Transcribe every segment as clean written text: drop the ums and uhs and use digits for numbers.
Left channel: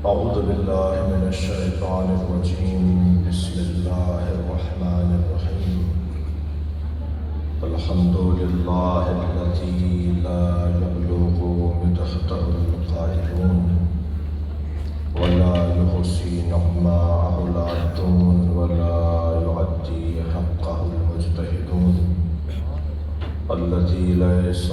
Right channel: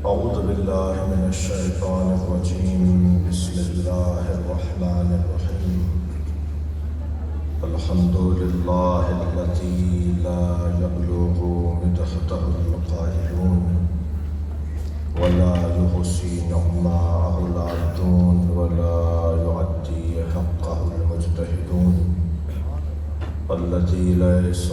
أعوذ بالله من الشيطان الرجيم بسم الله الرحمن الرحيم الحمد لله الذي لا يبلغ مدحته القائلون ولا يحصي نعماءه العادون ولا يؤدي حقه المجتهدون الذي ليس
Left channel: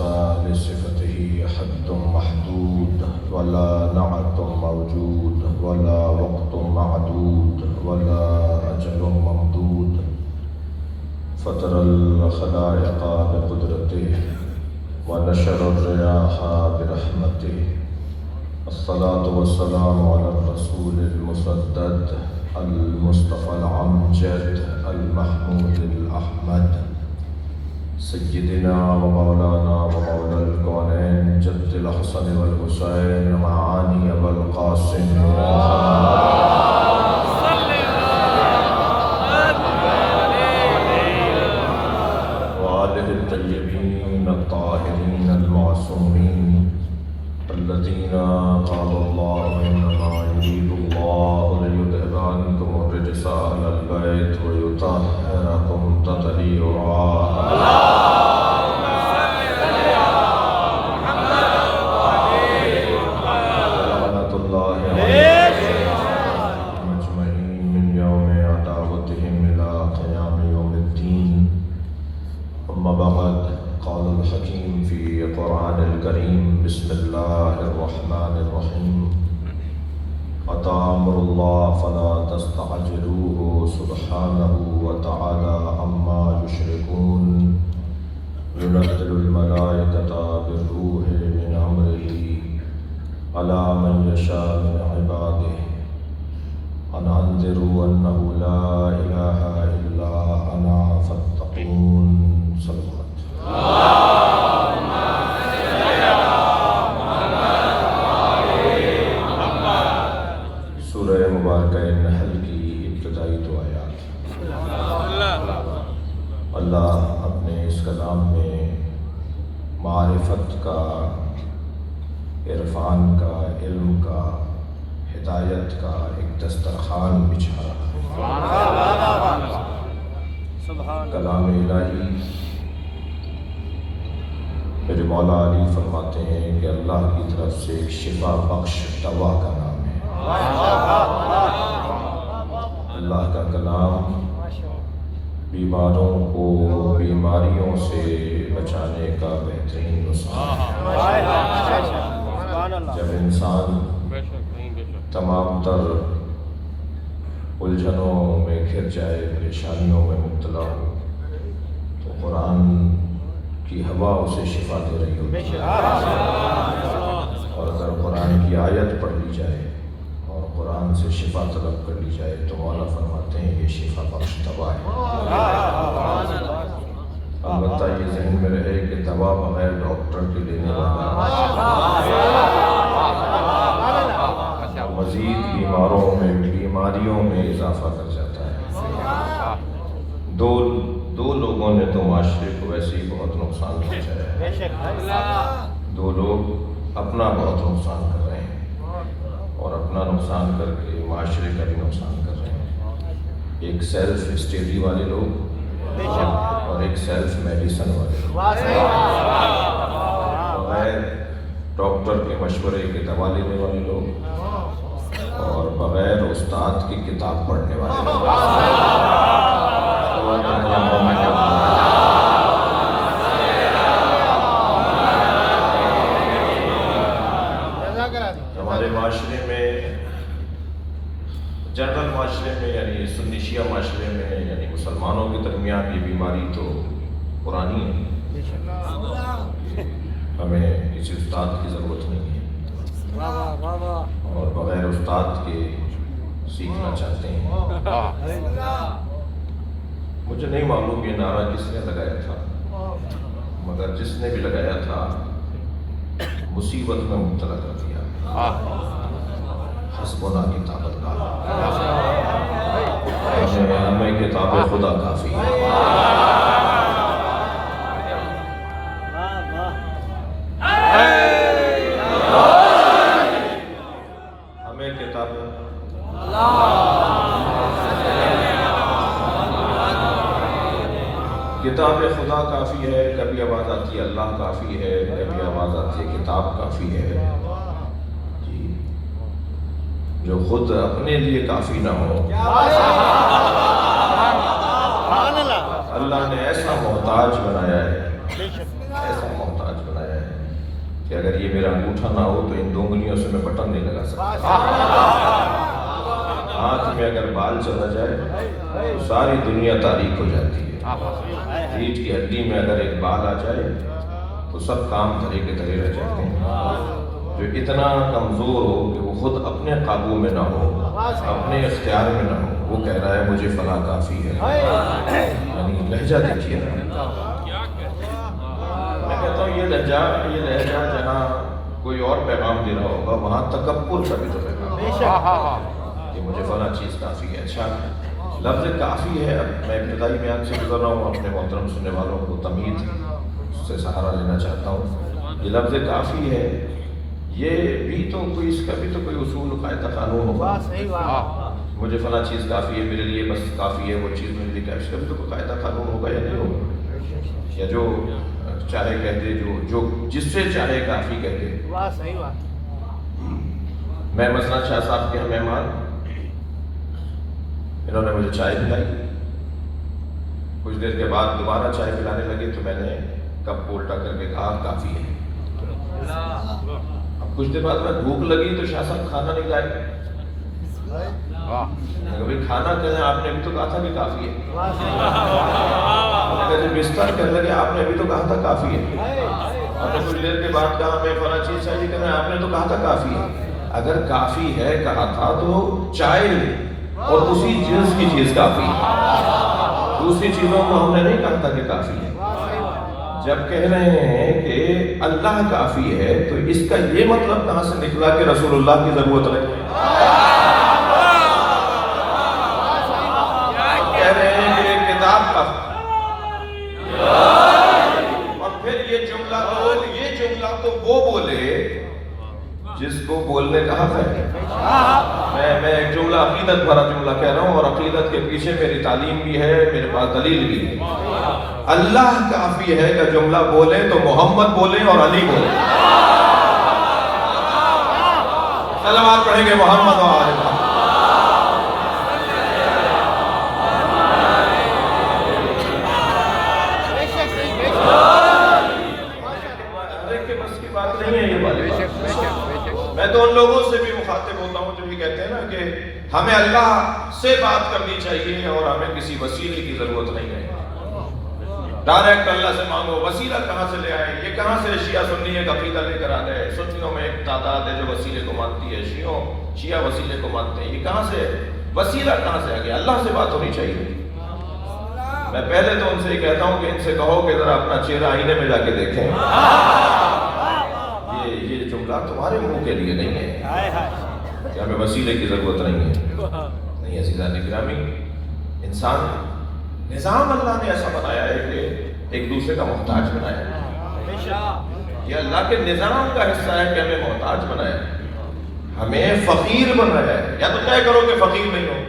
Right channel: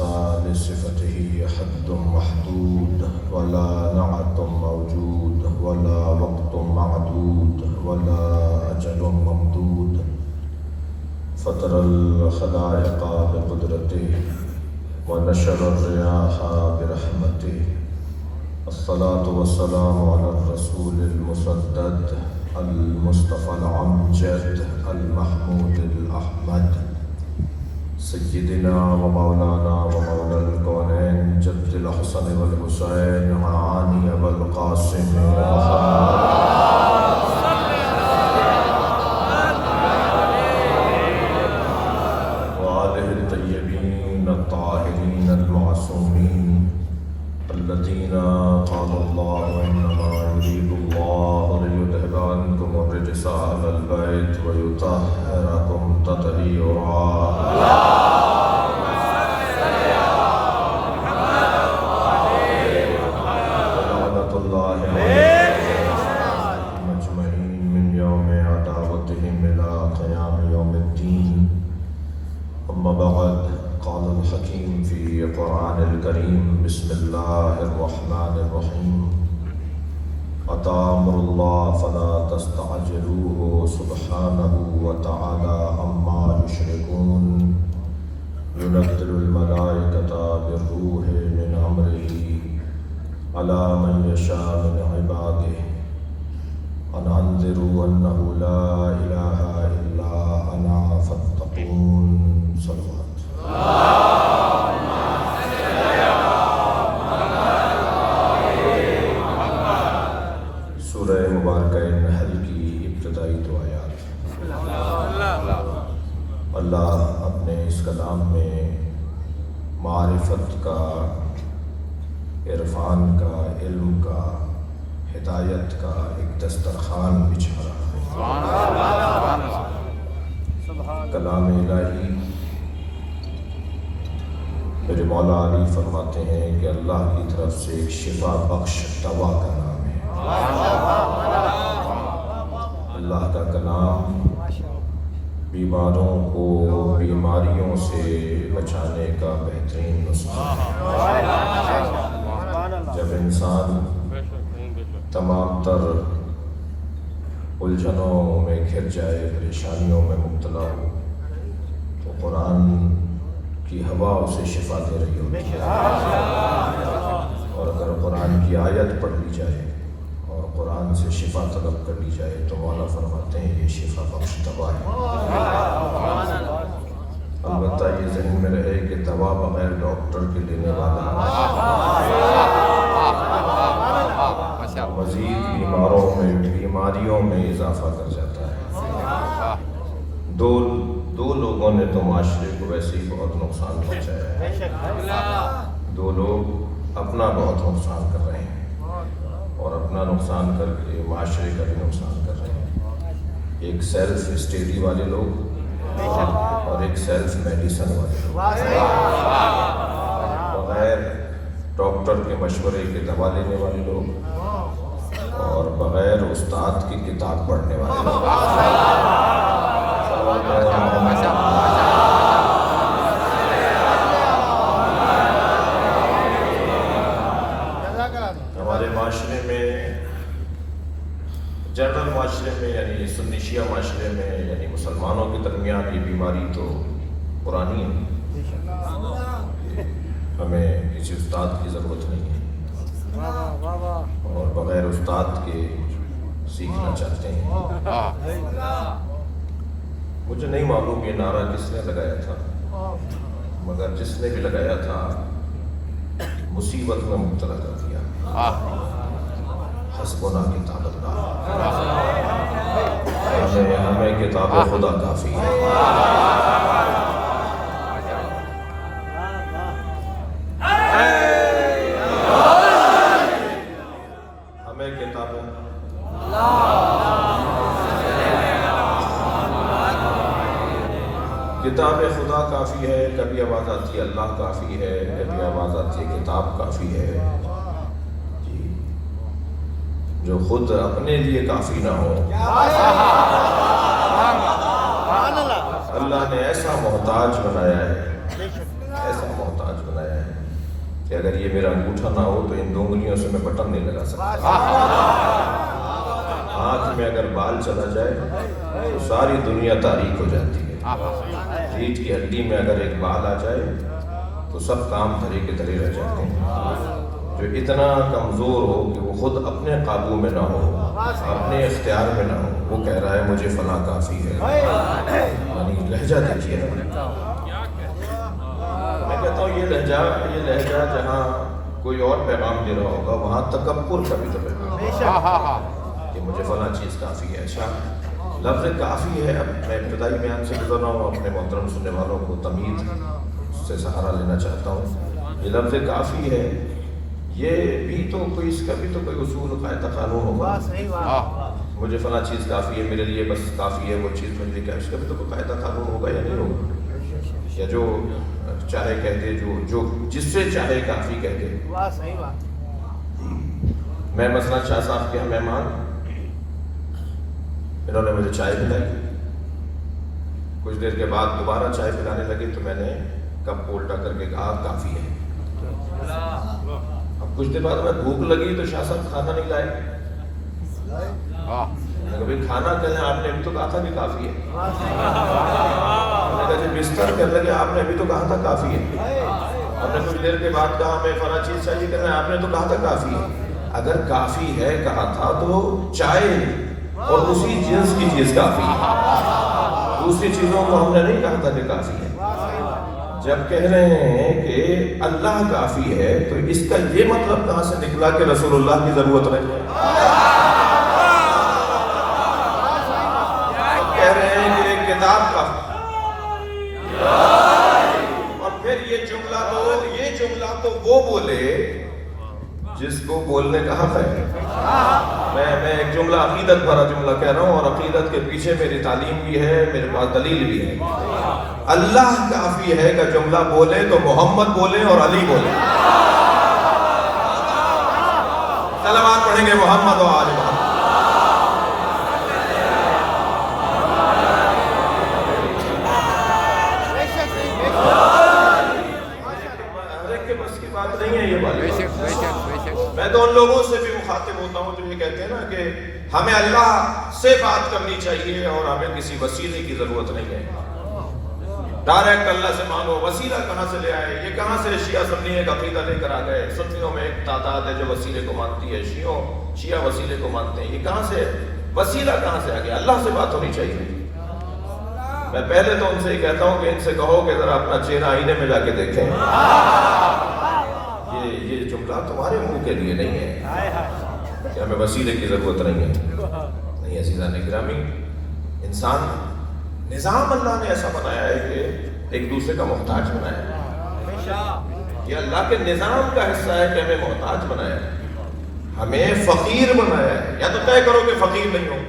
لصفته حد محدود ولا نعت موجود ولا وقت معدود ولا أجل ممدود فطر الخلائق بقدرته ونشر الرياح برحمته الصلاة والسلام على الرسول المسدد المصطفى الأمجد المحمود الأحمد سيدنا ومولانا ومولى الكونين جد الحسن والحسين معاني أبا القاسم وآله الطيبين الطاهرين المعصومين الذين قال الله إنما يريد الله ليذهب عنكم الرجس أهل البيت ويطهركم تطهيرا بسم الله الرحمن الرحيم أتى أمر الله فلا تستعجلوه سبحانه وتعالى عما يشركون ينزل الملائكة بالروح من أمره على من يشاء من عباده أن أنذروا أنه لا إله إلا أنا فاتقون صلى الله اللہ اپنے اس کلام میں معرفت کا، عرفان کا، علم کا، ہدایت کا ایک دسترخوان بچھا رہا ہے۔ کلام الہی میرے مولا علی فرماتے ہیں کہ اللہ کی طرف سے ایک شفا بخش دوا کا نام ہے۔ اللہ کا کلام بیماروں کو بیماریوں سے بچانے کا بہترین نسخہ ہے۔ جب انسان تمام تر الجھنوں میں گھر جائے، پریشانیوں میں مبتلا ہو، تو قرآن کی ہوا اسے شفا دے رہی ہوتی ہے۔ اور اگر قرآن کی آیت پڑھ لی جائے اور قرآن سے شفا طلب کر لی جائے تو مولا فرماتے ہیں یہ شفا بخش دوا ہے۔ البتہ یہ ذہن میں رہے کہ دوا بغیر ڈاکٹر کے لینے والا مزید بیماریوں میں اضافہ کر جاتا ہے۔ دو لوگوں نے تو معاشرے کو ویسے ہی بہت نقصان پہنچایا ہے۔ دو لوگ اپنا بہت نقصان کر رہے ہیں اور اپنا نقصان کر کے معاشرے کا بھی نقصان کر رہے ہیں۔ ایک سیلف اسٹڈی والے لوگ اور ایک سیلف میڈیسن والے لوگ، بغیر ڈاکٹر کے مشورے کے دوا لینے والے لوگ اور بغیر استاد کی کتاب پڑھنے والے لوگ۔ ہمارے معاشرے میں، جنرل معاشرے میں، یعنی سنی شیعہ معاشرے میں، یعنی مسلمانوں کے درمیان یہ بیماری تو پرانی ہے۔ ہمیں کسی استاد کی ضرورت نہیں ہے اور بغیر استاد کے سیکھنا چاہتے ہیں۔ مجھے نہیں معلوم یہ نعرہ کس نے لگایا تھا، مگر جس نے بھی لگایا تھا مصیبت میں مبتلا کر دیا۔ حسبنا کتاب اللہ، ہمیں کتاب خدا کافی ہے۔ ہمیں کتاب کتاب خدا کافی ہے، کبھی آواز آتی ہے اللہ کافی ہے، کبھی آواز آتی ہے کتاب کافی ہے جی۔ جو خود اپنے لیے کافی نہ ہو، اللہ نے ایسا محتاج بنایا ہے، ایسا محتاج بنایا ہے کہ اگر یہ میرا انگوٹھا نہ ہو تو ان 2 انگلیوں سے میں بٹن نہیں لگا سکتا۔ ہاتھ میں اگر بال چلا جائے تو ساری دنیا تاریک ہو جاتی ہے۔ ریڑھ کی ہڈی میں اگر ایک بال آ جائے تو سب کام دھرے کے دھرے رہ جاتے ہیں۔ جو اتنا کمزور ہو کہ وہ خود اپنے قابو میں نہ ہو، اپنے اختیار میں نہ ہو، وہ کہہ رہا ہے مجھے فلاں کافی ہے۔ یعنی لہجہ دیکھیے، میں کہتا ہوں یہ لہجہ جہاں کوئی اور پیغام دے رہا ہوگا وہاں تکبر کا بھی ذکر کہ مجھے فلاں چیز کافی ہے۔ اچھا، لفظ کافی ہے، میں ابتدائی بیان سے گزر رہا ہوں، اپنے محترم سننے والوں کو تمہید سے سہارا لینا چاہتا ہوں۔ یہ لفظ کافی ہے، یہ بھی تو کوئی، اس کا بھی تو کوئی اصول قاعدہ قانون ہوگا۔ مجھے فلاں چیز کافی ہے، میرے لیے بس کافی ہے وہ چیز مجھے کیا، اس کا بھی تو کوئی قاعدہ قانون ہوگا یا نہیں ہوگا؟ یا جو چاہے کہتے، جو جس سے چاہے کافی کہتے۔ میں مثلا شاہ صاحب کے مہمان، انہوں نے مجھے چائے پلائی، کچھ دیر کے بعد دوبارہ چائے پلانے لگے تو میں نے کپ الٹا کر کے کہا کافی ہے۔ اب کچھ دیر بعد میں بھوک لگی تو شاہ صاحب کھانا نہیں لائے، کبھی کھانا کہنا آپ نے ابھی تو کہا تھا کہ کافی ہے۔ جب بستر کر لگے آپ نے ابھی تو کہا تھا کافی ہے۔ اور نے کچھ دیر کے بعد کہا ہمیں فلاں چیز چاہیے، کہ آپ نے تو کہا تھا کافی ہے۔ اگر کافی ہے کہا تھا تو چائے اور اسی جنس کی چیز کافی ہے، دوسری چیزوں کو ہم نے نہیں کہا تھا کہ کافی ہے۔ جب کہہ رہے ہیں کہ اللہ کافی ہے تو اس کا یہ مطلب کہاں سے نکلا کہ رسول اللہ کی ضرورت نہیں ہے؟ کہہ رہے ہیں کہ ایک کتاب کافی، اور پھر یہ جملہ تو وہ بولے جس کو بولنے کا حق ہے۔ میں ایک جملہ عقیدت بھرا جملہ کہہ رہا ہوں، اور عقیدت کے پیچھے میری تعلیم بھی ہے، میرے پاس دلیل بھی ہے۔ اللہ کافی ہے کا جملہ بولے تو محمد بولے اور علی بولے۔ سلامات پڑھیں گے محمد و آل محمد۔ میں تو ان لوگوں سے بھی مخاطب ہوتا ہوں جو یہ کہتے ہیں نا کہ ہمیں اللہ سے بات کرنی چاہیے اور ہمیں کسی وسیلے کی ضرورت نہیں ہے۔ ڈائریکٹ اللہ سے مانگو، وسیلہ کہاں سے لے آئے؟ یہ کہاں سے شیعہ سنی ایک عقیدہ لے کر آ گئے؟ سنیوں میں ایک تعداد ہے جو وسیلے کو مانتی ہے، شیعہ وسیلے کو مانتے ہیں۔ یہ کہاں سے وسیلہ کہاں سے آ گیا؟ اللہ سے بات ہونی چاہیے۔ میں پہلے تو ان سے یہ کہتا ہوں کہ ان سے کہو کہ ذرا اپنا چہرہ آئینے میں جا کے دیکھیں۔ یہ جملہ تمہارے منہ کے لیے نہیں ہے کہ ہمیں وسیلے کی ضرورت نہیں ہے۔ نہیں عزیزان گرامی، انسان نظام اللہ نے ایسا بنایا ہے کہ ایک دوسرے کا محتاج بنایا ہے۔ یہ اللہ کے نظام کا حصہ ہے کہ ہمیں محتاج بنایا ہے، ہمیں فقیر بنایا ہے۔ یا تو طے کرو کہ فقیر نہیں ہو۔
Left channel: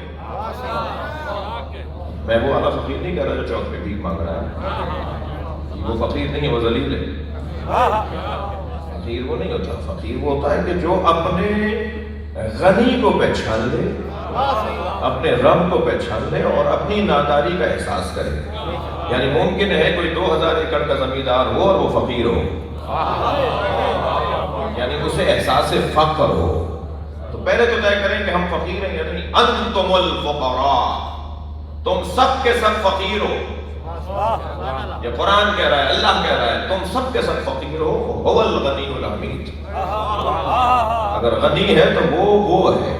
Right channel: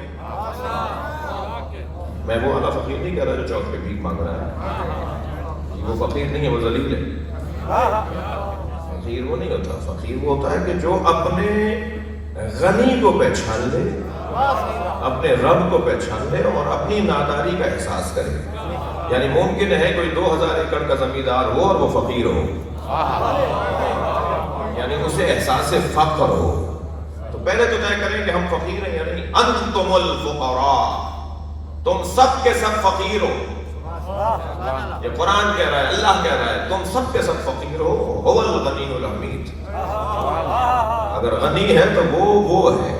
میں وہ والا فقیر نہیں کہہ رہا جو چوک پہ بھیک مانگ رہا ہے، وہ فقیر نہیں ہے، وہ ذلیل ہے۔ فقیر وہ نہیں ہوتا، فقیر وہ ہوتا ہے کہ جو اپنے غنی کو پہچان لے، اپنے رب کو پہچان لے اور اپنی ناداری کا احساس کرے۔ یعنی ممکن ہے کوئی 2000 ایکڑ کا زمیندار ہو اور وہ فقیر ہو، یعنی اسے احساس فقر ہو۔ تو پہلے تو طے کریں کہ ہم فقیر ہیں یا نہیں۔ انتم الفقراء، تم سب کے سب فقیر ہو۔ یہ قرآن کہہ رہا ہے، اللہ کہہ رہا ہے تم سب کے سب فقیر ہو۔ هو الغنی الحمید، اگر غنی ہے تو وہ ہے،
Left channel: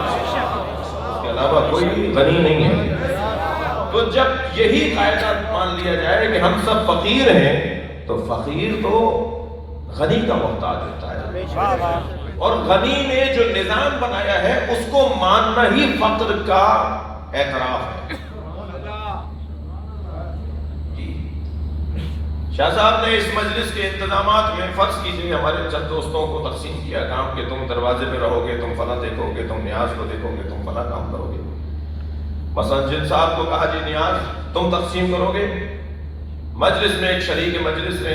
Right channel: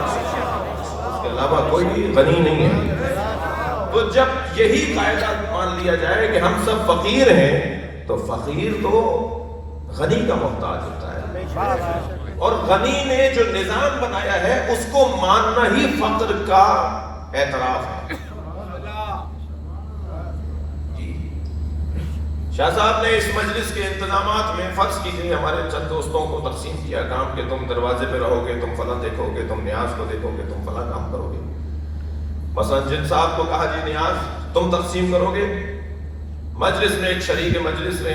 اس کے علاوہ کوئی غنی نہیں ہے۔ تو جب یہی قاعدہ مان لیا جائے کہ ہم سب فقیر ہیں تو فقیر تو غنی کا محتاج ہوتا ہے، اور غنی نے جو نظام بنایا ہے اس کو ماننا ہی فقر کا اعتراف ہے۔ شاہ صاحب نے اس مجلس کے انتظامات میں فرض کیجئے ہمارے چند دوستوں کو تقسیم کیا کام کہ تم دروازے پہ رہو گے، تم فلاں دیکھو گے، تم نیاز کو دیکھو گے، تم فلاں کام کرو گے۔ مثلا جن صاحب کو کہا جی نیاز تم تقسیم کرو گے، مجلس میں ایک شریک مجلس نے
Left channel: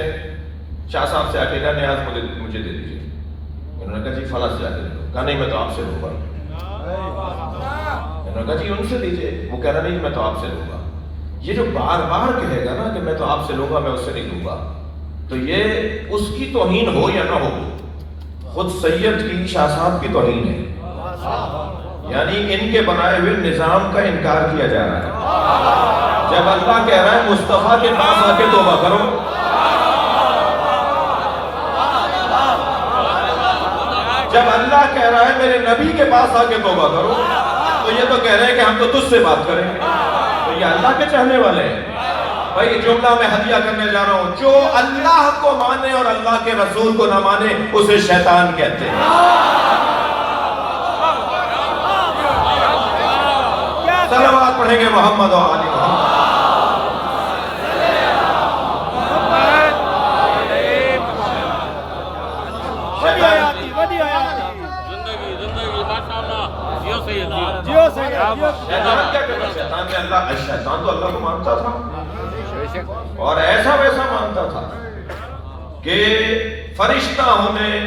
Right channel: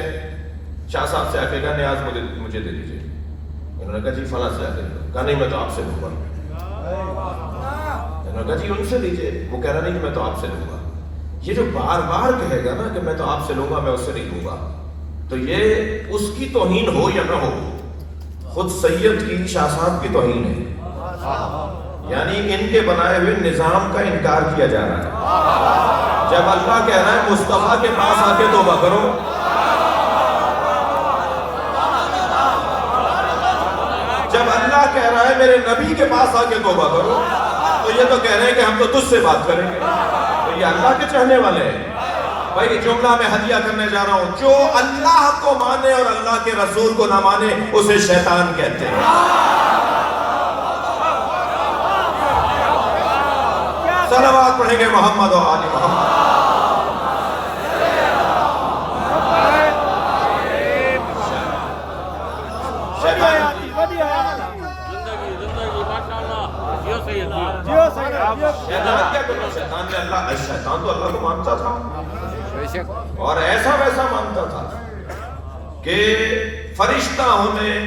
شاہ صاحب سے آ کے کہا نیاز مجھے دے دیجیے. انہوں نے کہا جی فلاں سے آ کے کہا نہیں میں تو آپ سے لوں گا. انہوں نے کہا جی ان سے لیجیے. وہ کہہ رہا نہیں میں تو آپ سے لوں گا. یہ جو بار بار کہے گا نا کہ میں تو آپ سے لوں گا میں اس سے نہیں لوں گا، تو یہ اس کی توہین ہو یا نہ ہو خود سید کی شاہ صاحب کی توہین ہے. یعنی ان کے بنائے ہوئے نظام کا انکار کیا جا رہا ہے. جب اللہ کہہ رہا ہے مصطفیٰ کے پاس آ کے توبہ کرو، جب اللہ کہہ رہا ہے میرے نبی کے پاس آ کے توبہ کرو، تو یہ تو کہہ رہے ہیں کہ ہم تو تجھ سے بات کریں گے. تو یہ اللہ کے چاہنے والے ہیں. بھائی جملہ میں ہدیہ کرنے جا رہا ہوں، جو اللہ کو مانے اور اللہ کے رسول کو نہ مانے اسے شیطان کہتے ہیں. صلوات پڑھیں گے محمد و آل محمد. شیطان تو اللہ کو مانتا تھا اور ایسا ویسا مانتا تھا کہ فرشتہ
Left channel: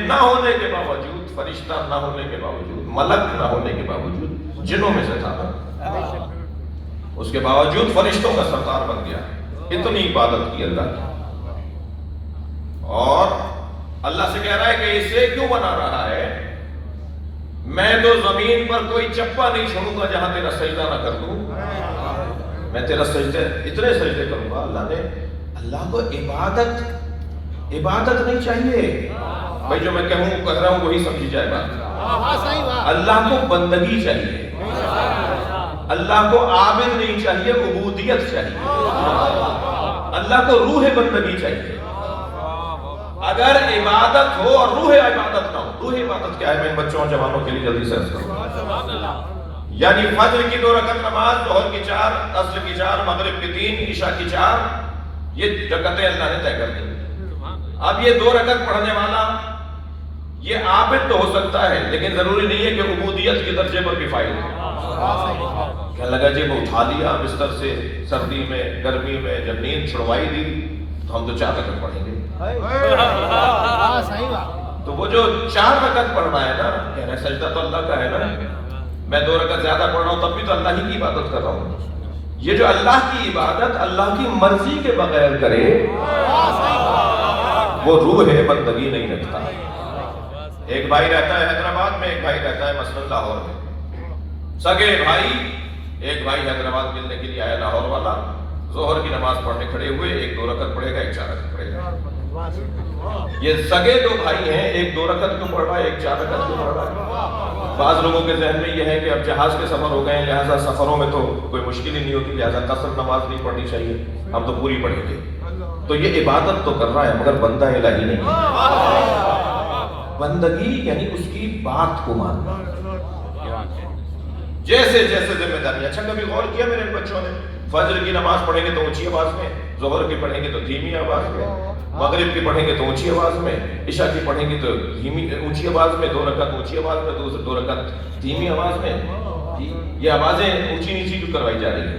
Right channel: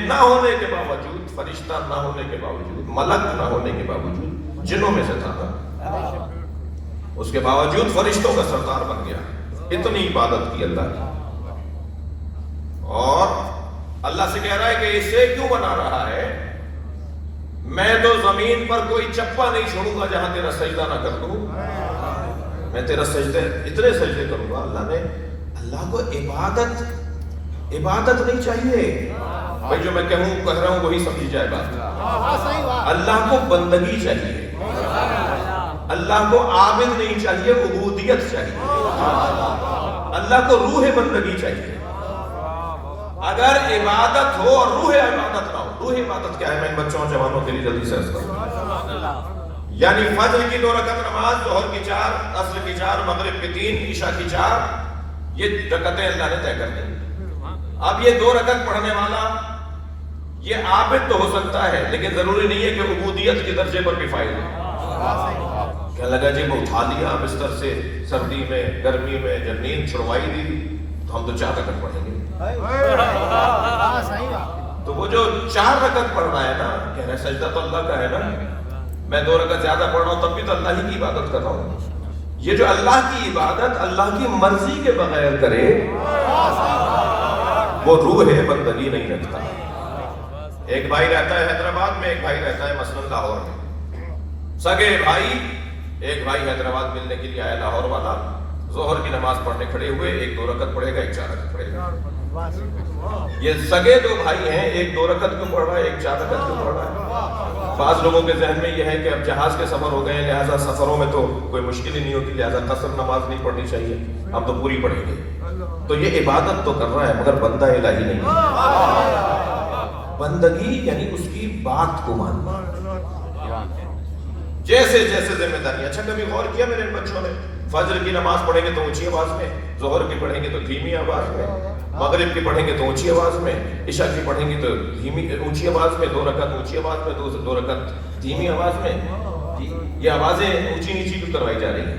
نہ ہونے کے باوجود، فرشتہ نہ ہونے کے باوجود، ملک نہ ہونے کے باوجود جنوں میں سے تھا. اس کے باوجود فرشتوں کا سردار بن گیا. اتنی عبادت کی اللہ کی. اور اللہ سے کہہ رہا ہے کہ اسے کیوں بنا رہا ہے؟ میں تو زمین پر کوئی چپا نہیں چھوڑوں گا جہاں تیرا سجدہ نہ کر دوں. میں تیرا سجدے اتنے سجدے کروں گا. اللہ کو عبادت نہیں چاہیے. بھائی جو میں کہوں کر رہا ہوں وہی سمجھی جائے گا. اللہ کو بندگی چاہیے. اللہ کو عابد نہیں چاہیے، عبودیت چاہیے. اللہ کو روح بندگی چاہیے. اگر عبادت ہو اور روح عبادت نہ ہو. روح عبادت کیا ہے؟ میں بچوں اور جوانوں کے لیے جلدی سے یعنی فجر کی 2 رکعت نماز، ظہر کی 4، عصر کی 4، مغرب کی 3، عشاء کی 4، یہ رکعتیں اللہ نے طے کر دی. اب یہ 2 رکعت پڑھنے والا یہ عابد تو ہو سکتا ہے، لیکن ضروری نہیں ہے کہ عبودیت کے درجے پر بھی فائل ہو. کیا لگا جی وہ اٹھا لیا بستر سے سردی میں گرمی میں، جب نیند چھڑوائی دی تو ہم تو 4 رکعت پڑھیں گے. تو وہ جو 4 رکعت پڑھنا ہے نا، کہہ رہے سجدہ تو اللہ کا ہے نا، میں 2 رکعت زیادہ پڑھ رہا ہوں تب بھی تو اللہ ہی کی عبادت کر رہا ہوں. یہ جو اللہ کی عبادت اللہ کی مرضی کے بغیر کرے وہ روح بندگی نہیں رکھتا. ایک بھائی رہتا ہے حیدرآباد میں، ایک بھائی رہتا ہے مثلاً لاہور میں. سگے بھائی، ایک بھائی حیدرآباد ملنے کے لیے آیا لاہور والا. ظہر کی نماز پڑھنے کھڑے ہوئے، ایک 2 رکعت پڑھے گا، ایک 4 رکعت پڑھے گا. یہ سگے 2 بھائی ہیں، ایک 2 رکعت کیوں پڑھ رہا ہے، ایک 4 رکعت کیوں پڑھ رہا ہے. بعض لوگوں کے ذہن میں یہ ہے کہ اب جہاز کے سفر ہو گئے ہیں، لہٰذا سفروں میں تو کوئی مشکل ہی نہیں ہوتی، لہٰذا قصر نماز نہیں پڑھنی چاہیے، ہم تو پوری پڑھیں گے. تو یہ عبادت تو کر رہا ہے مگر بندہ الہی نہیں ہے. بندگی یعنی اس کی بات کو ماننا. جیسے جیسے ذمہ داری. اچھا کبھی غور کیا میرے بچوں نے؟ فجر کی نماز پڑھیں گے تو اونچی آواز میں، ظہر کی پڑھیں گے تو دھیمی آواز میں، مغرب کی پڑھیں گے تو اونچی آواز میں، عشاء کی پڑھیں گے تو اونچی آواز میں، 2 رکعت اونچی آواز میں، 2 رکعت دھیمی آواز میں. یہ آوازیں اونچی نیچی کیوں کروائی جا رہی ہیں؟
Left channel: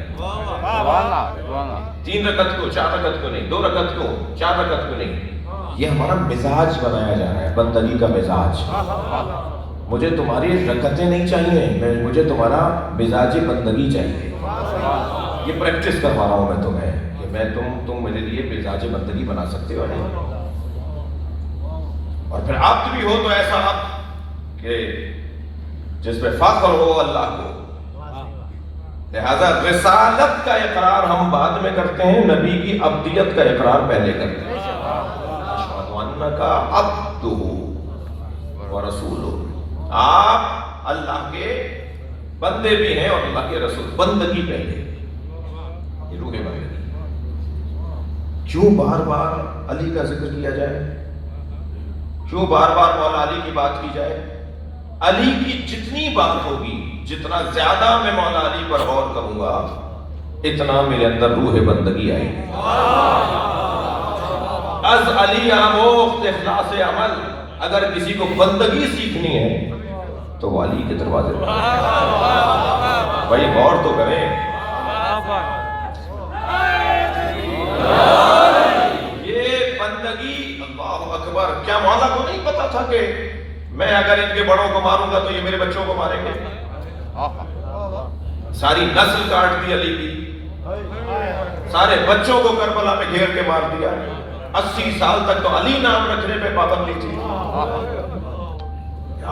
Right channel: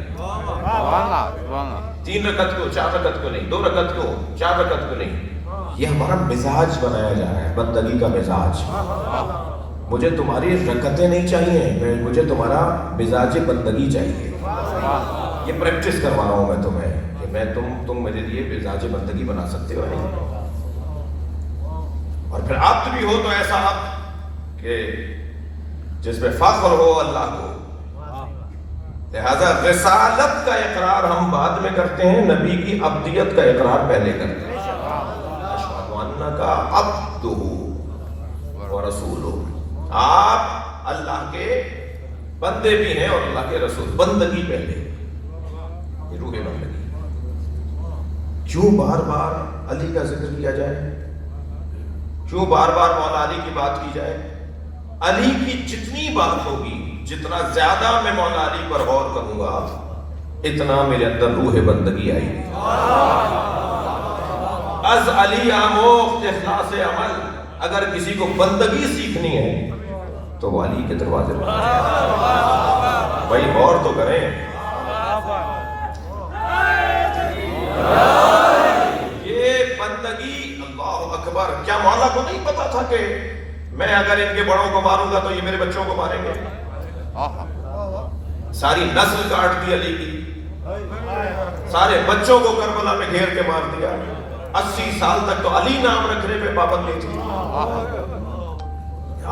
3 رکعت کو 4 رکعت کو نہیں، 2 رکعت کو 4 رکعت کو نہیں. یہ ہمارا مزاج بنایا جا رہا ہے، بندگی کا مزاج. مجھے تمہاری رکعتیں نہیں چاہیے، مجھے تمہارا مزاج بندگی چاہیے. یہ پریکٹس کروا رہا ہوں میں تمہیں کہ میں تم میرے لیے مزاج بندگی بنا سکتے ہو. اور پھر عبد بھی ہو تو ایسا عبد کہ جس میں فخر ہو اللہ کو. لہذا رسالت کا اقرار ہم بعد میں کرتے ہیں، نبی کی عبدیت کا اقرار پہلے کرتے ہیں. اشہد انک عبدہ ورسولہ. آپ اللہ کے بندے بھی ہیں اور اللہ کے رسول. بندگی پہلے. یہ روح بندگی. کیوں بار بار علی کا ذکر کیا جائے؟ کیوں بار بار مولا علی کی بات کی جائے؟ علی کی جتنی بات ہوگی، جتنا زیادہ میں مولا علی پر غور کروں گا، اتنا میرے اندر روح بندگی آئے گی. از علی آموخت اخلاص عمل. اگر کسی کو بندگی سیکھنی ہے تو وہ علی کے دروازے پر. بھائی غور تو کریں. تھا کہ میں اگر ان کے بڑوں کو ماروں گا تو یہ میرے بچوں کو ماریں گے. ساری نسل کاٹ دی علی کی, سارے بچوں کو کربلا میں گھیر کے مار دیا. 80 سال تک تو علی نام رکھنے پہ پابندی تھی.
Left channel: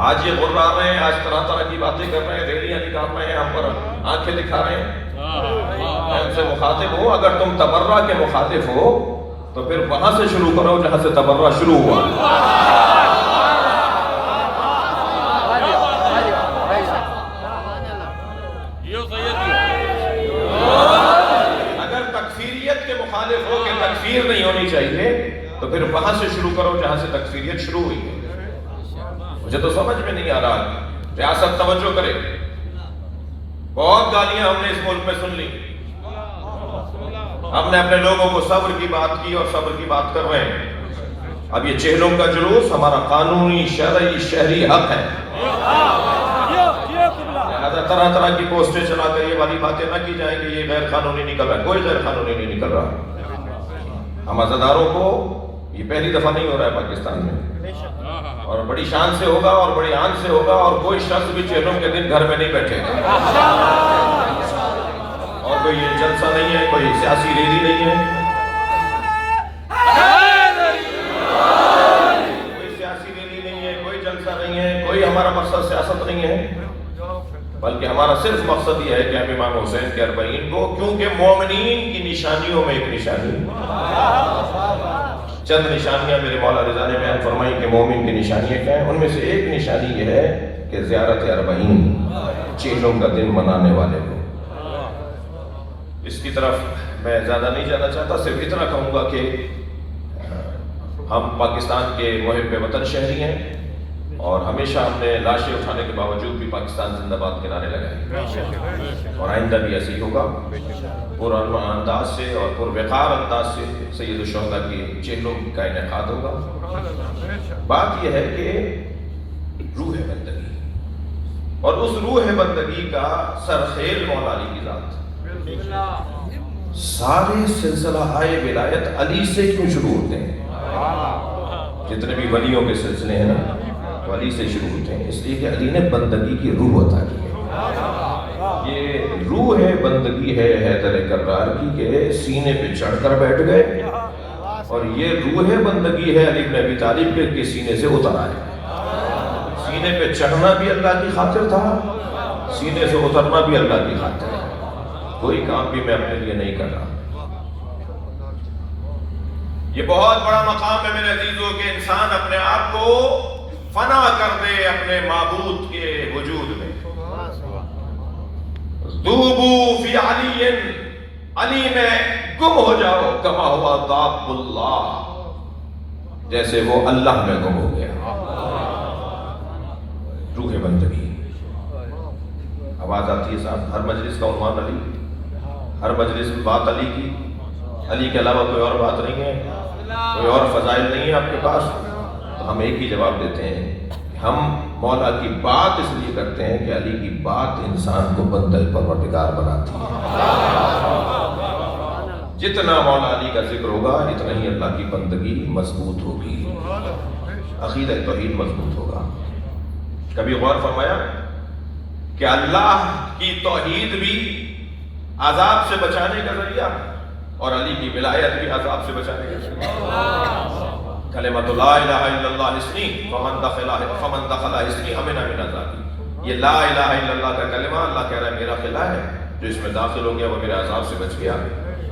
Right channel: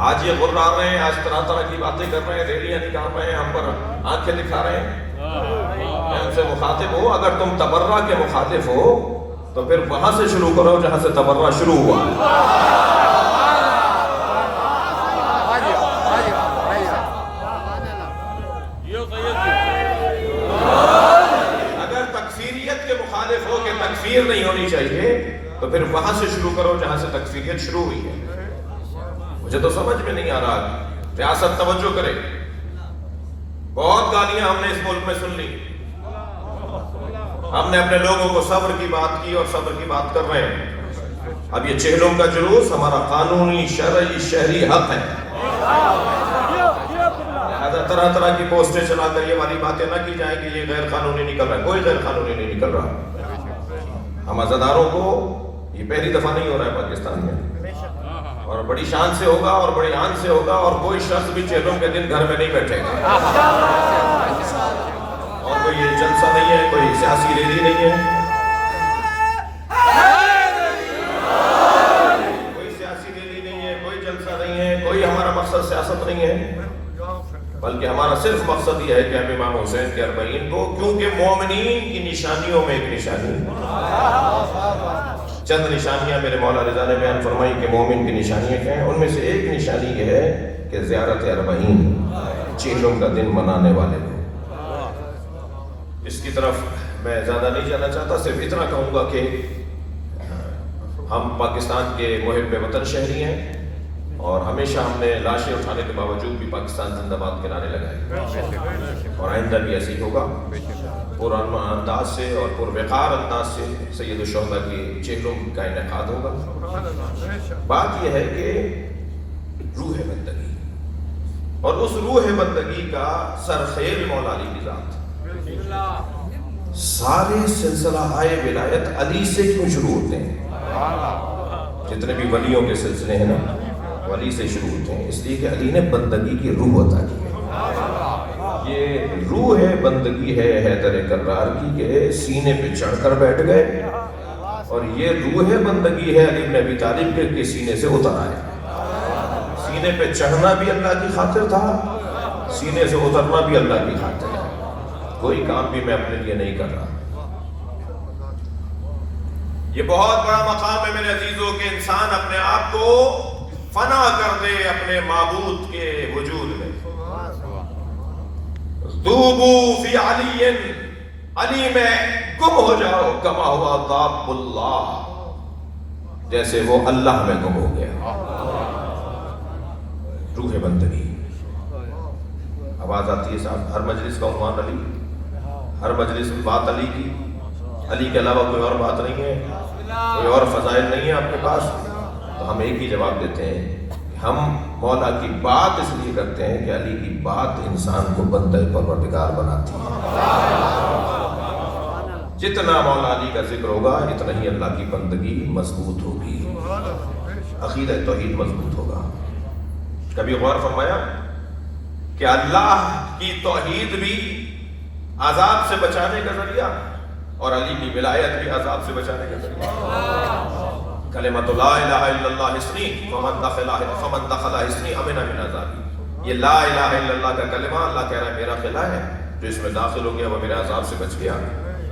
آج یہ غر آ رہے ہیں, آج طرح طرح کی باتیں کر رہے ہیں, ریلیاں نکال رہے ہیں, ہم پر آنکھیں دکھا رہے ہیں. میں ان سے مخاطب ہوں, اگر تم تبرہ کے مخاطب ہو تو پھر وہاں سے شروع کرو جہاں سے تبرہ شروع ہوا. اگر تکفیریت کے مخالف ہو کہ تکفیر نہیں ہونی چاہیے تو پھر وہاں سے شروع کرو جہاں سے تکفیریت شروع ہوئی ہے. مجھے تو سمجھ میں نہیں آ رہا. ریاست توجہ کرے, بہت گالیاں ہم نے اس ملک میں سن لی. ہم نے اپنے لوگوں کو صبر کی بات کی اور صبر کی بات کر رہے ہیں. اب یہ چہلوں کا جلوس ہمارا قانونی شرعی شہری حق ہے. طرح طرح کی پوسٹیں چلا کر یہ والی باتیں نہ کی جائیں کہ یہ غیر قانونی نکل رہا ہے. کوئی غیر قانونی نہیں نکل رہا. ہم عزاداروں کو یہ پہلی دفعہ نہیں ہو رہا ہے پاکستان میں, اور بڑی شان سے ہوگا اور بڑی آن سے ہوگا, اور کوئی شخص بھی چہلوں کے دن گھر میں نہیں بیٹھے گا. اور کوئی یہ جلسہ نہیں ہے, کوئی سیاسی ریلی نہیں ہے, کوئی سیاسی ریلی نہیں ہے, کوئی جلسہ نہیں ہے, کوئی ہمارا مقصد سیاست نہیں ہے, بلکہ ہمارا صرف مقصد یہ ہے کہ ہم امام حسین کے 40 کو, کیونکہ مومنین کی نشانیوں میں ایک نشانی, چند نشانیاں میرے مولا رضا نے بیان فرمائی کہ مومن کی نشانیاں کیا ہیں. ان میں سے ایک نشانی یہ ہے کہ زیارت 40 چہلوں کا دن منانے والے لوگ. اس کی طرف میں زیادہ نہیں جانا چاہتا, صرف اتنا کہوں گا کہ ہم پاکستان کے محب وطن شہری ہیں, اور ہمیشہ ہم نے لاشیں اٹھانے کے باوجود بھی پاکستان زندہ باد کے نعرے لگائے, اور آئندہ بھی ایسے ہی ہوگا. پرامن انداز سے اور پروقار انداز سے سید الشہداء کی چہلوں کا انعقاد ہوگا. بات یہ ہے کہ روح بندگی, اور اس روح بندگی کا سرخیل مولا علی کی ذات. سارے سلسلہ ولایت علی سے کیوں شروع ہوتے ہیں؟ جتنے بھی ولیوں کے سلسلے ہیں علی سے شروع ہوتے ہیں, اس لیے کہ علی نے بندگی کی روح عطا کی ہے. یہ روح بندگی ہے حیدر کرار کی کہ سینے پہ چڑھ کر بیٹھ گئے, اور یہ روح بندگی ہے علی بن ابی طالب کے سینے سے اتر آئے. سینے پہ چڑھنا بھی اللہ کی خاطر تھا, سینے سے اترنا بھی اللہ کی خاطر ہے. کوئی کام بھی میں اپنے لیے نہیں کر رہا. یہ بہت بڑا مقام ہے میرے عزیزوں کہ انسان اپنے آپ کو فنا کر دے اپنے معبود کے وجود میں. دوبو فی علی, علی میں گم ہو جاؤ کما ہوا ذات اللہ, جیسے وہ اللہ میں گم ہو گیا. روح بندگی. آواز آتی ہے صاحب, ہر مجلس کا عنوان علی, ہر مجلس میں بات علی کی. علی کے علاوہ کوئی اور بات نہیں ہے, کوئی اور فضائل نہیں ہے آپ کے پاس. تو ہم ایک ہی جواب دیتے ہیں, ہم مولا کی بات اس لیے کرتے ہیں کہ علی کی بات انسان کو بندہ پروردگار بناتی ہے. جتنا مولا علی کا ذکر ہوگا اتنا ہی اللہ کی بندگی مضبوط ہوگی, عقیدہ توحید مضبوط ہوگا. کبھی غور فرمایا کہ اللہ کی توحید بھی عذاب سے بچانے کا ذریعہ, اور علی کی ولایت بھی عذاب سے بچانے کا ذریعہ. کلمۃ لا الہ الا اللہ حصنی فمن دخلہ حصنی امن من عذابی. یہ لا الہ الا اللہ کا کلمہ اللہ کہہ رہا ہے میرا قلعہ ہے, جو اس میں داخل ہو گیا وہ میرے عذاب سے بچ گیا.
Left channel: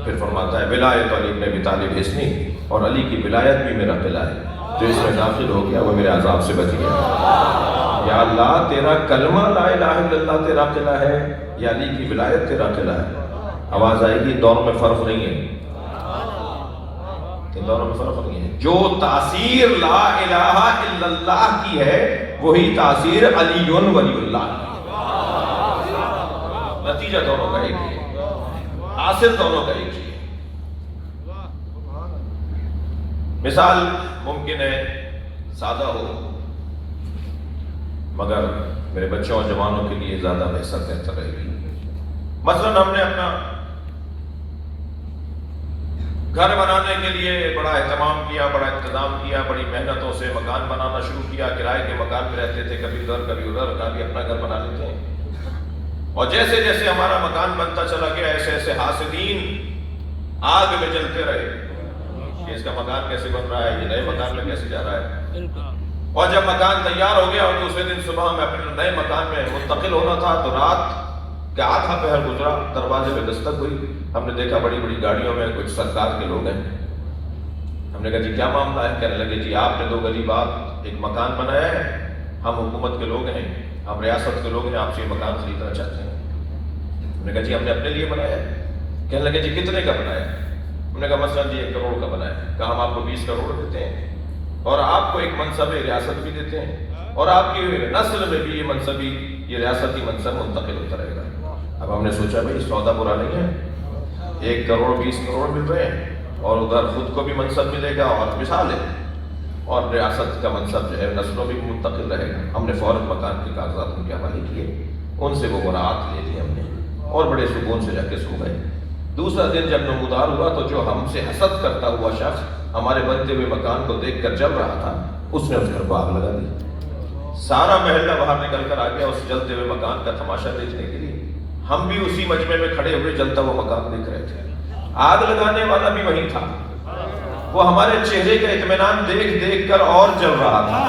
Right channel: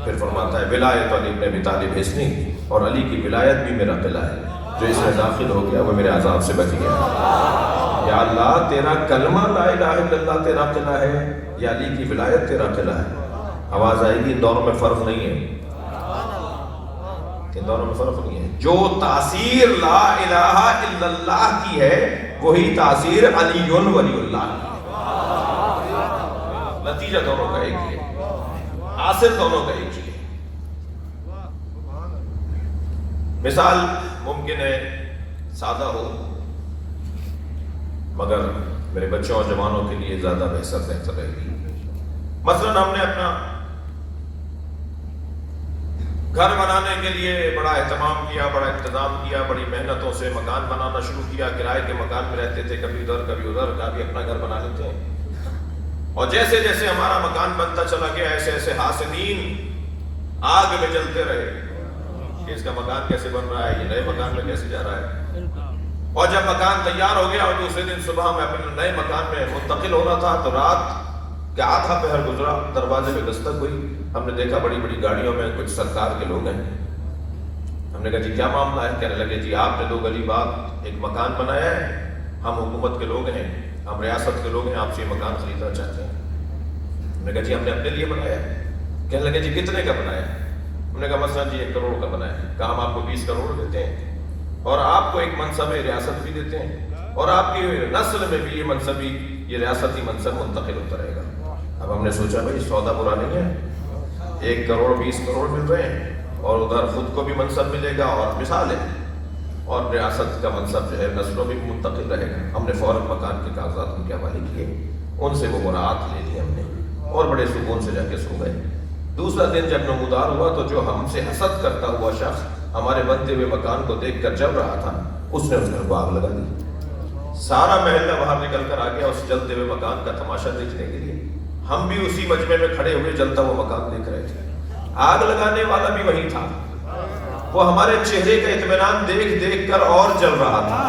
پھر فرماتا ہے ولایت علی بن ابی طالب حصنی, اور علی کی ولایت بھی میرا قلعہ ہے, جو اس میں داخل ہو گیا وہ میرے عذاب سے بچ گیا. یا اللہ تیرا کلمہ لا الہ الا اللہ تیرا قلعہ ہے, یا علی کی ولایت تیرا قلعہ ہے. آواز آئے گی, دونوں میں فرق نہیں ہے, دونوں میں فرق نہیں ہے. جو تاثیر لا الہ الا اللہ کی ہے وہی تاثیر علی ولی اللہ کی. نتیجہ دونوں کا ایک ہی ہے, حاصل دونوں کا ایک ہی ہے. مثال ممکن ہے سادہ ہو, مگر میرے بچوں اور جوانوں کے لیے زیادہ بہتر رہے گی. مثلا ہم نے اپنا گھر بنانے کے لیے بڑا اہتمام کیا، بڑا انتظام کیا، بڑی محنتوں سے مکان بنانا شروع کیا، کرائے کے مکان میں رہتے تھے، کبھی ادھر کبھی ادھر، کبھی اپنا گھر بنا لیتے ہیں۔ اور جیسے جیسے ہمارا مکان بنتا چلا گیا، ایسے ایسے حاسدین آگ میں جلتے رہے کہ اس کا مکان کیسے بن رہا ہے، یہ نئے مکان میں کیسے جا رہا ہے۔ اور جب مکان تیار ہو گیا اور دوسرے دن صبح میں اپنے نئے مکان میں منتقل ہونا تھا تو رات کا آدھا پہر گزرا، دروازے پہ دستک ہوئی، ہم نے دیکھا بڑی بڑی گاڑیوں میں کچھ سرکار کے لوگ ہیں۔ ہم نے کہا جی کیا معاملہ ہے؟ کہنے لگے جی آپ نے 2 گلی بعد ایک مکان بنایا ہے، ہم حکومت کے لوگ ہیں، ہم ریاست کے لوگ ہیں، آپ سے یہ مکان خریدنا چاہتے ہیں۔ ہم نے کہا جی ہم نے اپنے لیے بنایا ہے۔ کہنے لگے جی کتنے کا بنایا ہے؟ ہم نے کہا مثلا جی 1 کروڑ کا بنایا ہے، کام آپ کو 20 کروڑ دیتے ہیں اور آپ کو ایک منصب ریاست بھی دیتے ہیں اور آپ کی نسل میں بھی یہ منصبی، یہ ریاستی منصب منتقل ہوتا رہے گا۔ اب ہم نے سوچا بھائی سودا برا نہیں ہے، 1 کروڑ 20 کروڑ مل رہے ہیں اور ادھر خود کو بھی منصب ملے گا اور مثال ہے، اور ریاست کا منصب جو ہے نسلوں میں بھی منتقل رہے گا۔ ہم نے فوراً مکان کے کاغذات ان کے حوالے کیے، ان سے وہ مراعات لے لی ہم نے اور بڑے سکون سے جا کے سو گئے۔ دوسرا دن جب نمودار ہوا تو جو ہم سے حسد کرتا ہوا شخص ہمارے بنتے ہوئے مکان کو دیکھ کر جل رہا تھا، اس نے اس گھر کو آگ لگا دی۔ سارا محلہ باہر نکل کر آ گیا اس جلتے ہوئے مکان کا تماشا دیکھنے کے لیے۔ ہم بھی اسی مجمع میں کھڑے ہوئے جلتا ہوا مکان دیکھ رہے تھے۔ آگ لگانے والا بھی وہی تھا، وہ ہمارے چہرے کا اطمینان دیکھ دیکھ کر اور جل رہا تھا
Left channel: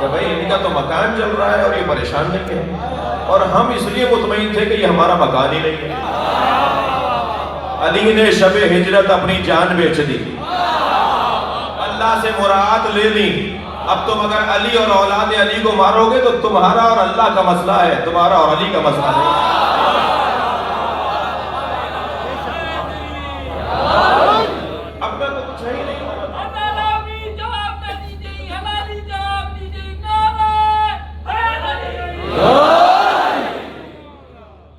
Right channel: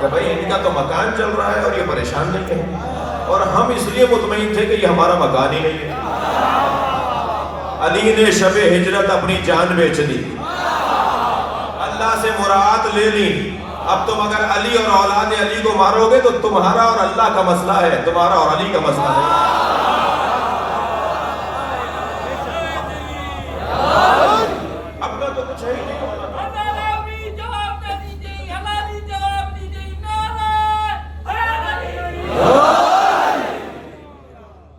کہ بھائی ان کا تو مکان جل رہا ہے اور یہ پریشان نہیں ہے، اور ہم اس لیے مطمئن تھے کہ یہ ہمارا مکان ہی نہیں ہے۔ علی نے شب ہجرت اپنی جان بیچ دی، اللہ سے مراد لے لی۔ اب تم اگر علی اور اولاد علی کو مارو گے تو تمہارا اور اللہ کا مسئلہ ہے، تمہارا اور علی کا مسئلہ نہیں۔ اب میں تو کچھ ہے ہی نہیں۔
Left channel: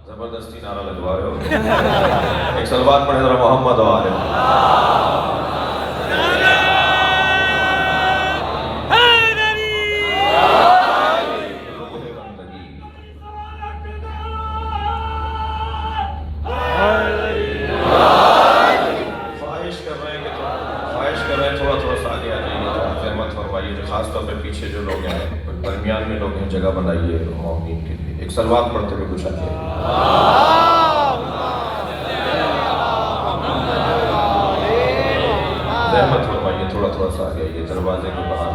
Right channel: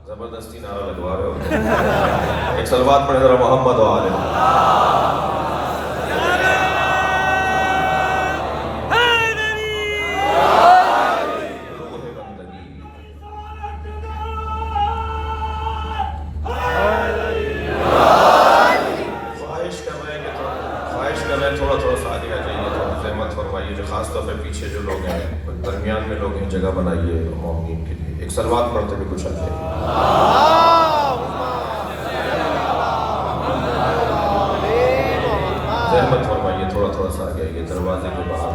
زبردستی نعرہ لگوا رہے ہو۔ ایک صلوات پڑھیں ذرا محمد و آلہ۔ جگہ بنائیے مومنین کے لیے، ایک صلوات پڑھتے ہوئے کچھ اچھے زحمت فرمائیے، تھوڑا تھوڑا سا آگے آئیے دروازے کے باہر۔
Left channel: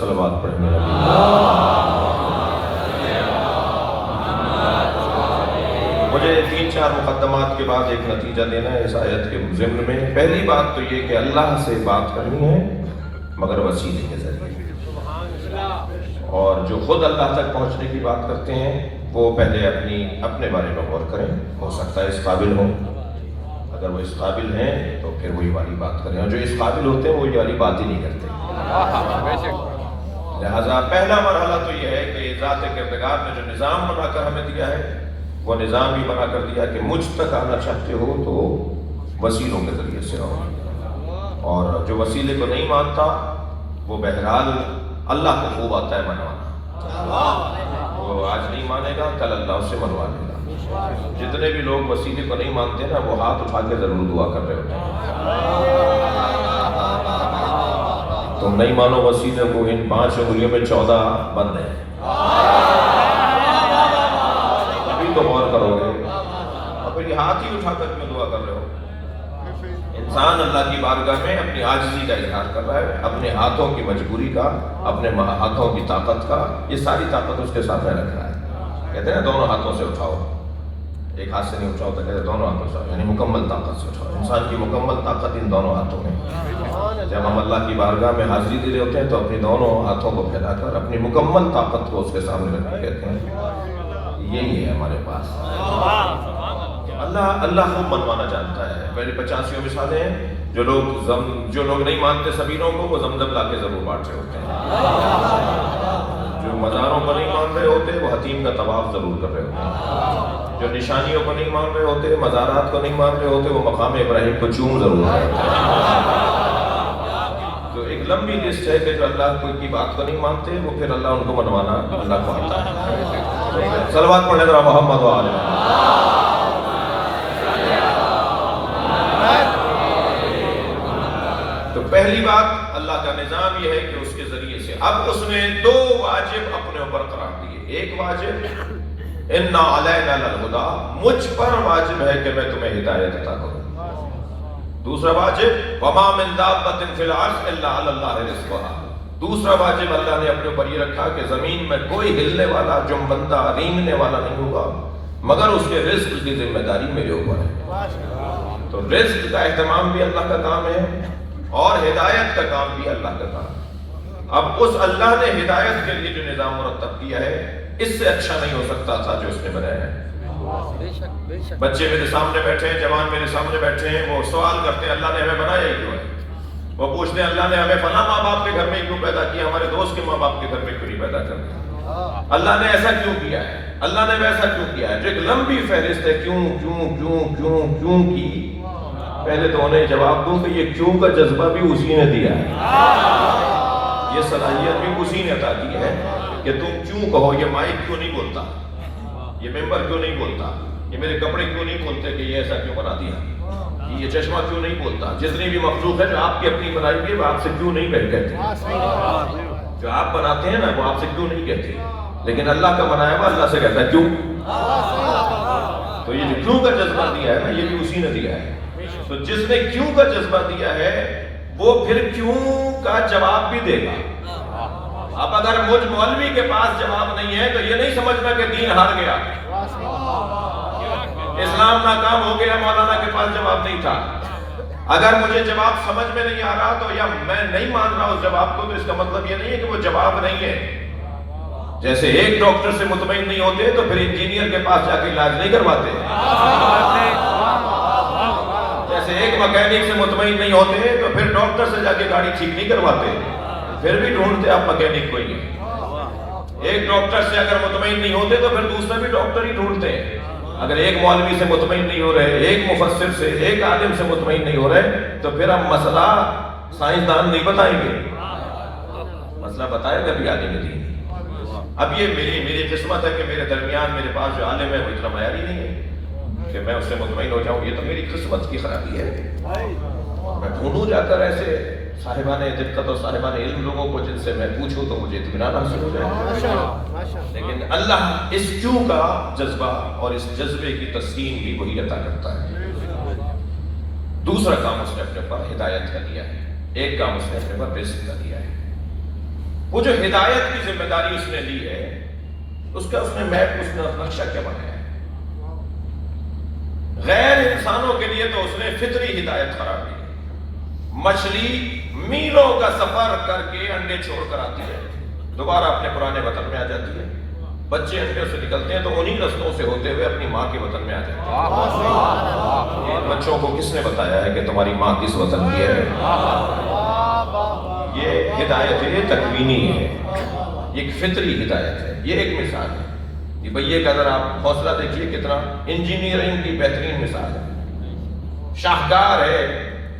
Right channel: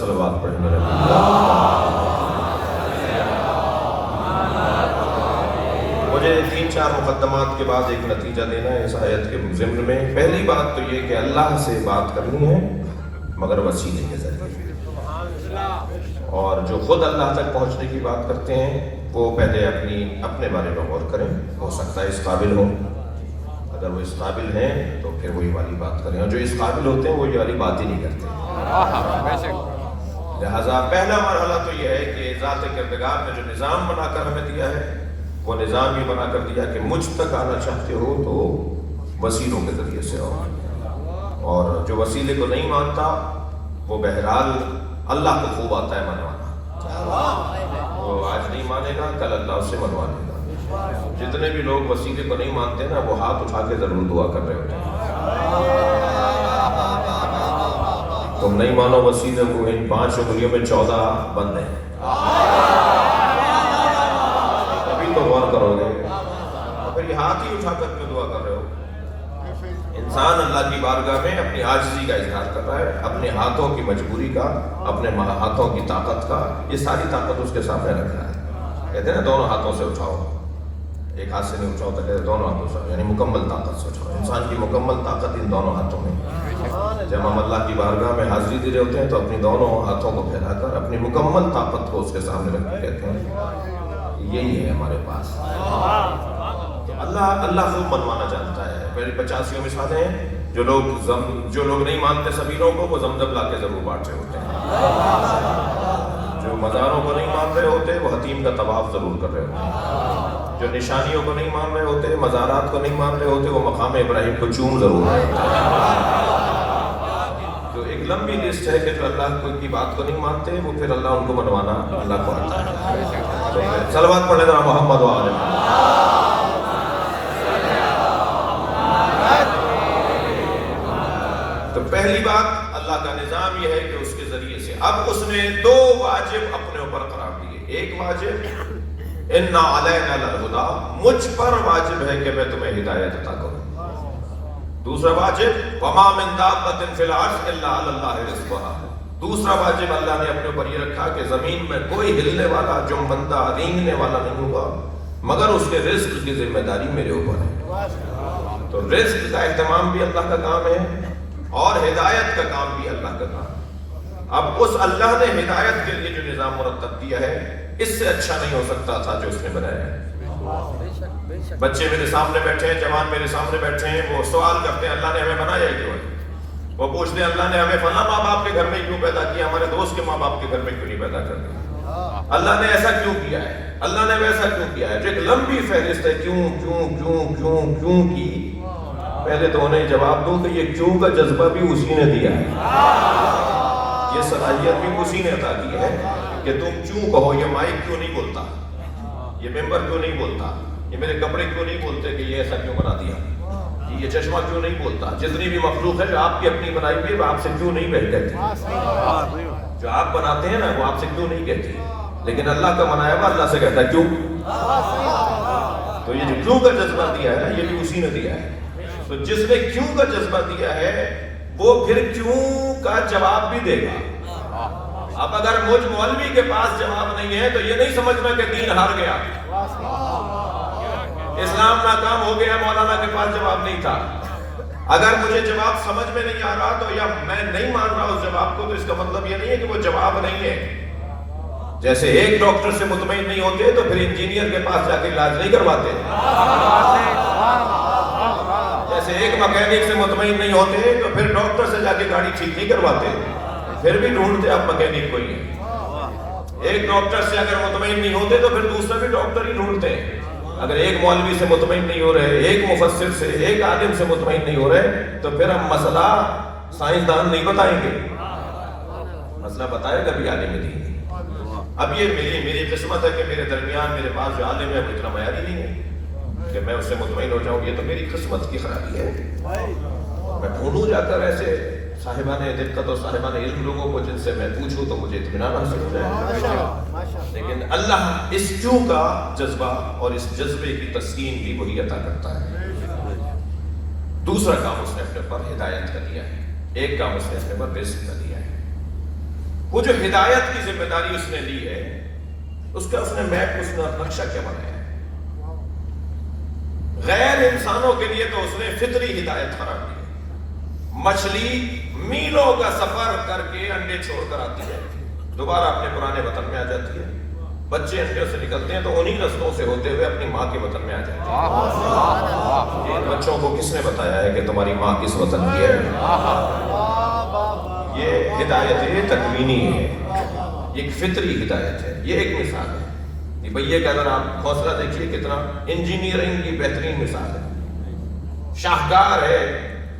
صلوات پڑھیں میرے مجھے 3-4 مقدمات کے بعد ایک نتیجہ لینا ہے اس آیت کے ضمن میں۔ پہلی بات تو یہ کہ اللہ سے بات کرنی ہے مگر وسیلے کے ذریعے، اور جو خود اللہ تک پہنچنے کی بات کرتے ہیں وہ پہلے اپنے بارے میں غور کریں، ہو سکتا ہے اس قابل ہوں، اگر وہ اس قابل ہیں تو پھر وہی والی بات کریں، اور جو اس قابل ہوتے ہیں وہ یہ والی بات ہی نہیں کرتے۔ لہذا پہلا مرحلہ تو یہ ہے کہ ذات کردگار نے جو نظام بنا کر ہمیں دیا ہے وہ نظام ہی بنا کر دیا کہ مجھ تک آنا چاہتے ہو تو وسیلوں کے ذریعے سے آؤ، اور جو وسیلے کو نہیں مانتا وہ بہرحال اللہ کو خوب آتا ہے منوانا، وہ آج نہیں مانے گا کل اللہ اسے منوا لے گا۔ جتنے بھی لوگ وسیلے کو نہیں مانتے نا وہ ہاتھ اٹھا کے ضرور دعا کر رہے ہیں، تم نہیں مانو وسیلے کو، ان 5 انگلیوں میں 14 بند ہیں، ابھی تو غور کرو گے، اور پھر یہ ہاتھ ہی اٹھا کر کیوں دعا کر رہے ہو؟ انسان اللہ کی بارگاہ میں اپنی عاجزی کا اظہار کر رہا ہے، اپنے ہاتھوں کی مجبوری کا، اپنے ہاتھوں کی طاقت کا، یہ ساری طاقت اس کے سامنے رکھ رہا ہے۔ کہتے ہیں نا دونوں ہاتھوں سے اٹھاؤ، ایک ہاتھ سے نہیں اٹھاؤ، کہتے ہیں دونوں ہاتھوں سے، یعنی مکمل طاقت سے اٹھاؤ۔ انسان کی مکمل طاقت ان دونوں ہاتھوں میں۔ جب ہم اللہ کی بارگاہ میں حاضری دے رہے ہوتے ہیں تو اپنی دونوں ہاتھوں کو پھیلا کر اپنی مکمل طاقت کو اس کے سامنے رکھ کے کہتے ہیں یہی ہے ہمارے پاس۔ اللہ خوب منوانا جانتا ہے۔ پہلے 85 مثالیں ہیں، جو لوگ نہیں مانتے سبیلوں کو وہ زمزم لا کے ضرور بانٹ سے ہوتے ہیں۔ جو مزاروں کو نہیں مان رہے ہوتے وہ حتیم کا طواف ضرور کر رہے ہوتے، جو نشانیوں کو نہیں مان رہے ہوتے، مزارات کو نہیں مان رہے ہوتے، وہ مقام ابراہیم کو چوم ضرور رہے ہوتے۔ تو ایک لمبی لسٹ ہے کہ جو اللہ کی بات کو نہیں مانتے وہ پھر اللہ ان کو منوانا اللہ کو آتا ہے۔ صلوات پڑھیں ذرا محمد و آل محمد۔ تو پہلی بات اللہ کا نظام یہ ہے کہ اس کے ذریعے سے اب اس نے دو واجب اپنے اوپر قرار دیے۔ ایک واجب اِنَّا عَلَيْنَا لَلْهُدَىٰ، مجھ پر واجب ہے کہ میں تمہیں ہدایت عطا کروں۔ دوسرا واجب وَمَا مِن دَابَّةٍ فِي الْأَرْضِ إِلَّا عَلَى اللَّهِ رِزْقُهَا، دوسرا واجب اللہ نے اپنے اوپر یہ رکھا کہ زمین میں کوئی ہلنے والا، جنبندہ، رینگنے والا نہیں ہوگا مگر اس کے رزق کی ذمہ داری میرے اوپر ہے۔ تو رزق کا اہتمام بھی اللہ کا کام ہے اور ہدایت کا کام بھی اللہ کا کام ہے۔ اب اس اللہ نے ہدایت کے لیے جو نظام مرتب کیا ہے اس سے اچھا نہیں ہو سکتا تھا جو اس نے بنایا ہے۔ بچے میرے سامنے بیٹھے ہیں، جوان میرے سامنے بیٹھے ہیں، وہ سوال کرتے ہیں اللہ نے ہمیں بنایا ہی کیوں ہے؟ وہ پوچھتے ہیں اللہ نے ہمیں فلاں ماں باپ کے گھر میں کیوں پیدا کیا، ہمارے دوست کے ماں باپ کے گھر میں کیوں نہیں پیدا کرتے؟ اللہ نے ایسا کیوں کیا ہے، اللہ نے ویسا کیوں کیا ہے؟ جو ایک لمبی فہرست ہے کیوں کیوں کیوں کیوں کیوں کی، پہلے تو انہیں جواب دوں کہ یہ کیوں کا جذبہ بھی اسی نے دیا ہے، یہ صلاحیت بھی اسی نے عطا کی ہے کہ تم کیوں کہو، یہ مائک کیوں نہیں بولتا، یہ ممبر کیوں نہیں بولتا، یہ میرے کپڑے کیوں نہیں بولتے کہ یہ ایسا کیوں بنا دیا، یہ چشمہ کیوں نہیں بولتا، جتنی بھی مخلوق ہے جو آپ کی اپنی بنائی ہوئی ہے وہ آپ سے کیوں نہیں کہتی، جو آپ بناتے ہیں نا وہ آپ سے کیوں نہیں کہتی، لیکن اللہ کا بنایا ہوا اللہ سے کہتا ہے کیوں۔ تو یہ جو کیوں کا جذبہ دیا ہے نا یہ بھی اسی نے دیا ہے۔ تو جس نے کیوں کا جذبہ دیا ہے وہ پھر کیوں کا جواب بھی دے گا۔ اب اگر مجھ مولوی کے پاس جواب نہیں ہے تو یہ نہیں سمجھنا کہ دین ہار گیا، اسلام ناکام ہو گیا، مولانا کے پاس جواب نہیں تھا۔ اگر مجھے جواب سمجھ میں نہیں آ رہا تو یا میں نہیں مان رہا اس جواب کو تو اس کا مطلب یہ نہیں ہے کہ وہ جواب نہیں ہے۔ جیسے ایک ڈاکٹر سے مطمئن نہیں ہوتے تو پھر انجینئر کے پاس جا کے علاج نہیں کرواتے، جیسے ایک مکینک سے مطمئن نہیں ہوتے تو پھر ڈاکٹر سے جا کے گاڑی ٹھیک نہیں کرواتے، پھر بھی ڈھونڈتے آپ مکینک کو ہی۔ ایک ڈاکٹر سے اگر مطمئن نہیں ہوتے تو پھر دوسرے بھی ڈاکٹر ہی ڈھونڈتے ہیں۔ اگر ایک مولوی سے مطمئن نہیں ہو رہے، ایک مفسر سے، ایک عالم سے مطمئن نہیں ہو رہے تو پھر ہم مسئلہ سائنسدان نہیں بتائیں گے، مسئلہ بتائے گا بھی عالم دین۔ اب یہ میری قسمت ہے کہ میرے درمیان میرے پاس جو عالم ہے وہ اتنا معیاری نہیں ہے کہ میں اس سے مطمئن ہو جاؤں، یہ تو میری قسمت کی خرابی ہے۔ میں ڈھونڈوں جا کر ایسے صاحبان دقت اور صاحبان علم لوگوں کو جن سے میں پوچھوں تو مجھے اطمینان حاصل ہو جائے۔ لیکن اللہ اس کیوں کا جذبہ اور اس جذبے کی تسکین بھی وہی عطا کرتا ہے۔ دوسرا کام اس نے اپنے پر ہدایت کا دیا ہے، ایک کام اس نے اپنے پر رزق کا دیا ہے۔ وہ جو ہدایت کی ذمہ داری اس نے لی ہے اس کا اس نے میپ، اس نے نقشہ کیا بنایا ہے۔ غیر انسانوں کے لیے تو اس نے فطری ہدایت قرار دی ہے۔ مچھلی میلوں کا سفر کر کے انڈے چھوڑ کر آتی ہے، دوبارہ اپنے پرانے وطن میں آ جاتی ہے۔ بچے انڈوں سے نکلتے ہیں تو انہی رستوں سے ہوتے ہوئے اپنی ماں کے وطن میں آ جاتے ہیں۔ یہ بچوں کو کس نے بتایا ہے کہ تمہاری ماں کس وطن کی ہے؟ یہ ہدایت یہ تکوینی ہے، یہ ایک فطری ہدایت ہے۔ یہ ایک مثال ہے، یہ بھئیے کا اگر آپ حوصلہ دیکھیے کتنا انجینئرنگ کی بہترین مثال ہے، شاہکار ہے،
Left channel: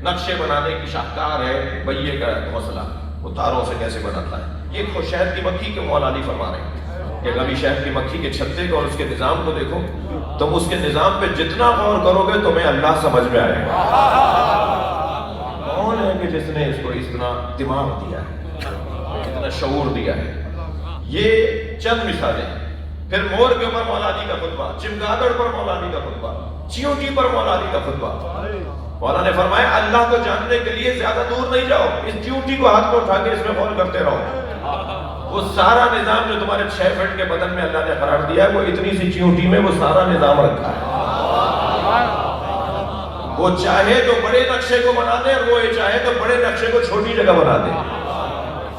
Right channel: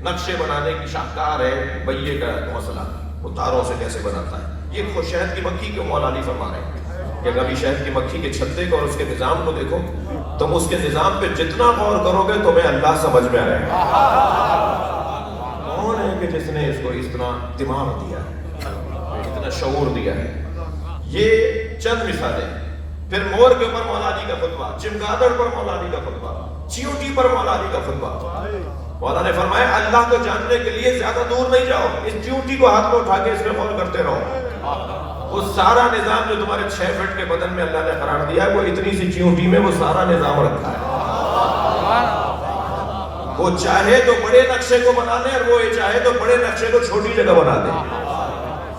نقشے بنانے کی شاہکار ہے بھئیے کا حوصلہ، وہ تاروں سے کیسے بناتا ہے۔ یہ خود شہد کی مکھی کے مولا علی فرما رہے ہیں کہ کبھی شہد کی مکھی کے چھتے کو اور اس کے نظام کو دیکھو، تم اس کے نظام پہ جتنا غور کرو گے تمہیں اللہ سمجھ میں آئے گا۔ کون ہے کہ جس نے اس کو اتنا دماغ دیا ہے، اتنا شعور دیا ہے؟ یہ چند مثالیں۔ پھر مور کے اوپر مولا علی کا خطبہ، چمگادڑ پر مولا علی کا خطبہ، چیونٹی پر مولا علی کا خطبہ۔ مولا نے فرمایا اللہ کو جاننے کے لیے زیادہ دور نہیں جاؤ، اس چیونٹی کو ہاتھ میں اٹھا کے اس میں غور کرتے رہو۔ وہ سارا نظام جو تمہارے 6 فٹ کے بدن میں اللہ نے قرار دیا ہے وہ اتنی سی چیونٹی میں وہ سارا نظام رکھا ہے۔ وہ چاہے تو بڑے نقشے کو بنا دے اور وہ چاہے تو بڑے نقشے کو چھوٹی جگہ بنا دے۔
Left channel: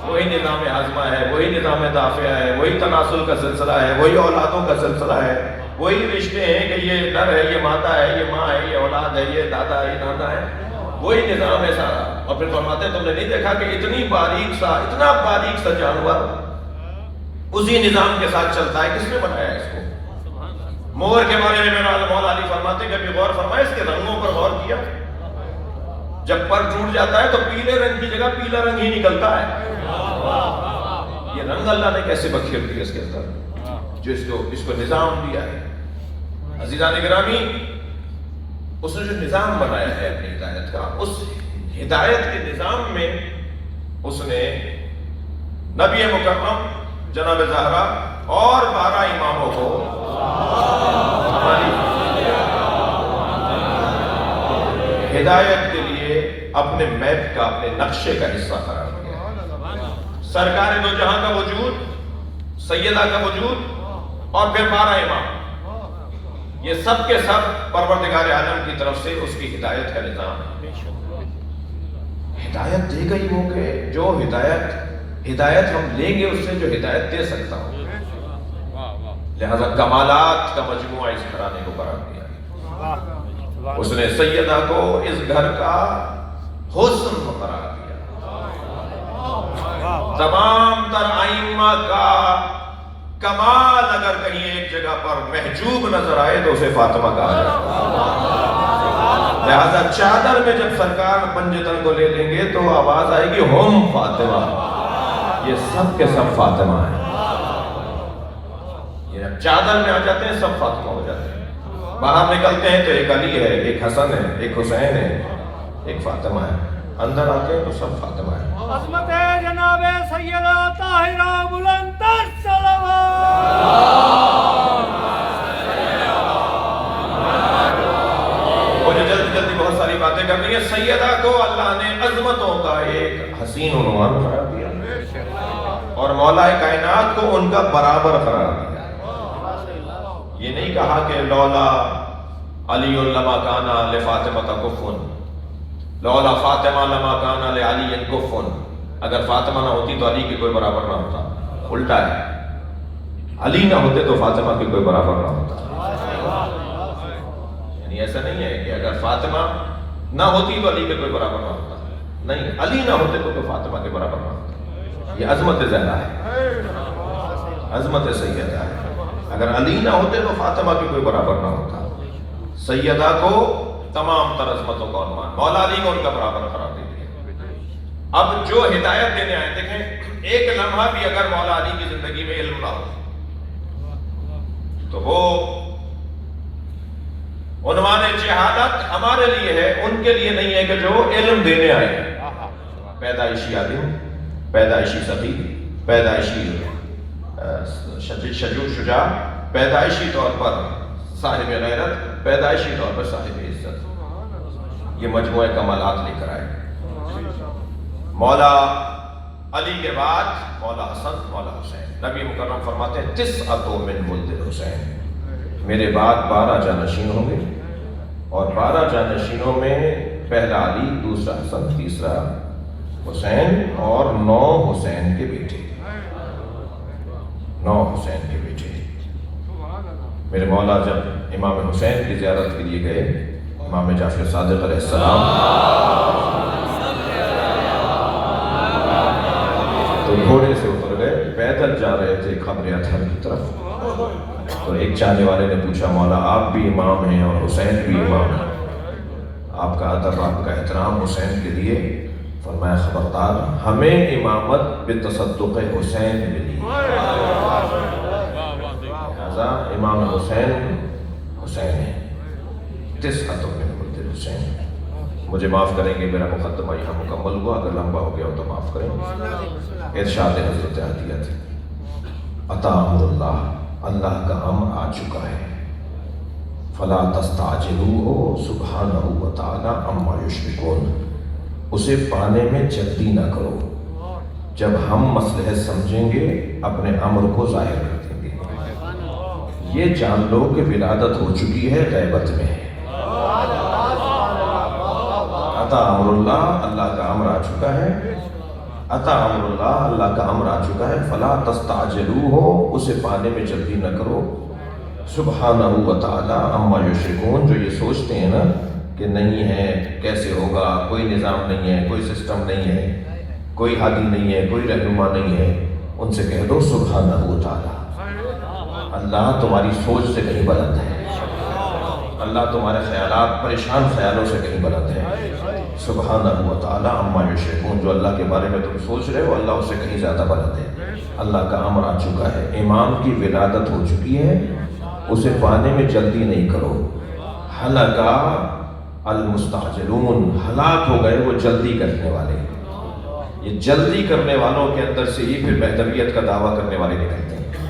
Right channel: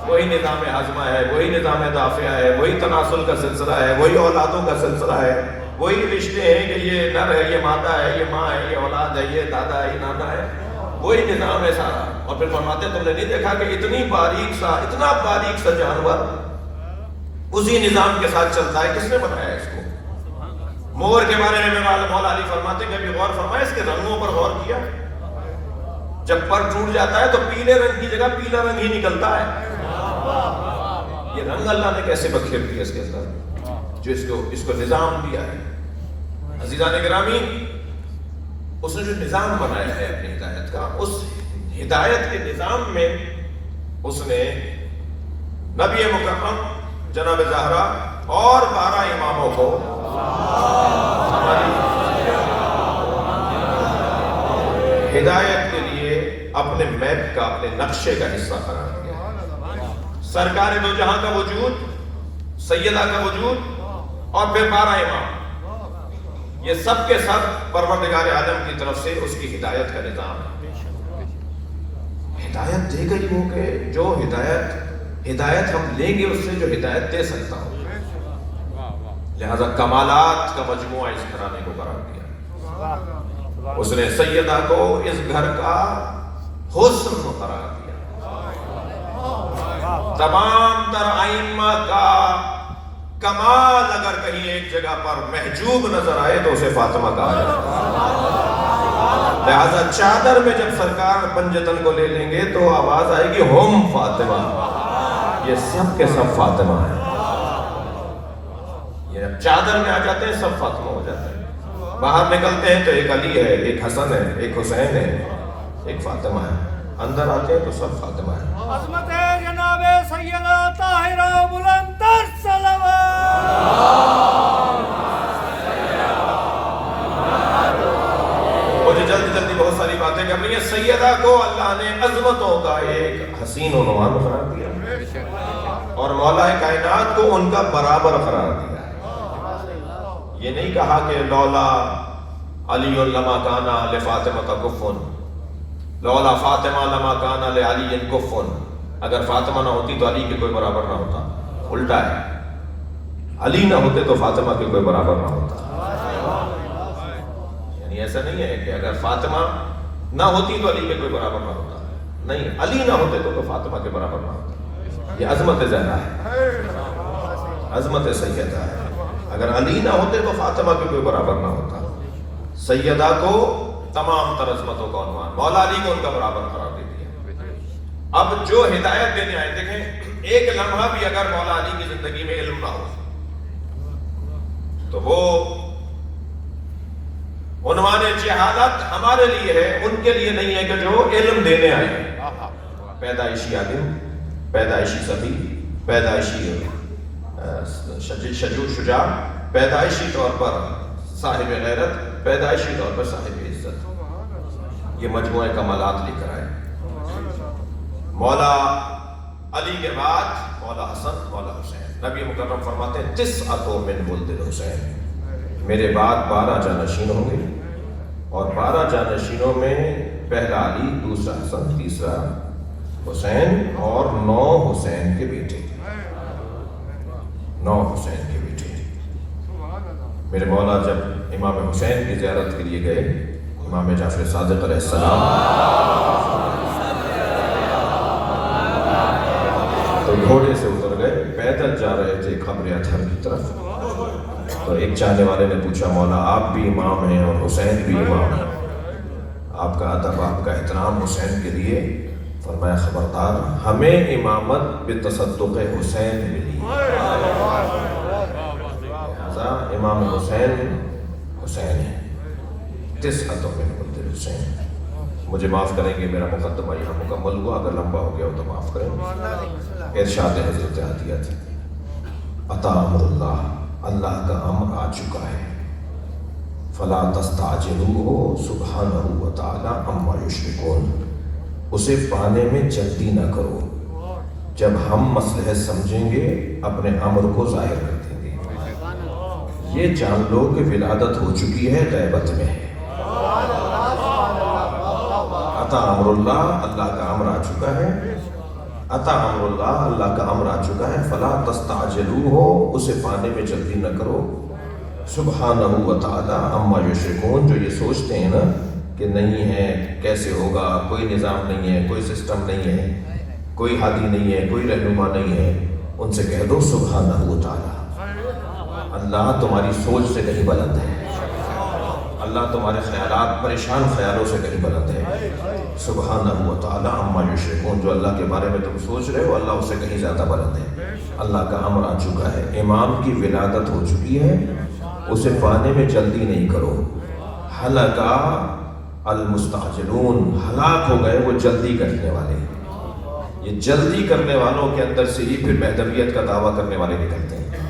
وہی نظام ہاضمہ ہے، وہی نظام دافعہ ہے، وہی تناسل کا سلسلہ ہے، وہی اولادوں کا سلسلہ ہے، وہی رشتے ہیں کہ یہ نر ہے، یہ مادہ ہے، یہ ماں ہے، یہ اولاد ہے، یہ دادا ہے، یہ نانا ہے، وہی نظام ہے سارا۔ اور پھر فرماتے ہیں تم نے نہیں دیکھا کہ اتنا باریک سا جانور اسی نظام کے ساتھ چلتا ہے. کس نے بنایا اس کو؟ مور کے بارے میں مولا علی فرماتے کبھی غور فرمائے اس کے رنگوں پر غور کیا؟ جب پر ٹوٹ جاتا ہے تو پیلے رنگ کی جگہ پیلا رنگ ہی نکلتا ہے. یہ رنگ اللہ نے کیسے بکھیر دیا اس کے اندر جو اس کو نظام دیا ہے. عزیزان گرامی، اس نے جو نظام بنایا ہے اپنی ہدایت کا، اس ہدایت کے نظام میں اس نے نبی مکرم جناب زہرا اور 12 اماموں کو ہدایت کے لیے اپنے میپ کا، اپنے نقشے کا حصہ قرار دیا. سرکار دو جہاں کا وجود، سیدہ کا وجود اور پھر 12 امام، یہ سب کے سب پروردگار عالم کی طرف سے اس کی ہدایت کا نظام ہے. ہدایت دی گئی ہو کہ جو ہدایت ہم لیں گے اس سے جو ہدایت دے سکتا ہو. لہذا کمالات کا مجموعہ اس گھرانے کو قرار دیا. اس نے سیدہ کو اس گھر کا حسن قرار دیا. تمام تر ائمہ کا کمال اگر کہیں ایک جگہ پر محجوب نظر آئے تو اسے فاطمہ کہا جاتا ہے. لہذا چادر میں جب سرکار پنجتن کو لے لیں گے تو آواز آئے گی ہم فاطمہ، یہ سب کے سب فاطمہ ہیں. یہ چادر میں آ جاتے ہیں سب فاطمہ ہو جاتے ہیں. باہر نکلتے ہیں تو ایک علی ہے، ایک حسن ہے، ایک حسین ہے، ایک فاطمہ ہے. اندر آتے ہیں تو سب فاطمہ ہے. عظمت جناب سیدہ طاہرہ بلندر صلوات. مجھے جلدی بہت ساری باتیں کرنی ہے. سیدہ کو اللہ نے عظمتوں کا ایک حسین عنوان قرار دیا اور مولا کائنات کو ان کا برابر قرار دیا. یہ نہیں کہا کہ لولا علی لما کانا لفاطمہ کا کفن، لولا فاطمہ لما کانا لعلی کفن. اگر فاطمہ نہ ہوتی تو علی کے کوئی برابر نہ ہوتا. الٹا ہے، علی نہ ہوتے تو فاطمہ کے کوئی برابر نہ ہوتا. یعنی ایسا نہیں ہے کہ اگر فاطمہ نہ ہوتی تو علی کے کوئی برابر نہ ہوتا. نہیں، علی نہ ہوتے تو فاطمہ کے برابر نہ ہوتا. یہ عظمت زہرا ہے، عظمت سیدہ ہے. اگر علی نہ ہوتے تو فاطمہ کے کوئی برابر نہ ہوتا. سیدہ کو تمام تر عظمتوں کا عنوان، مولا علی کو ان کا برابر قرار دے دیا. اب جو ہدایت دینے آئے، دیکھیں ایک لمحہ بھی اگر مولا علی کی زندگی میں علم نہ ہو تو وہ عنوان جہالت ہمارے لیے ہے، ان کے لیے نہیں ہے کہ جو علم دینے آئے. پیدائشی عالم، پیدائشی سخی، پیدائشی شجاع، پیدائشی طور پر صاحب غیرت، پیدائشی طور پر صاحب عزت، یہ مجموعہ کمالات لے کر آئے. مولا علی کے بعد مولا حسن، مولا حسین. نبی مکرم فرماتے ہیں 9 من ولد حسین، میرے بعد 12 جانشین ہوں گے اور 12 جانشینوں میں پہلا علی، دوسرا حسن، تیسرا حسین اور 9 حسین کے بیٹے. 9 حسین کے بیٹے. میرے مولا جب امام حسین کی زیارت کے لیے گئے، امام جعفر صادق علیہ السلام، تو گھوڑے سے اتر گئے، پیدل جا رہے تھے قبر اطہر کی طرف. تو ایک چاہنے والے نے پوچھا مولا آپ بھی امام ہیں اور حسین بھی امام ہیں، آپ کا ادب، آپ کا احترام حسین کے لیے. فرمایا خبردار، ہمیں امامت بتصدق حسین ملی. لہذا امام حسین حسین ہے. 9 من ولد حسین. مجھے معاف کریں گے، میرا مقدمہ یہاں مکمل ہوا، اگر لمبا ہو گیا ہو تو معاف کریں. ارشاد حضرت عطیہ تھی، عطا امر اللہ، اللہ کا امر آ چکا ہے. فلا تستعجلوہ سبحانہ وتعالی عما یشرکون. اسے پانے میں جلدی نہ کرو. جب ہم مصلحت سمجھیں گے اپنے امر کو ظاہر کر دیں گے. یہ جان لو کہ ولادت ہو چکی ہے، غیبت میں ہے. عطا امر اللہ، اللہ کا امر آ چکا ہے. عطا امر اللہ، اللہ کا امر آ چکا ہے. فلا تستعجلوہ، اسے پانے میں جلدی نہ کرو. سبحانہ وتعالی عما یشرکون، جو یہ سوچتے ہیں نا کہ نہیں ہے، کیسے ہوگا، کوئی نظام نہیں ہے، کوئی سسٹم نہیں ہے، کوئی ہادی نہیں ہے، کوئی رہنما نہیں ہے، ان سے کہہ دو سبحانہ و تعالی، اللہ تمہاری سوچ سے کہیں بلند ہے، اللہ تمہارے خیالات پریشان خیالوں سے کہیں بلند ہے، سبحانہ و تعالی عما یشرکون، جو اللہ کے بارے میں تم سوچ رہے ہو اللہ اسے کہیں زیادہ بلند ہے۔ اللہ کا امر آ چکا ہے، امام کی ولادت ہو چکی ہے، اسے پانے میں جلدی نہیں کرو، ہلکا المستعجلون، ہلاک ہو گئے وہ جلدی کرنے والے۔ یہ جلدی کرنے والوں کے اندر سے ہی پھر مہدویت کا دعویٰ کرنے والے نکلتے ہیں،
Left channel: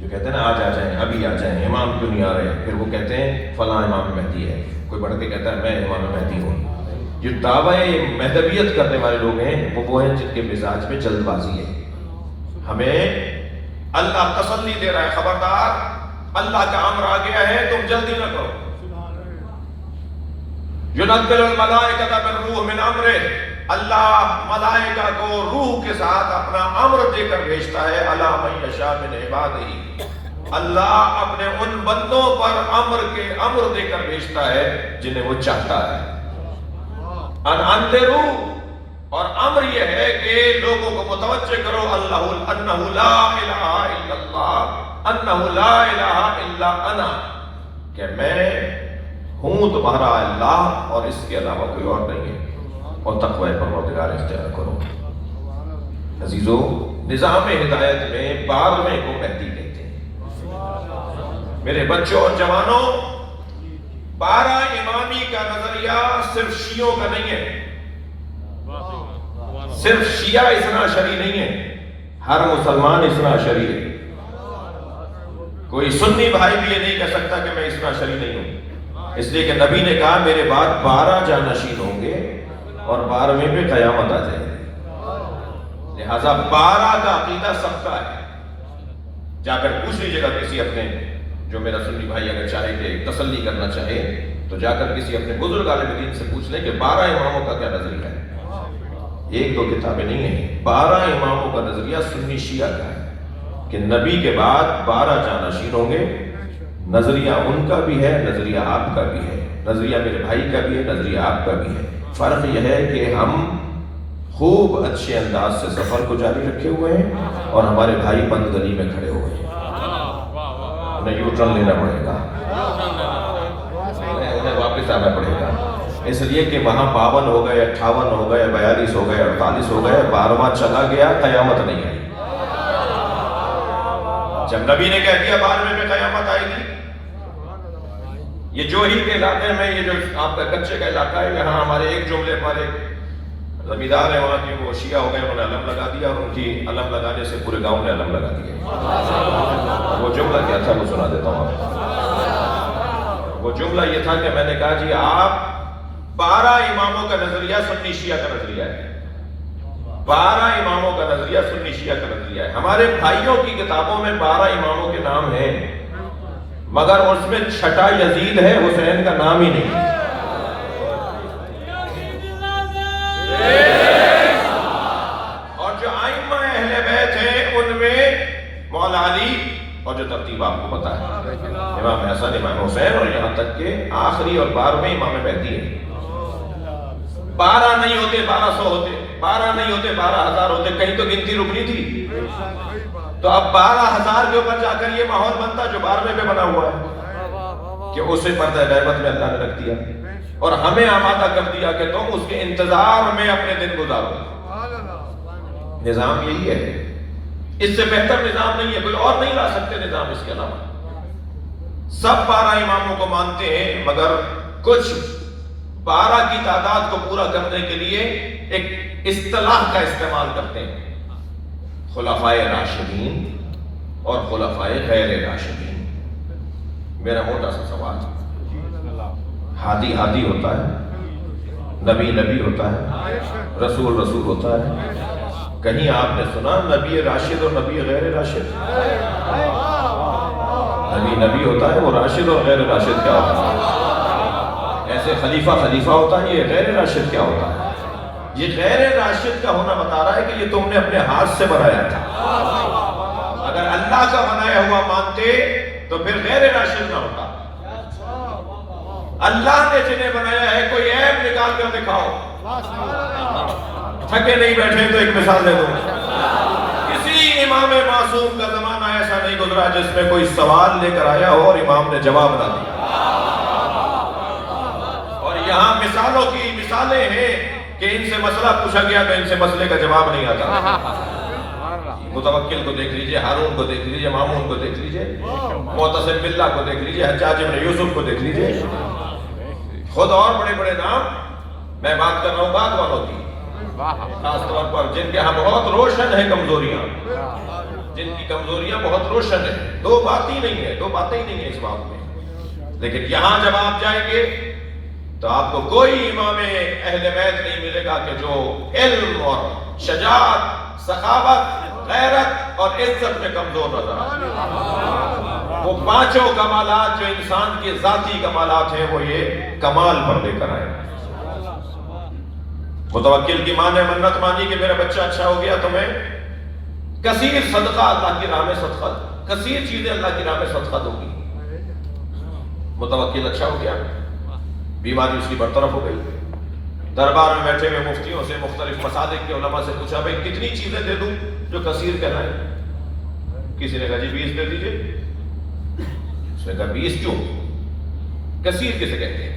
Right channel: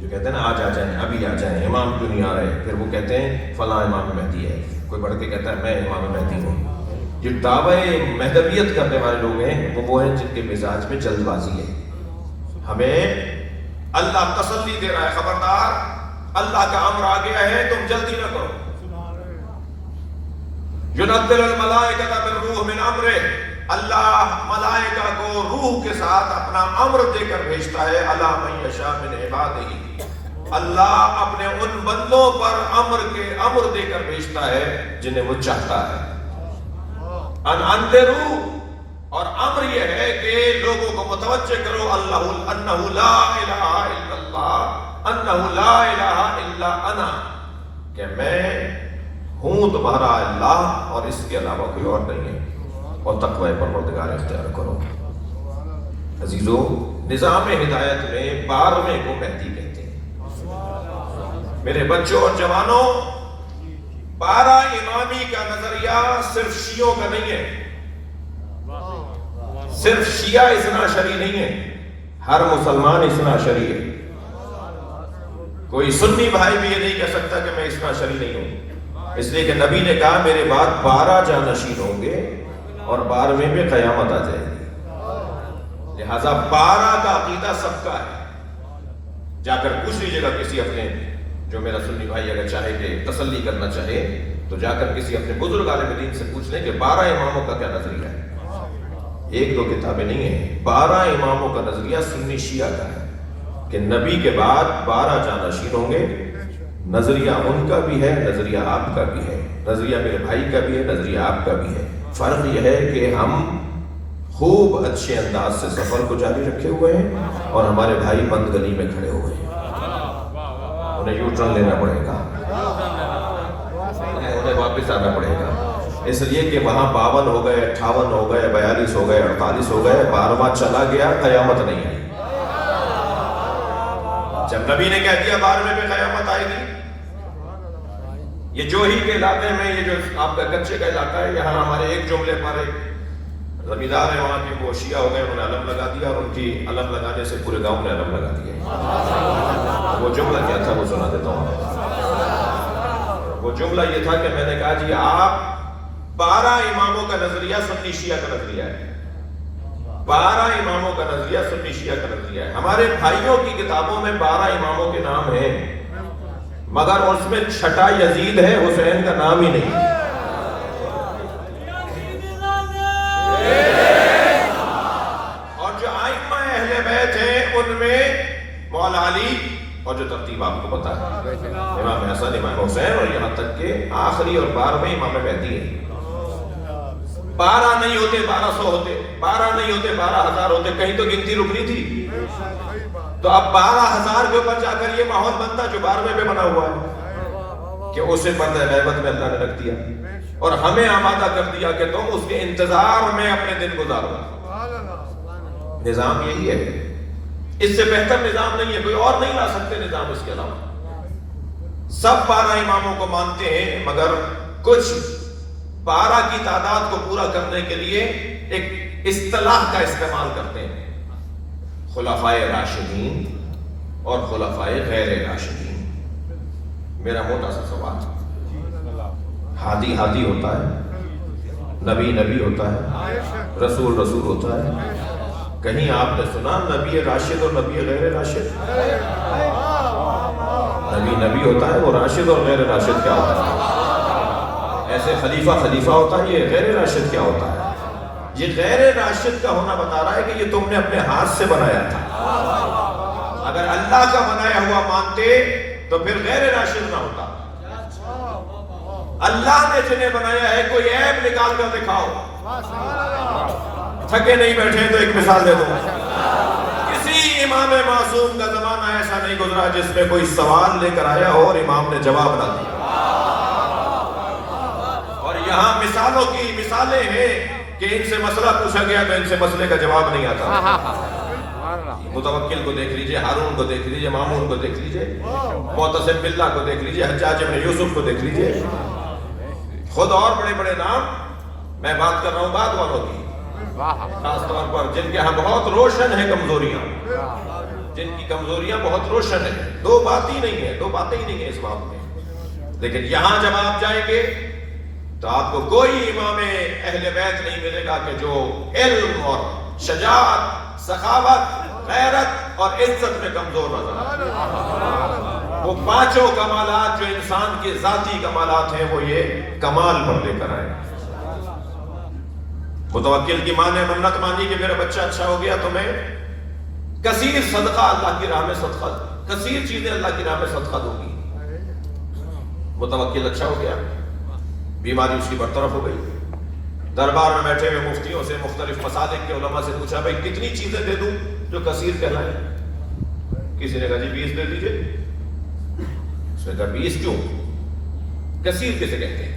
جو کہتے ہیں نا آج آ جائیں، ابھی آ جائیں، امام کیوں نہیں آ رہے، پھر وہ کہتے ہیں فلاں امام مہدی ہے، کوئی بڑھ کے کہتا ہے میں امام مہدی ہوں۔ جو دعوی مہدویت کرنے والے لوگ ہیں وہ ہیں جن کے مزاج میں جلد بازی ہے۔ ہمیں اللہ تسلی دے رہا ہے، خبردار اللہ کا امر آ گیا ہے، تم جلدی نہ کرو۔ ينزل الملائکۃ بالروح من امرہ، اللہ ملائکہ کو روح کے ساتھ اپنا امر دے کر بھیجتا ہے، علی من یشاء من عبادہ، اللہ اپنے ان بندوں پر امر دے کر بھیجتا ہے جنہیں وہ چاہتا ہے۔ ان انذروا، اور امر یہ ہے کہ لوگوں کو متوجہ کرو انہ لا الہ الا اللہ، انہ لا الہ الا انا، کہ میں ہوں تمہارا اللہ اور اس کے علاوہ کوئی اور نہیں ہے، اور تقوی پروردگار اختیار کرو۔ عزیزو، نظام ہدایت میں 12ویں کو مہدی کہتے ہیں۔ میرے بچوں اور جوانوں، 12 امامی کا نظریہ صرف شیعوں کا نہیں ہے، صرف شیعہ اثنا عشری نہیں ہے، ہر مسلمان اثنا عشری ہے۔ کوئی سنی بھائی بھی یہ نہیں کہہ سکتا کہ میں اثنا عشری نہیں ہوں، اس لیے کہ نبی نے کہا میرے بعد 12 جانشین ہوں گے اور 12ویں پہ قیامت آ جائے گی، لہذا 12 کا عقیدہ سب کا ہے۔ جا کر پوچھ لیجیے گا کسی اپنے، جو میرا سنی بھائی اگر چاہے کہ تسلی کرنا چاہے تو جا کر کسی اپنے بزرگ عالم دین سے پوچھ لیں کہ 12 اماموں کا کیا نظریہ ہے۔ ایک دو کتابیں نہیں ہیں، 12 اماموں کا نظریہ سنی شیعہ کا ہے کہ نبی کے بعد 12 جانشین ہوں گے۔ نظریہ ان کا بھی ہے، نظریہ آپ کا بھی ہے، نظریہ میرے بھائی کا بھی ہے، نظریہ آپ کا بھی ہے۔ فرق یہ ہے کہ ہم خوب اچھے انداز سے سفر کو جاری رکھے ہوئے ہیں اور ہمارے بھائی بند گلی میں کھڑے ہوئے ہیں، انہیں یو ٹرن لینا پڑے گا، انہیں واپس آنا پڑے گا، اس لیے کہ وہاں 52 ہو گئے، 58 ہو گئے، 42 ہو گئے، 48 ہو گئے، 12واں چلا گیا، قیامت نہیں ہے۔ جب نبی نے کہہ دیا 12ویں پہ قیامت آئے گی۔ یہ جو ہی کے علاقے میں، یہ جو آپ کا کچے کا علاقہ ہے، یہاں ہمارے ایک جملے ہمارے زمیندار ہیں وہاں کے، وہ شیعہ ہو گئے، انہوں نے علم لگا دیا اور ان کی علم لگانے سے پورے گاؤں نے علم لگا دیا۔ وہ جملہ کیا تھا وہ سنا دیتا ہوں۔ وہ جملہ یہ تھا کہ میں نے کہا جی آپ 12 اماموں کا نظریہ سنی شیعہ کا نظریہ ہے، 12 اماموں کا نظریہ سنی شیعہ کا نظریہ ہے۔ ہمارے بھائیوں کی کتابوں میں 12 اماموں کے نام ہیں، مگر اس میں چھٹا یزید ہے، حسین کا نام ہی نہیں ہے۔ اور جو ائمہ اہل بیت ہیں ان میں مولا علی، اور جو ترتیب آپ کو پتا ہے، امام حسن، امام حسین، اور یہاں تک کہ آخری اور 12ویں امام مہدی ہے۔ 12 نہیں ہوتے 1200 ہوتے، 12 نہیں ہوتے 12,000 ہوتے، کہیں تو گنتی رکنی تھی۔ تو اب 12,000 کے اوپر جا کر یہ ماحول بنتا جو 12ویں پہ بنا ہوا ہے کہ اسے پردہ غیبت میں اللہ نے رکھ دیا اور ہمیں آمادہ کر دیا کہ تم اس کے انتظار میں اپنے دن گزارو۔ نظام یہی ہے، اس سے بہتر نظام نہیں ہے، کوئی اور نہیں لا سکتے نظام اس کے علاوہ۔ سب 12 اماموں کو مانتے ہیں، مگر کچھ 12 کی تعداد کو پورا کرنے کے لیے ایک اصطلاح کا استعمال کرتے ہیں، خلفائے راشدین اور خلفائے غیر راشدین۔ میرا موٹا سا سوال، ہادی ہادی ہوتا ہے، نبی نبی ہوتا ہے، رسول رسول ہوتا ہے، کہیں آپ نے سنا نبی راشد اور نبی غیر راشد؟ نبی نبی ہوتا ہے، وہ راشد اور غیر راشد کیا ہوتا ہے؟ ایسے خلیفہ خلیفہ ہوتا ہے، یہ غیر راشد کیا ہوتا ہے؟ یہ غیر راشد کا ہونا بتا رہا ہے کہ یہ تم نے اپنے ہاتھ سے بنایا تھا۔ اگر اللہ کا بنایا ہوا مانتے تو پھر غیر راشد نہ ہوتا۔ اللہ نے جنہیں بنایا ہے، کوئی عیب نکال کر دکھاؤ۔ تھکے نہیں بیٹھے تو ایک مثال دے دو، کسی امام معصوم کا زمانہ ایسا نہیں گزرا جس میں کوئی سوال لے کر آیا ہو اور امام نے جواب نہ دیا. اور یہاں مثالوں کی مثالیں ہیں کہ ان سے مسئلہ پوچھا گیا تو ان سے مسئلے کا جواب نہیں آتا. متوکل کو دیکھ لیجئے, ہارون کو دیکھ لیجئے, مامون کو دیکھ لیجئے, معتصم باللہ کو دیکھ لیجئے, حجاج بن یوسف کو دیکھ لیجئے, خود اور بڑے بڑے نام. میں بات کر رہا ہوں بعد والوں کی, خاص طور پر جن کے ہاں بہت روشن ہے کمزوریاں, جن کی کمزوریاں بہت روشن ہیں. دو بات ہی نہیں ہے, دو باتیں ہی نہیں ہیں اس بات میں. لیکن یہاں جب آپ جائیں گے تو آپ کو کوئی امام اہل بیت نہیں ملے گا کہ جو علم اور شجاعت, سخاوت, غیرت اور عزت میں کمزور نظر آئے. وہ پانچوں کمالات جو انسان کے ذاتی کمالات ہیں وہ یہ کمال پر لے کر آئے. متوکل کی ماں نے منت مانی کہ میرا بچہ اچھا ہو گیا تو میں کثیر صدقہ اللہ کی راہ میں صدقہ, کثیر چیزیں اللہ کی راہ میں صدقہ دوں گی. متوکل اچھا ہو گیا, بیماری اس کی برطرف ہو گئی. دربار میں بیٹھے ہوئے مفتیوں سے, مختلف مسالک کے علماء سے پوچھا بھائی کتنی چیزیں دے دوں جو کثیر کہلائے. کسی نے کہا جی 20 دے دیجئے. اس نے کہا 20 کیوں, کثیر کسے کہتے ہیں؟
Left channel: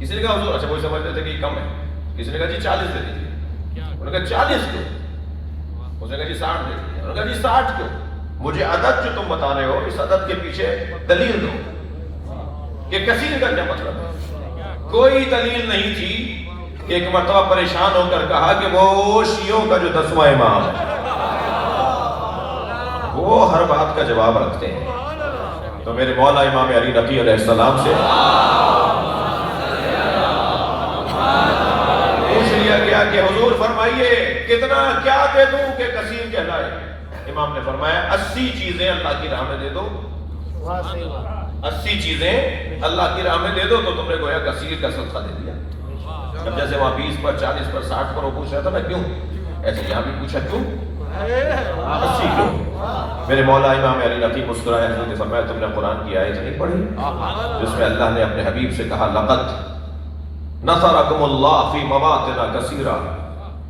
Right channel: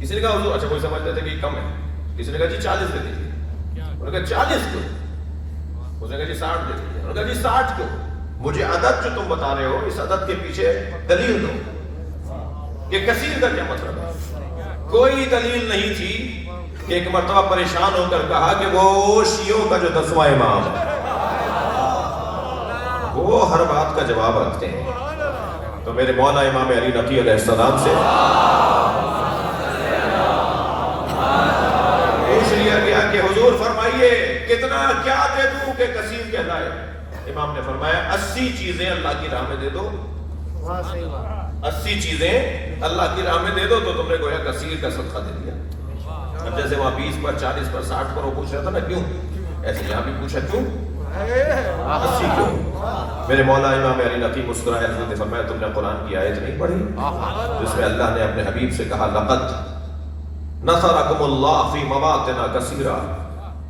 کسی نے کہا حضور اچھا کوئی سمجھتے تھے کہ یہ کم ہے. کسی نے کہا جی 40 دے دیجئے. انہوں نے کہا 40 کیوں؟ اس نے کہا جی 60 دے دیجئے. انہوں نے کہا جی 60 کیوں؟ مجھے عدد جو تم بتا رہے ہو اس عدد کے پیچھے دلیل دو کہ کثیر کا کیا مطلب ہے. کوئی دلیل نہیں تھی. ایک مرتبہ پریشان ہو کر کہا کہ وہ شیعوں کا جو 10واں امام ہے وہ ہر بات کا جواب رکھتے ہیں, تو میرے مولا امام علی نقی علیہ السلام سے پوچھ لیا گیا کہ حضور فرمائیے کتنا کیا دے دوں کہ کثیر کہلائے. امام نے فرمایا 80 چیزیں اللہ کی راہ میں دے دو. 80 چیزیں اللہ کی راہ میں دے دو تو تم نے گویا کثیر کا صدقہ دے دیا. اب جیسے وہاں 20 پر 40 پر 60 پر وہ پوچھ رہا تھا نا کیوں, ایسے یہاں بھی پوچھا کیوں 80 کیوں. میرے مولا امام علی نقی مسکرائے, حضرت فرمایا تم نے قرآن کی آیت نہیں پڑھی جس میں اللہ نے اپنے حبیب سے کہا لقد نصرکم اللہ فی مواطن کثیرہ,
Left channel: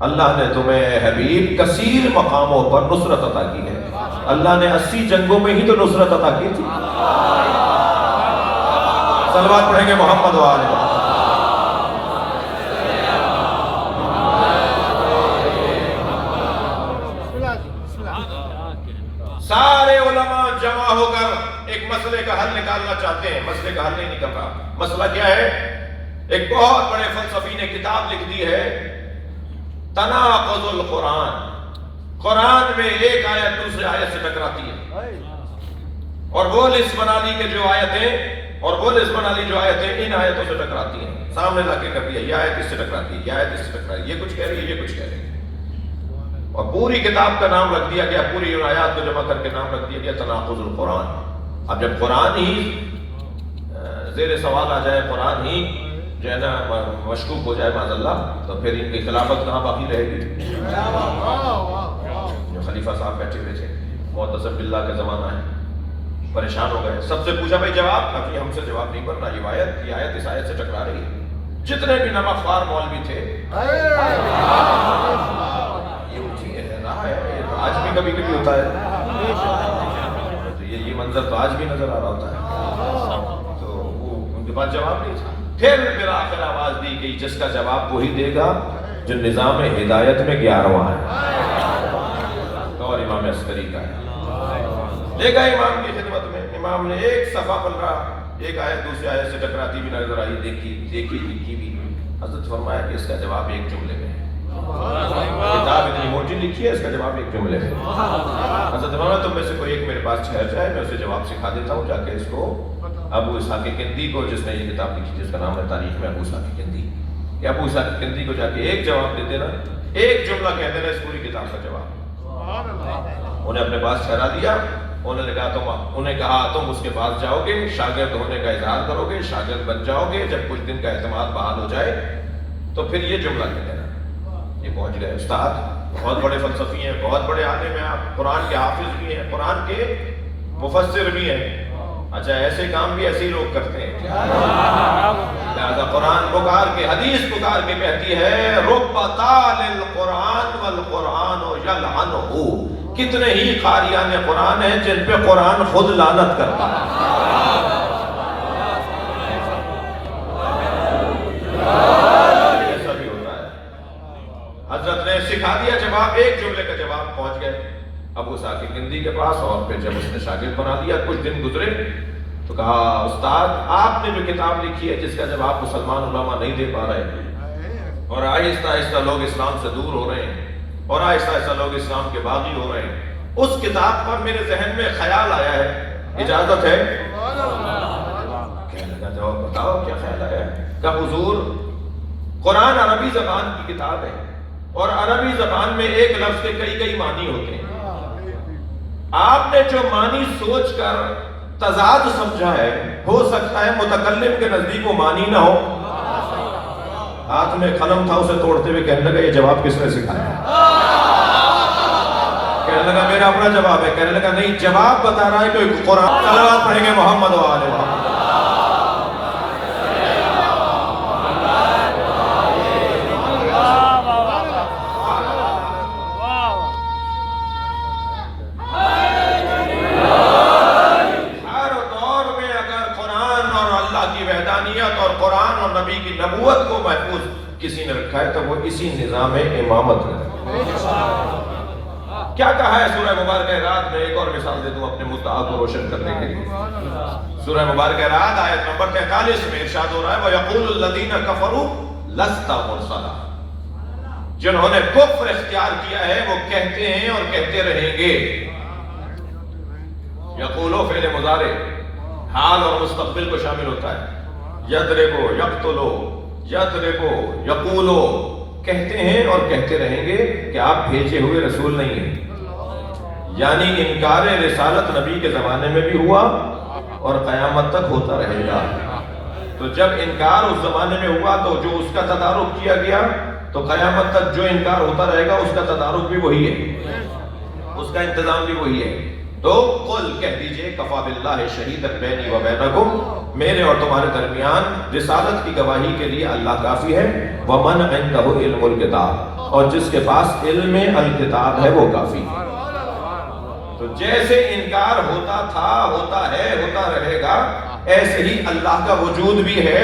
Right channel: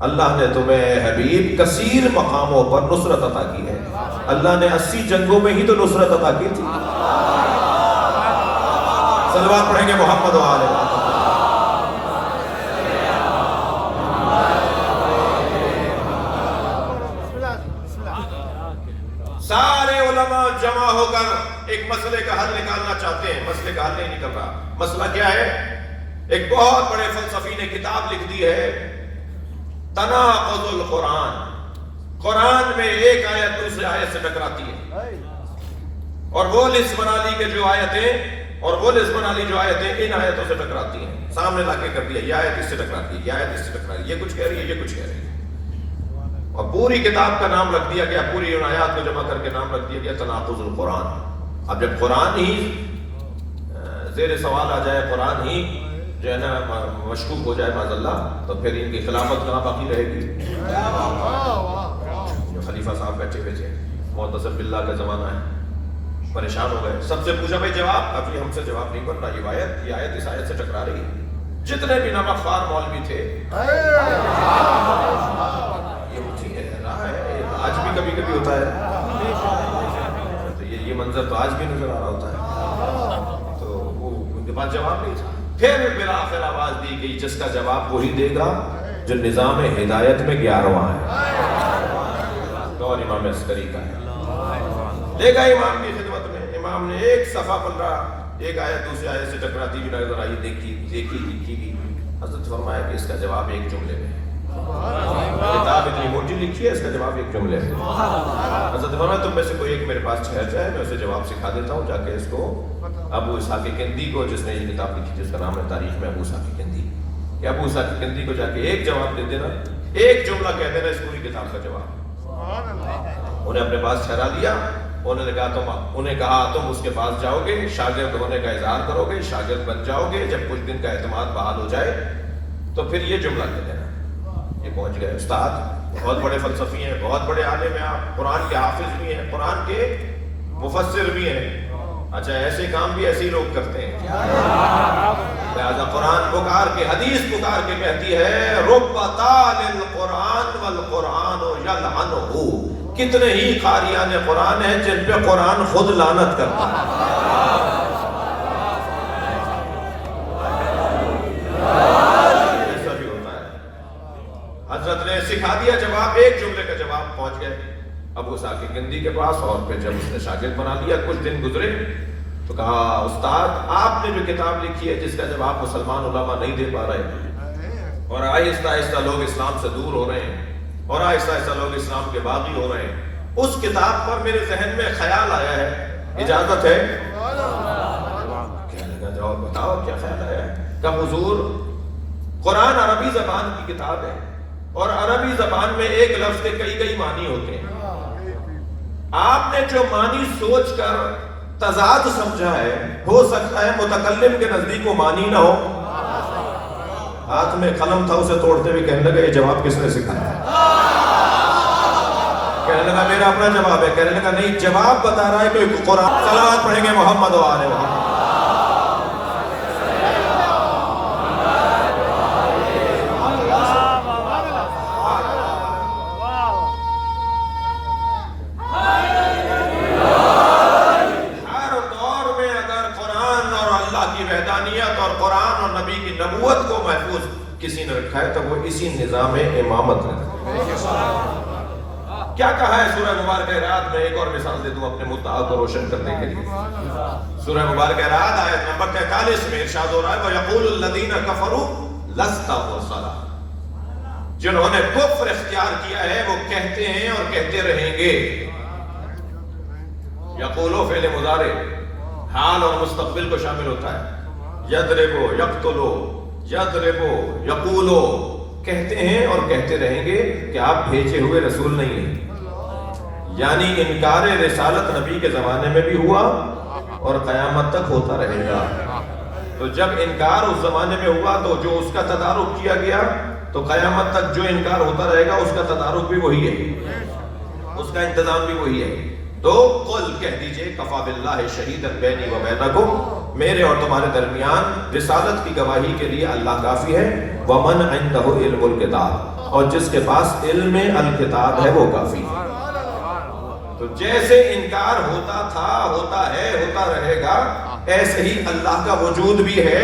اللہ نے تمہیں حبیب کثیر مقاموں پر نصرت عطا کی ہے. اللہ نے 80 جنگوں میں ہی تو نصرت عطا کی تھی. صلوات پڑھیں گے محمد و آل محمد. سارے علماء جمع ہو کر ایک مسئلے کا حل نکالنا چاہتے ہیں. مسئلے کا حل نہیں نکل رہا. مسئلہ کیا ہے؟ ایک بہت بڑے فلسفی نے کتاب لکھ دی ہے تناقض القرآن. قرآن میں ایک آیت دوسری آیت سے ٹکراتی ہے اور وہ لسٹ بنا لی کہ جو آیتیں اور وہ لسٹ بنا لی جو آیتیں ان آیتوں سے ٹکراتی ہیں. سامنے لا کے کر دیا یہ آیت اس سے ٹکراتی ہے, یہ آیت اس سے ٹکراتی ہے, یہ کچھ کہہ رہی ہے, یہ کچھ کہہ رہی ہے, اور پوری کتاب کا نام رکھ دیا گیا, پوری آیات کو جمع کر کے نام رکھ دیا گیا تناقض القرآن. اب جب قرآن ہی زیر سوال آ جائے, قرآن ہی جو ہے نا مشکوک ہو جائے معاذ اللہ, تو پھر ان کی خلافت کہاں باقی رہے گی. جو خلیفہ صاحب بیٹھے ہوئے تھے, معتصم باللہ کا زمانہ ہے, پریشان ہو گئے. سب سے پوچھا بھائی جواب, ابھی ہم سے جواب نہیں بننا, یہ آیت اس آیت سے ٹکرا رہی ہے. جتنے بھی نمک خوار مولوی تھے یہ ہوتی ہے, آج بھی کبھی کبھی ہوتا ہے, تو یہ منظر تو آج بھی نظر آ رہا ہوتا ہے. تو وہ ان کے پاس جواب نہیں تھا. پھر آخر آواز دی گئی جس کا جواب وہی دے گا جو نظام ہدایت میں 11واں ہے, اور امام عسکری کا ہے. لے گا امام کی خدمت میں, امام نے ایک صفحہ پلٹا, ایک آیت دوسری آیت سے ٹکراتی بھی نظر آئی, دیکھی لکھی بھی. حضرت فرمایا کہ اس کا جواب ایک جملے میں ہے. کتاب اتنی موٹی لکھی ہے, اس کا جواب ایک جملے میں. حضرت فرمایا تم میں سے کوئی ایک میرے پاس ٹھہر جائے, میں اسے جواب سکھا دیتا ہوں, جا کے اس کو ابو اسحاق کندی کو, جس نے یہ کتاب لکھی جس کا نام ہے تاریخ میں ابو اسحاق کندی, یا ابو اسحاق کندی کو جا کے ایک جواب دے دینا, ایک جملہ کہہ دینا اس پوری کتاب کا جواب. انہیں اپنے پاس ٹھہرا دیا. انہیں کہا تم اس کے پاس جاؤ گے, شاگرد ہونے کا اظہار کرو گے, شاگرد بن جاؤ گے, جب کچھ دن کا اعتماد بحال ہو جائے تو پھر یہ جملہ کہہ دینا. یہ پہنچ گئے استاد, بہت بڑے فلسفی ہیں, بہت بڑے عالم ہیں, قرآن کے حافظ بھی ہیں, قرآن کے مفسر بھی ہیں. اچھا ایسے کام بھی ایسے لوگ کرتے ہیں. لہذا قرآن پکار کے, حدیث پکار کے کہتی ہے رب طال القرآن والقرآن یلعنہ, کتنے ہی قاریان قرآن ہیں جن پہ قرآن خود لعنت کرتا ہے. ایسا بھی ہوتا ہے. حضرت نے سکھا دیا جواب، ایک جملے کا جواب پہنچ گئے ابو ثاقب کندی کے پاس، اور پھر جب اس نے شاگرد بنا دیا کچھ دن گزرے تو کہا استاد آپ نے جو کتاب لکھی ہے جس کا جواب مسلمان علماء نہیں دے پا رہے، اور آہستہ آہستہ لوگ اسلام سے دور ہو رہے ہیں اور آہستہ آہستہ لوگ اسلام کے باغی ہو رہے ہیں، اس کتاب پر میرے ذہن میں خیال آیا ہے، اجازت ہے؟ کہنے لگا جاؤ بتاؤ کیا خیال آیا ہے؟ کہ حضور قرآن عربی زبان کی کتاب ہے اور عربی زبان میں ایک لفظ کے کئی کئی معنی ہوتے ہیں، آپ نے جو معنی سوچ کر تضاد سمجھا ہے ہو سکتا ہے متکلم کے نزدیک وہ معنی نہ ہو. ہاتھ میں قلم تھا اسے توڑتے ہوئے کہنے لگا یہ جواب کس نے سکھایا؟ کہنے لگا میرا اپنا جواب ہے. کہنے لگا نہیں، جواب بتا رہا ہے کوئی قرآن. صلوات پڑھیں گے محمد و آل محمد. کسی نے رکھا ہے تو وہ اسی نظام امامت میں. کیا کہا ہے سورہ مبارکہ رات میں؟ ایک اور مثال دے دوں اپنے مدعا کو روشن کرنے کے لیے. سورہ مبارکہ رات آیت نمبر 43 میں ارشاد ہو رہا ہے وَيَقُولُ الَّذِينَ كَفَرُوا لَسْتَ مُرْسَلًا. جنہوں نے کفر اختیار کیا ہے وہ کہتے ہیں اور کہتے رہیں گے. یقولو فعل مضارع حال اور مستقبل کو شامل ہوتا ہے. یضربو یقتلو یضربو یقولو، کہتے ہیں اور کہتے رہیں گے کہ آپ بھیجے ہوئے رسول نہیں ہیں. یعنی انکار رسالت نبی کے زمانے میں بھی ہوا اور قیامت تک ہوتا رہے گا. تو جب انکار اس زمانے میں ہوا تو جو اس کا تدارک کیا گیا تو قیامت تک جو انکار ہوتا رہے گا اس کا تدارک بھی وہی ہے، اس کا انتظام بھی وہی ہے. تو قل کہہ دیجئے کفا باللہ شہیدا بینی و بینکم، میرے اور تمہارے درمیان رسالت کی گواہی کے لیے اللہ کافی ہے. ومن عنده علم الکتاب، اور جس کے پاس علم الکتاب ہے وہ کافی ہے. تو جیسے انکار ہوتا تھا، ہوتا ہے، ہوتا رہے گا، ایسے ہی اللہ کا وجود بھی ہے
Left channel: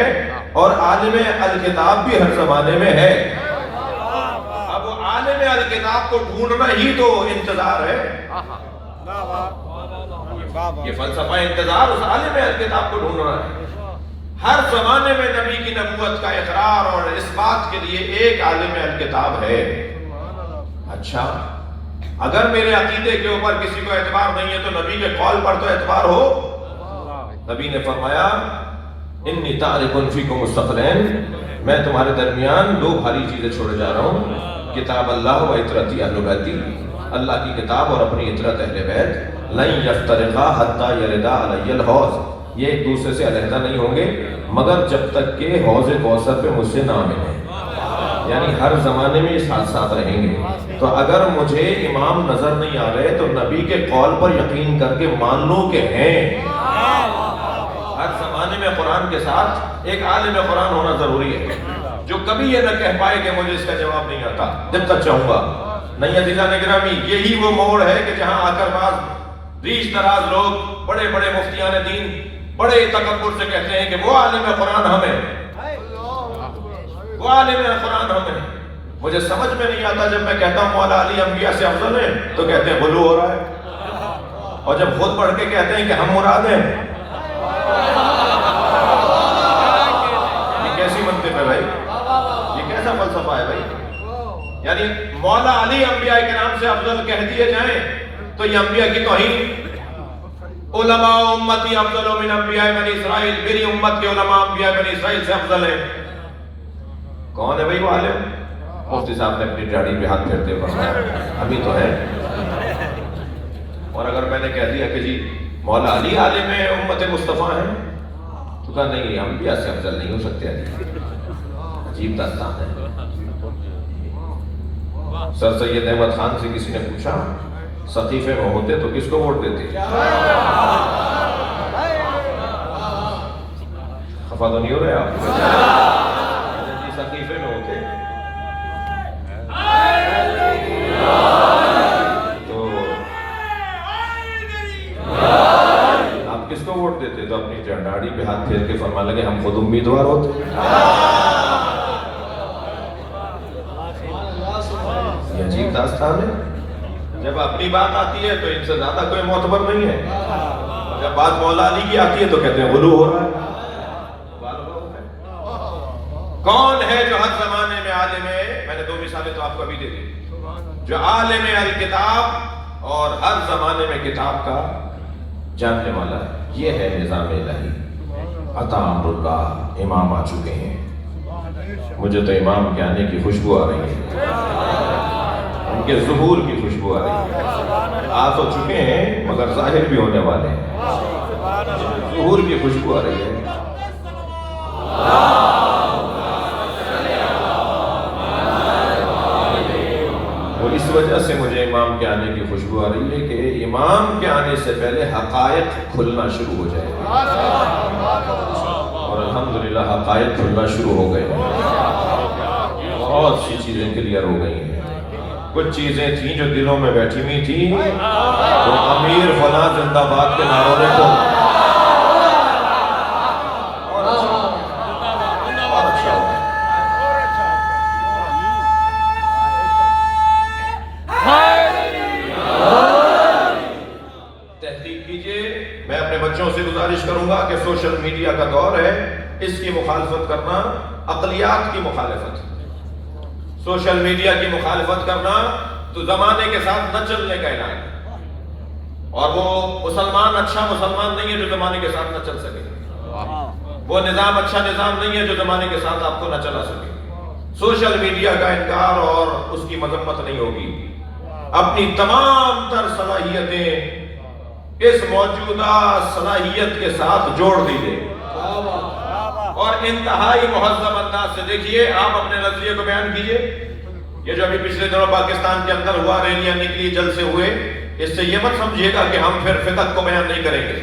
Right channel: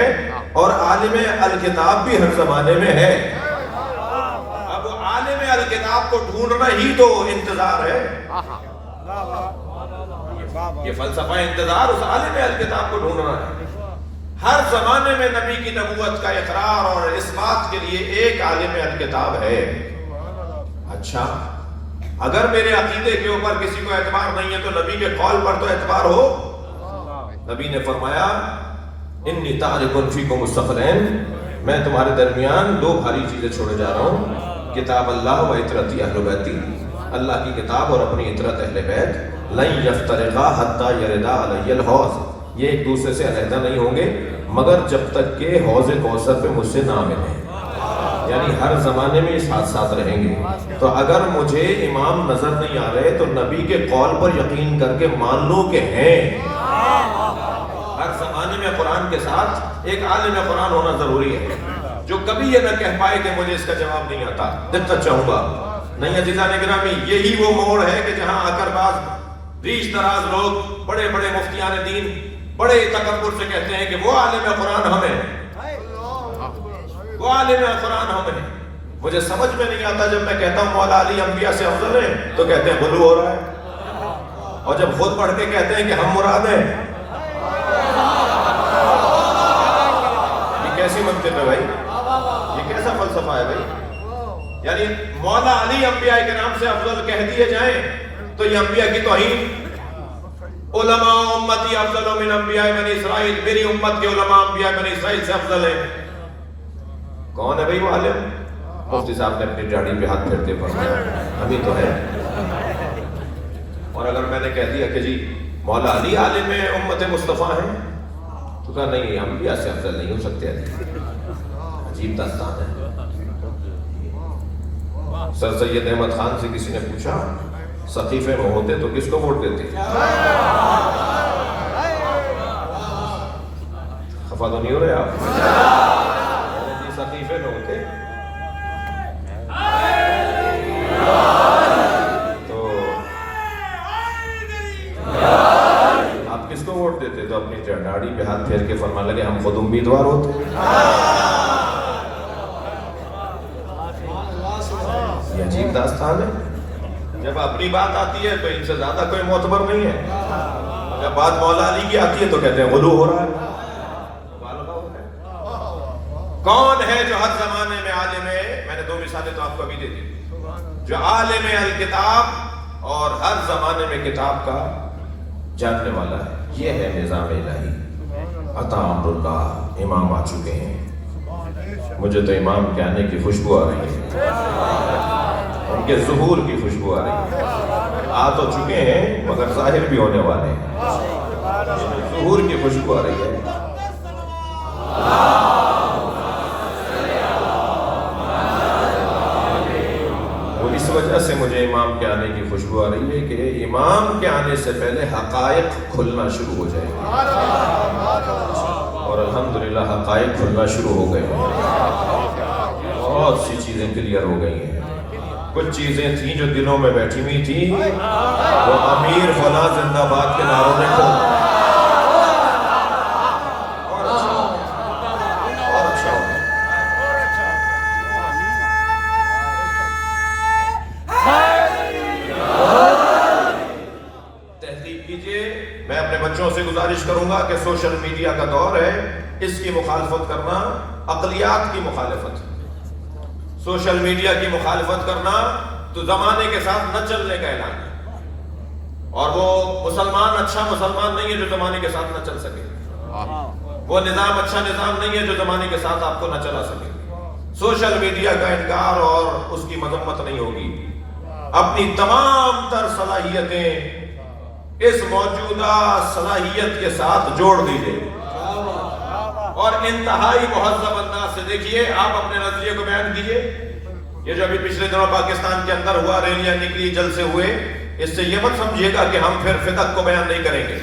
اور عالم الکتاب بھی ہر زمانے میں ہے. اب عالم الکتاب کو ڈھونڈنا ہی تو انتظار ہے. یہ فلسفہ انتظار اس عالم الکتاب کو ڈھونڈنا ہے. ہر زمانے میں نبی کی نبوت کا اقرار اور اس بات کے لیے ایک عالم الکتاب ہے. اچھا، اگر میرے عقیدے کے اوپر کسی کو اعتبار نہیں ہے تو نبی کے قول پر تو اعتبار ہو. نبی نے فرمایا انی تارک فیکم الثقلین، میں تمہارے درمیان دو بھاری چیزیں چھوڑے جا رہا ہوں، کتاب اللہ و اطرتی اہل بیتی، اللہ کی کتاب اور اپنی اطرت اہل بیت. لن یفترقا حتی یردا علی الحوض، یہ ایک دوسرے سے علیحدہ نہیں ہوں گے مگر جب تک کہ حوض کوثر پہ مجھ سے نہ ملیں. یعنی ہر زمانے میں ساتھ ساتھ رہیں گے. تو اگر مجھے امام نظر نہیں آ رہے تو نبی کے قول پر یقین کر کے مان لوں کہ ہیں. ہر زمانے میں قرآن کے ساتھ ایک عالم قرآن ہونا ضروری ہے جو کبھی یہ نہ کہہ پائے کہ مجھے اس کا جواب نہیں آتا. دقت چاہوں گا نہیں عزیزان گرامی، یہی وہ موڑ ہے کہ جہاں آ کر بعض ریش دراز لوگ بڑے بڑے مفتیان دین بڑے تکبر سے کہتے ہیں کہ وہ عالم قرآن ہمیں، وہ عالم قرآن ہمیں. مجھے سمجھ میں نہیں آتا جب میں کہتا ہوں مولا علی انبیاء سے افضل ہے تو کہتے ہیں غلو ہو رہا ہے، اور جب خود پڑھ کے کہتے ہیں کہ ہم مراد ہیں. یہ کیسی منطق ہے بھائی؟ یہ کیسا فلسفہ ہے بھائی؟ یعنی مولا علی انبیاء کے نام سے افضل کہہ دیے جائیں تو یہ انبیاء کی توہین. علماء امتی افضل من انبیاء بنی اسرائیل، میری امت کے علماء انبیاء بنی اسرائیل سے افضل ہے. کون ہے بھائی وہ عالم؟ مفتی صاحب نے اپنی داڑھی پہ ہاتھ پھیرتے فرمایا ابھی تو ہے. اور اگر میں نے کہہ دیا کہ جی مولا علی عالم امت مصطفیٰ ہیں تو کہا نہیں انبیاء سے افضل نہیں ہو سکتے. عجیب داستان ہے. سر سید احمد خان سے کسی نے پوچھا سقیفے میں ہوتے تو کس کو ووٹ دیتے؟ خفا تو نہیں ہو رہے آپ؟ جی سقیفے میں ہوتے تو داستان ہے. جب اپنی بات آتی ہے تو ان سے زیادہ کوئی معتبر نہیں ہے. جب بات مولا علی کی آتی ہے تو کہتے ہیں غلو ہو رہا ہے. کون ہے جو ہر زمانے میں عالم ہے؟ میں نے دو مثالیں تو آپ کو ابھی دے دی. جو عالم الکتاب اور ہر زمانے میں کتاب کا جاننے والا ہے. یہ ہے نظام الہی. عطا امراللہ امام آ چکے ہیں. مجھے تو امام کے آنے کی خوشبو آ رہی ہے, ان کے ظہور کی خوشبو آ رہی ہے. آ تو چکے ہیں مگر ظاہر بھی ہونے والے ہیں. ظہور کی خوشبو آ رہی ہے. تو اس وجہ سے مجھے امام کے آنے کی خوشبو آ رہی ہے کہ امام کے آنے سے پہلے حقائق کھلنا شروع ہو جائے گا. اور الحمدللہ حقائق کھلنا شروع ہو گئے. بہت سی چیزیں کلیئر ہو گئی ہیں. کچھ چیزیں تھیں جو دلوں میں بیٹھی ہوئی تھی, وہ امیر فلاں زندہ باد کے نعروں نے کھول. کروں گا کہ سوشل میڈیا کا دور ہے, اس کی مخالفت کرنا عقلیات کی مخالفت. سوشل میڈیا کی مخالفت کرنا تو زمانے کے ساتھ نہ چلنے کا اعلان ہے. اور وہ مسلمان اچھا مسلمان نہیں ہے جو زمانے کے ساتھ نہ چل سکے. وہ نظام اچھا نظام نہیں ہے جو زمانے کے ساتھ آپ کو نہ چلا سکے. سوشل میڈیا کا انکار اور اس کی مذمت نہیں ہوگی. اپنی تمام تر صلاحیتیں اس موجودہ صلاحیت کے ساتھ جوڑ دیجئے اور انتہائی مہذب انداز سے دیکھیے. آپ اپنے نظریے کو بیان کیجئے. یہ جو ابھی پچھلے دنوں پاکستان کے اندر ہوا, ریلیاں نکلی, جلسے ہوئے, اس سے یہ مت سمجھیے گا کہ ہم پھر فقہ کو بیان نہیں کریں گے.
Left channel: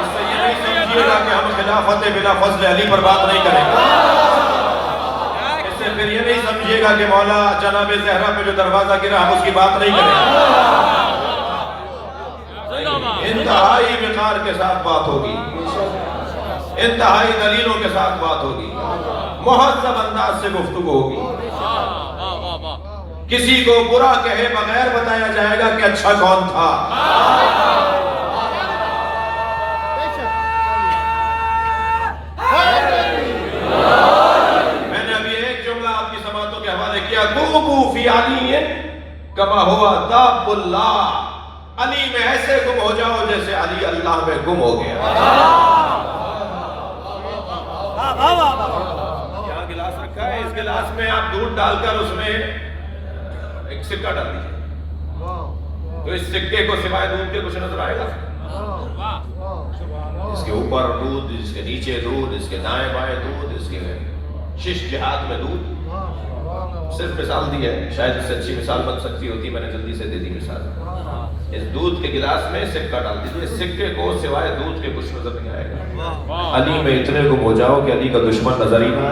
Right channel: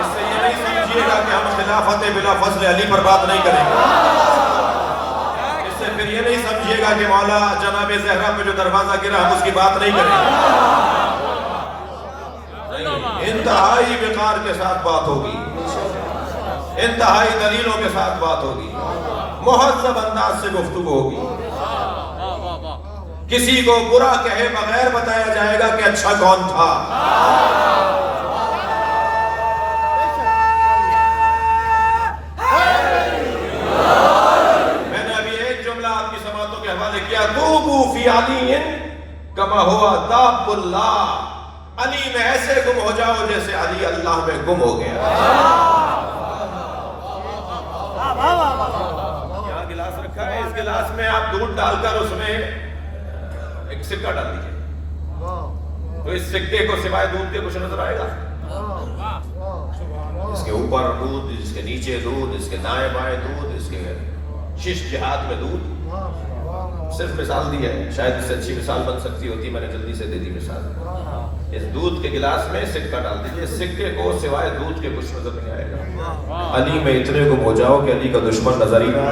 اس سے یہ نہیں سمجھیے گا کہ ہم خلافت بلا فضل علی پر بات نہیں کریں گے. پھر یہ نہیں سمجھیے گا کہ مولا جناب زہرا پہ جو دروازہ گرا ہم اس کی بات نہیں کریں گے. انتہائی وقار کے ساتھ بات ہوگی, انتہائی دلیلوں کے ساتھ بات ہوگی, مہذب انداز سے گفتگو ہوگی. کسی کو برا کہے بغیر بتایا جائے گا کہ اچھا کون تھا. کما ہوا داب اللہ, علی میں ایسے گم ہو جاؤ جیسے علی اللہ میں گم ہو گیا. یہاں گلاس رکھا ہے, اس گلاس میں آپ دودھ ڈال کر اس میں ایک سکہ ڈال دیجئے, تو اس سکے کو سوائے دودھ کے کچھ نظر آئے گا. اس کے اوپر دودھ, اس کے نیچے دودھ, اس کے دائیں بائیں دودھ, اس کے شش جہات میں دودھ. صرف مثال دی ہے, شاید اس سے اچھی مثال بن سکتی ہوتی, میں نے جلدی سے دے دی مثال. اس دودھ کے گلاس میں سکہ ڈال دیجئے, سکے کو سوائے دودھ کے کچھ نظر نہیں آئے گا. علی میں اتنے گم ہو جاؤ کہ علی کا دشمن نظر ہی نہیں.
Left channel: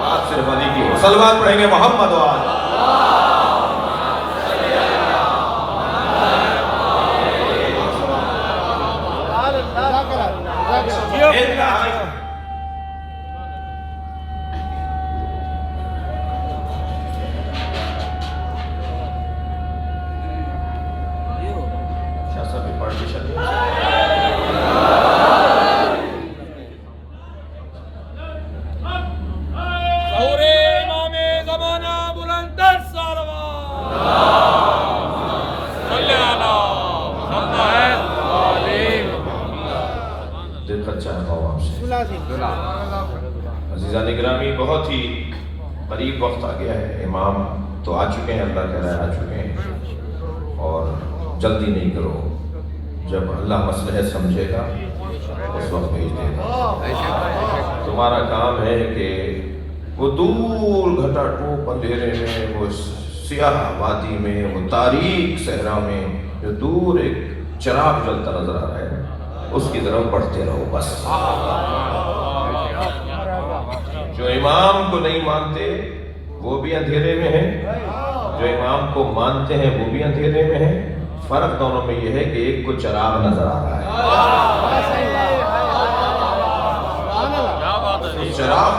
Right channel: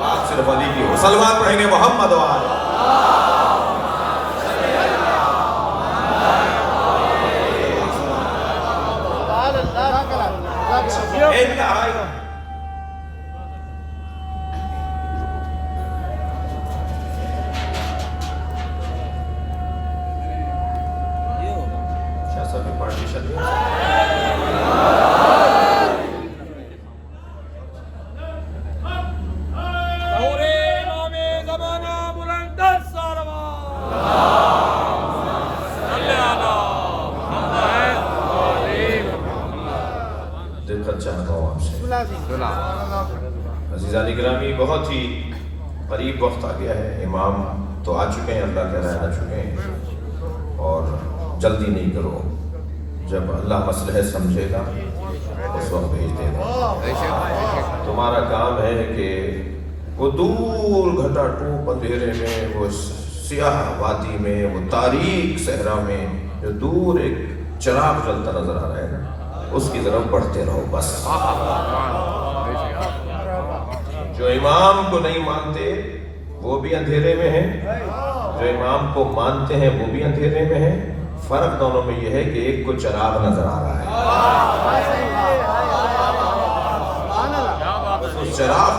بات صرف علی کی ہو. صلوات پڑھیں گے محمد و آل. عزیزان گرامی, بہت ہی قریب وقت آ گیا ہے. امام تو آ چکے ہیں, اللہ کے رائے آ چکے ہیں, اور جلدی نہیں کرو. جب اللہ مصلحت سمجھے گا اس وقت بھیج دے گا. تمہارا کام ہے کہ وہ دور گھٹا ٹوپ اندھیرے میں, وہ سیاہ وادی میں, وہ تاریک صحرا میں جو دور ایک چراغ جلتا نظر آ رہا ہے, اس کی طرف بڑھتے رہو بس. جو امام کو نہیں مانتے وہ بھی اندھیرے میں ہیں, جو امام کو مانتے ہیں وہ بھی اندھیرے میں ہیں. فرق دونوں میں یہ ہے کہ ایک کو چراغ نظر آ رہا ہے, اس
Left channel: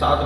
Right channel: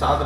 7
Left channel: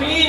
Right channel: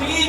3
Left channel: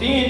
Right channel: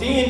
3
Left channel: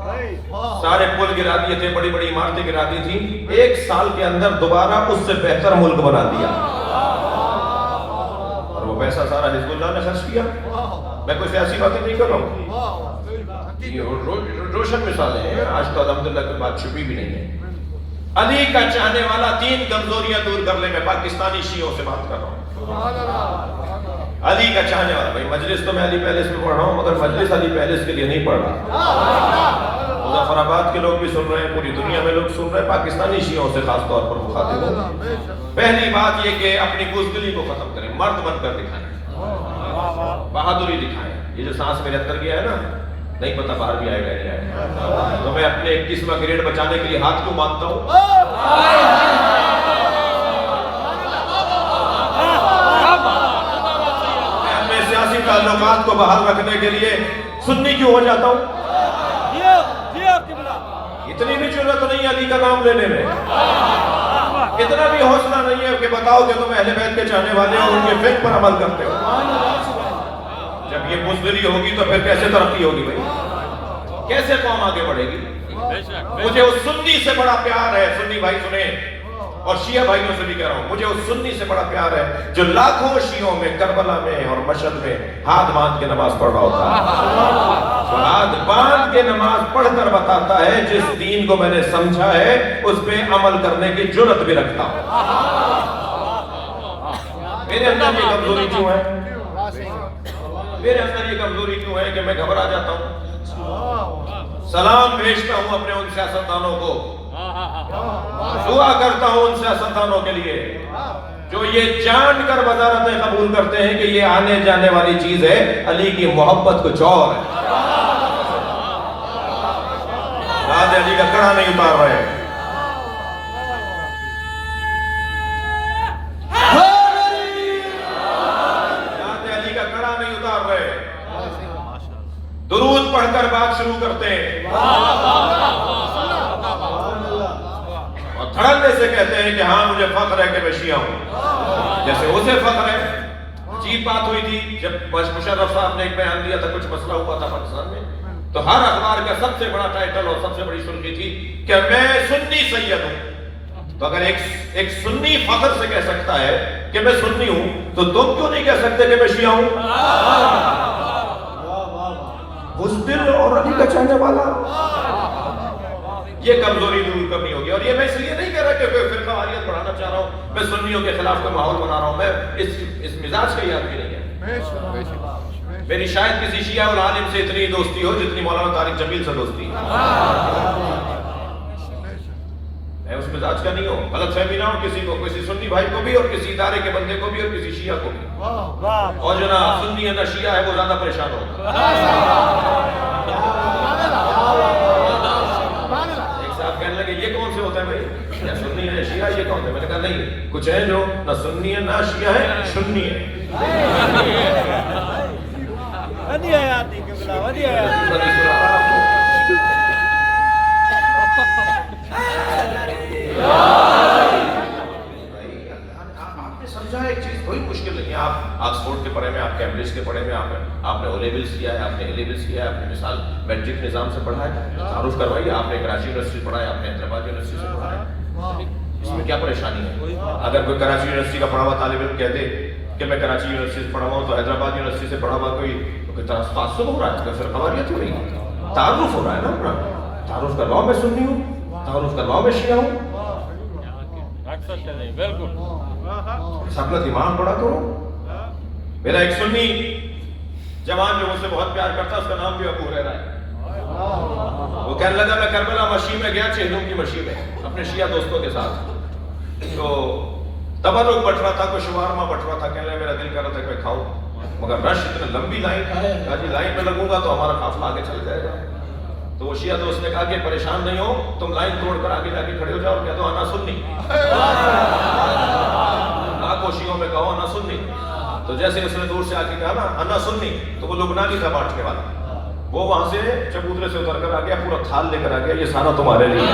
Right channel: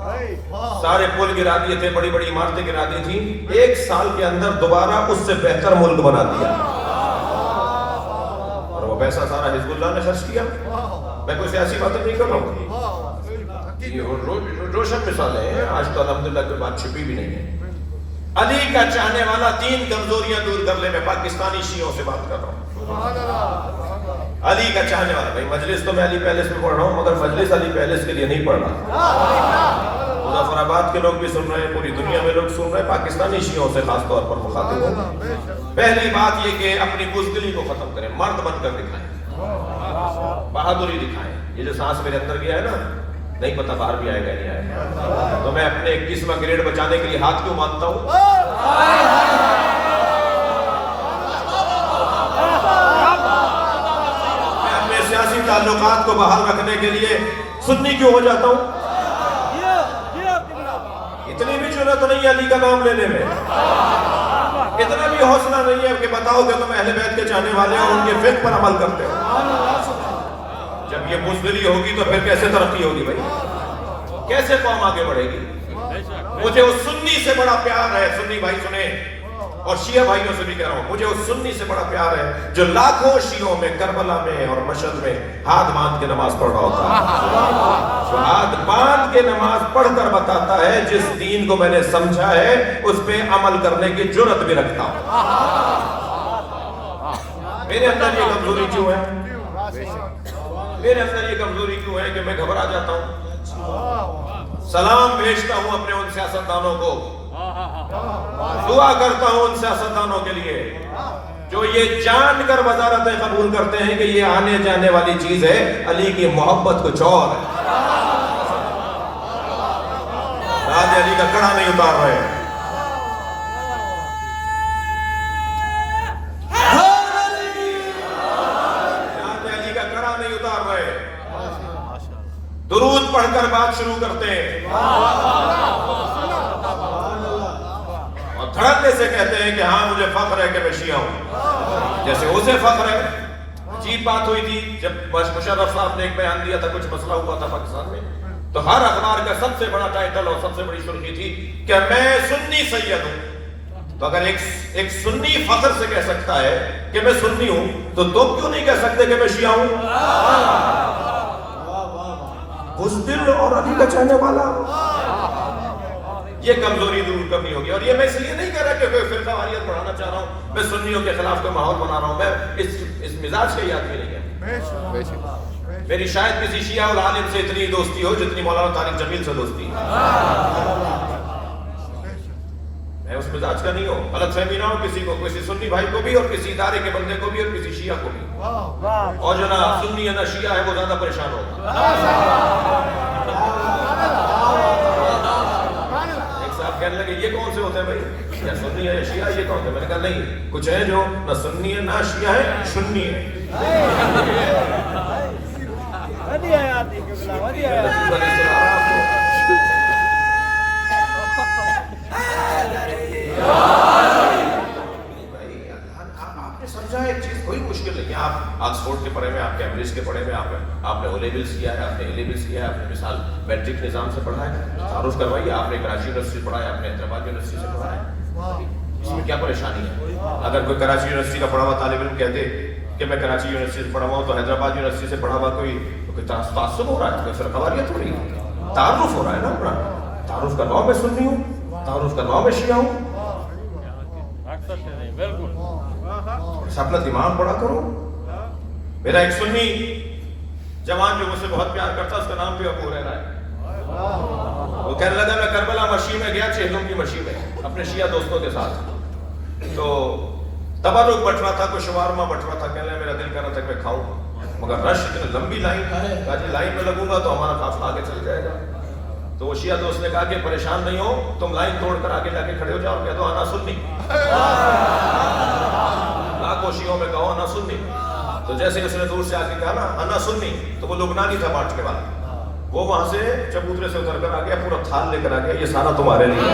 سارے پل گرا دیے تھے, بڑی بڑی عمارتیں گرا دی تھی, 1 سال کے اندر دوبارہ اس سے بہتر ملک بنا دیا. اور وہ پیسہ سارا حزب اللہ نے خرچ کیا. میں کوئی سیاسی باتیں نہیں کر رہا ہوں, یہ روشن مثالیں ہیں, آج تو الحمدللہ کی بات چھپی بھی نہیں ہے. علی کا چاہنے والا 3 کمزوریاں دور کرنے میں پاکستانی شیعوں سے بات کر رہا ہوں. علی کا چاہنے والا, بھائی مجلس تو میں علی پیلس میں پڑھ رہا ہوں, مگر مجلس علی پیلس کے لیے نہیں پڑھ رہا. مظفرآباد کے لوگ بھی سن رہے ہیں, پوری دنیا میں لوگ سن رہے ہیں, پاکستانی شیعوں سے خاص طور پر مخاطب ہوں. پہلی بات یہ کہ اپنی بزدلی کو ختم کریں, مرد بن کر دکھائیں, بہادری دکھائیں. یہ جو سانس میرے اندر گیا ہے نا, نہیں پتا باہر بھی آئے گا نہیں آئے گا. تو میں اپنے 21واں گریڈ بچانے کے لیے ہاتھ کیوں مانگتا ہوں؟ میں اپنے سیاسی تعلقات کو بحال رکھنے کے لیے سنی کیوں ہو جاتا ہوں؟ اتنی بھی جرأت نہیں علی کا نام لینے میں, اتنا بھی حوصلہ نہیں ہے کہ بتاؤ کہ تم اہل بیت کے چاہنے والے اور ان کے فقہ پر عمل کرتے ہو. جب یہ بزدلی ہوگی تو پھر کیسے ترقی ہوگی بھائی؟ کیسے قوم آگے بڑھے گی؟ مجھے اس سنی سے بڑا پیار ہے, سنی بھائی سنیں, اور شیعہ بھائیوں سے بھی کہہ رہا ہوں, مجھے اس سنی سے بڑا پیار ہے جو لاکھوں شیعوں میں کربلا میں اور مشہد میں ہاتھ باندھ کے نماز پڑھ رہا ہوتا ہے. ہاتھ باندھ کے نماز پڑھ کر بتاتا ہے جس دین کو میں نے سمجھا ہے اس پہ عمل کرنے کی جرأت بھی رکھتا. میرے اندر یہ کمزوری کیوں ہے؟ میرے اندر یہ کمزوری کیوں ہے کہ میں گھبرا جاتا ہوں, سلام بھیجتا ہوں اپنے ان سیاستدانوں کو, دعا کرتا ہوں ان سیاستدانوں کے لیے جو یہ جان کر وزارتیں قبول کرتے ہیں کہ یہ آنے جانے والی چیز ہے, علی کی محبت کچھ اور ہے. راج علی کا کڑا نہیں اتار رہے, درود پڑھ کر بات شروع کرتے ہیں اور دھڑکنے سے کہتے ہیں کہ ہاں مجھے فخر ہے کہ میں شیعہ ہوں, جیسے اسے فخر ہے. عجیب بات ہوئی تھی جب مشرف صاحب نے ایک بیان دیا تھا, کچھ مسئلہ ہوا تھا پاکستان میں, تو ہر اخبار کا سب سے بڑا ٹائٹل اور سب سے بڑی سرخی تھی کہ میں سنی سید ہوں. تو اگر ایک سنی فخر سے کہہ سکتا ہے کہ میں سنی ہوں, تو تم کیوں نہیں کہہ سکتے کہ میں شیعہ ہوں؟ بزدل اور علی کا چاہنے والا, یہ کمزوری دور کرنی ہوگی. اور یہ میں اس لیے نہیں کہہ رہا کہ فرقہ واریت بڑھانا چاہ رہا ہوں, میں سنیوں کے خلاف کوئی ماحول بنا رہا ہوں, میں اس مزاج کا یاد بھی نہیں ہے. میری شاید کسی شیعہ العالم سے اتنی دوستی ہو جتنی مولانا طارق جمیل سے دوستی ہے. میں اس مزاج کا نہیں ہوں, غلط فہمی نہ ہو کسی کو, کسی سنی بھائی کو بھی اور کسی ادارے کے بندے کو بھی اور کسی شیعہ کو بھی. اور جو نہ سنی ہے نہ شیعہ ہے وہ زیادہ پریشان ہوگا. ایک صاحب کہنے لگے یہ کون سے ہوتے ہیں بھائی, یا سنی ہے یا شیعہ, یہ کون سے؟ میں نے کہا نہیں, کچھ ہے جو نہ سنی ہے نہ شیعہ ہے, سنی ہے. سمجھا ایک چیز کوئی مشکل نہیں. آپ آکسفورڈ کے پڑھے میں, آپ کیمبرج کے پڑھے میں, آپ نے او لیولز کیا ہے, آپ نے اے لیولز کیا ہے, آپ نے مثال میٹرک نظام سے پڑھا ہے, تعارف کروائیے. آپ نے کراچی یونیورسٹی پڑھا ہے, آپ نے حیدرآباد یونیورسٹی سے پڑھا ہے, اس میں کیا پریشانی ہے؟ اگر کوئی کراچی یونیورسٹی کا پڑھا ہوا طالب علم کہتے کہ میں کراچی یونیورسٹی سے پڑھا ہوں تو حیدرآباد یونیورسٹی سے پڑھا ہوا کوئی تعصب ہو رہا ہے, تو پھر خواریت ہی نہیں, تعارف ہو رہا ہے نا اپنا. تعارف کرواؤ میں سنی ہوں, تعارف کرواؤ میں شیعہ ہوں. اپنا دماغ بڑا کرو. میرا ایک سنی جوان جو مجھ سے بہت پیار کرتا, اس کا نام بھی ابو ہریرہ ہے. وہ کہنے لگا میں کربلا مشی میں گیا, چہلم کی مشی میں اپنے شیعہ دوستوں کے ساتھ, تو تبرک بٹ رہا تھا, کوئی شوارما بٹ رہا تھا. کہنے لگا میرا دل کر رہا تھا کہ کھاؤں, مگر رش اتنی لمبی لائن ہے, کہا جی لائن میں لگوں گا تو ہمارا قافلہ آگے چل جائے گا. تو وہ شیعہ دوست نے کہا کہ پریشان نہیں ہو, تم لائن توڑ کر آگے جا کے کھڑے ہو جاؤ, کہہ دو انا سنی. لاکھوں شیعوں میں کہو انا سنی. تو جیسے اس نے دور سے آ کے کہا نا انا سنی, تو وہ لبنانی تھا مارچ کے بعد, وہ وہاں سے چبوترے سے اتر کر آ گیا, پورا تھال لے کر آ گیا, یہ سارا تمہارے لیے.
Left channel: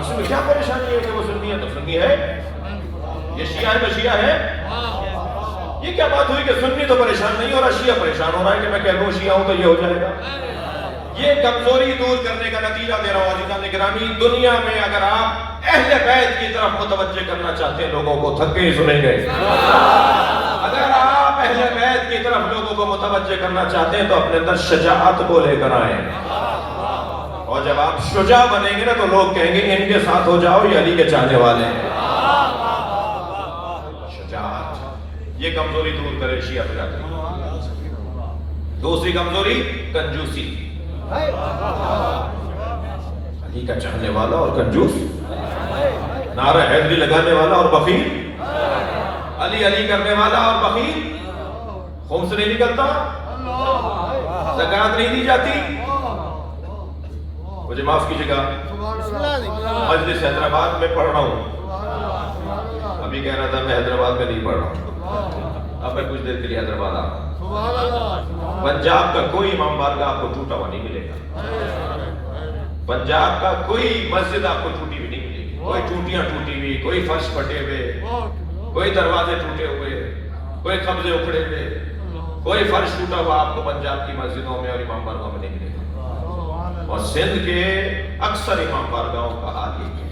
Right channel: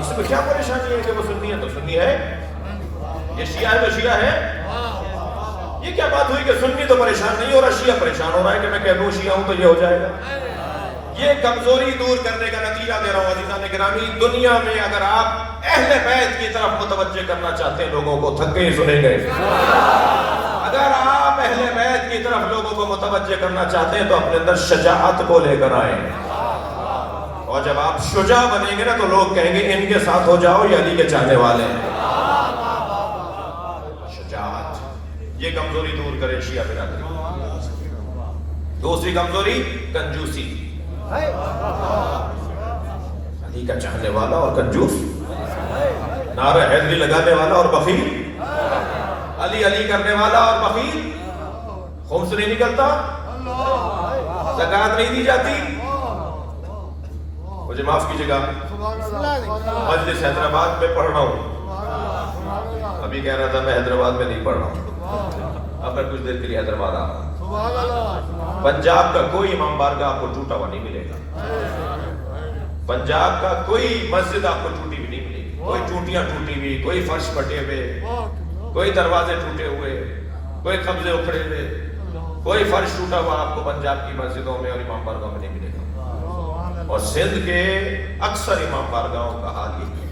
اس میں کیا پریشانی ہے کہ وہ سنی ہے تو سنی ہے, یہ شیعہ ہے تو شیعہ ہے. یہ یہ کیا بات ہوئی کہ سنی تو پریشان نہیں ہو رہا، شیعہ پریشان ہو رہا ہے کہ میں کہہ دوں شیعہ ہوں تو یہ ہو جائے گا؟ یہ کمزوری دور کرنے کا نتیجہ دے رہا ہوں عزیزان گرامی. دنیا میں اگر آپ اہل بیت کی طرف متوجہ کرنا چاہتے ہیں لوگوں کو، تھکے سنیں گے. اگر آپ اہل بیت کی طرف لوگوں کو متوجہ کرنا چاہتے ہیں تو اپنے اندر شجاعت کو لے کر آئیں. اور جب آپ شجاع بنیں گے نا تو لوگ کہیں گے ان کے ساتھ ہو جاؤ، یہ علی کے چاہنے والے ہیں. شجاعت یہ کمزوری دور کرے شیعہ برادری. دوسری کمزوری کنجوسی. علی کا چاہنے والا اور کنجوس، نعرہ حیدری لگانے والا اور بخیل، علی علی کرنے والا اور بخیل، خمس نہیں نکلتا، زکوٰۃ نہیں دی جاتی. مجھے معاف کیجیے گا، مجلس حیدرآباد میں پڑھ رہا ہوں. ابھی کہہ رہا تھا میں حیدرآباد میں نہیں پڑھ رہا، اب میں کچھ دیر کے لیے حیدرآباد آ رہا. پنجاب کا کوئی امام بارگاہ آپ کو ٹوٹا ہوا نہیں ملے گا. پنجاب کا کوئی مسجد آپ کو ٹوٹی ہوئی نہیں ملے گی. کوئی ٹوٹیاں ٹوٹی ہوئی، کوئی فرش پھٹے ہوئے، کوئی دروازے ٹوٹے ہوئے، کوئی قبضے اکھڑے ہوئے، کوئی فرش ٹوٹا ہوا آپ کو پنجاب کی مسجدوں میں اور امام بارگاہوں میں نہیں ملے گا. اور سندھ کے اکثر امام بارگاہوں کا حال یہ ہے،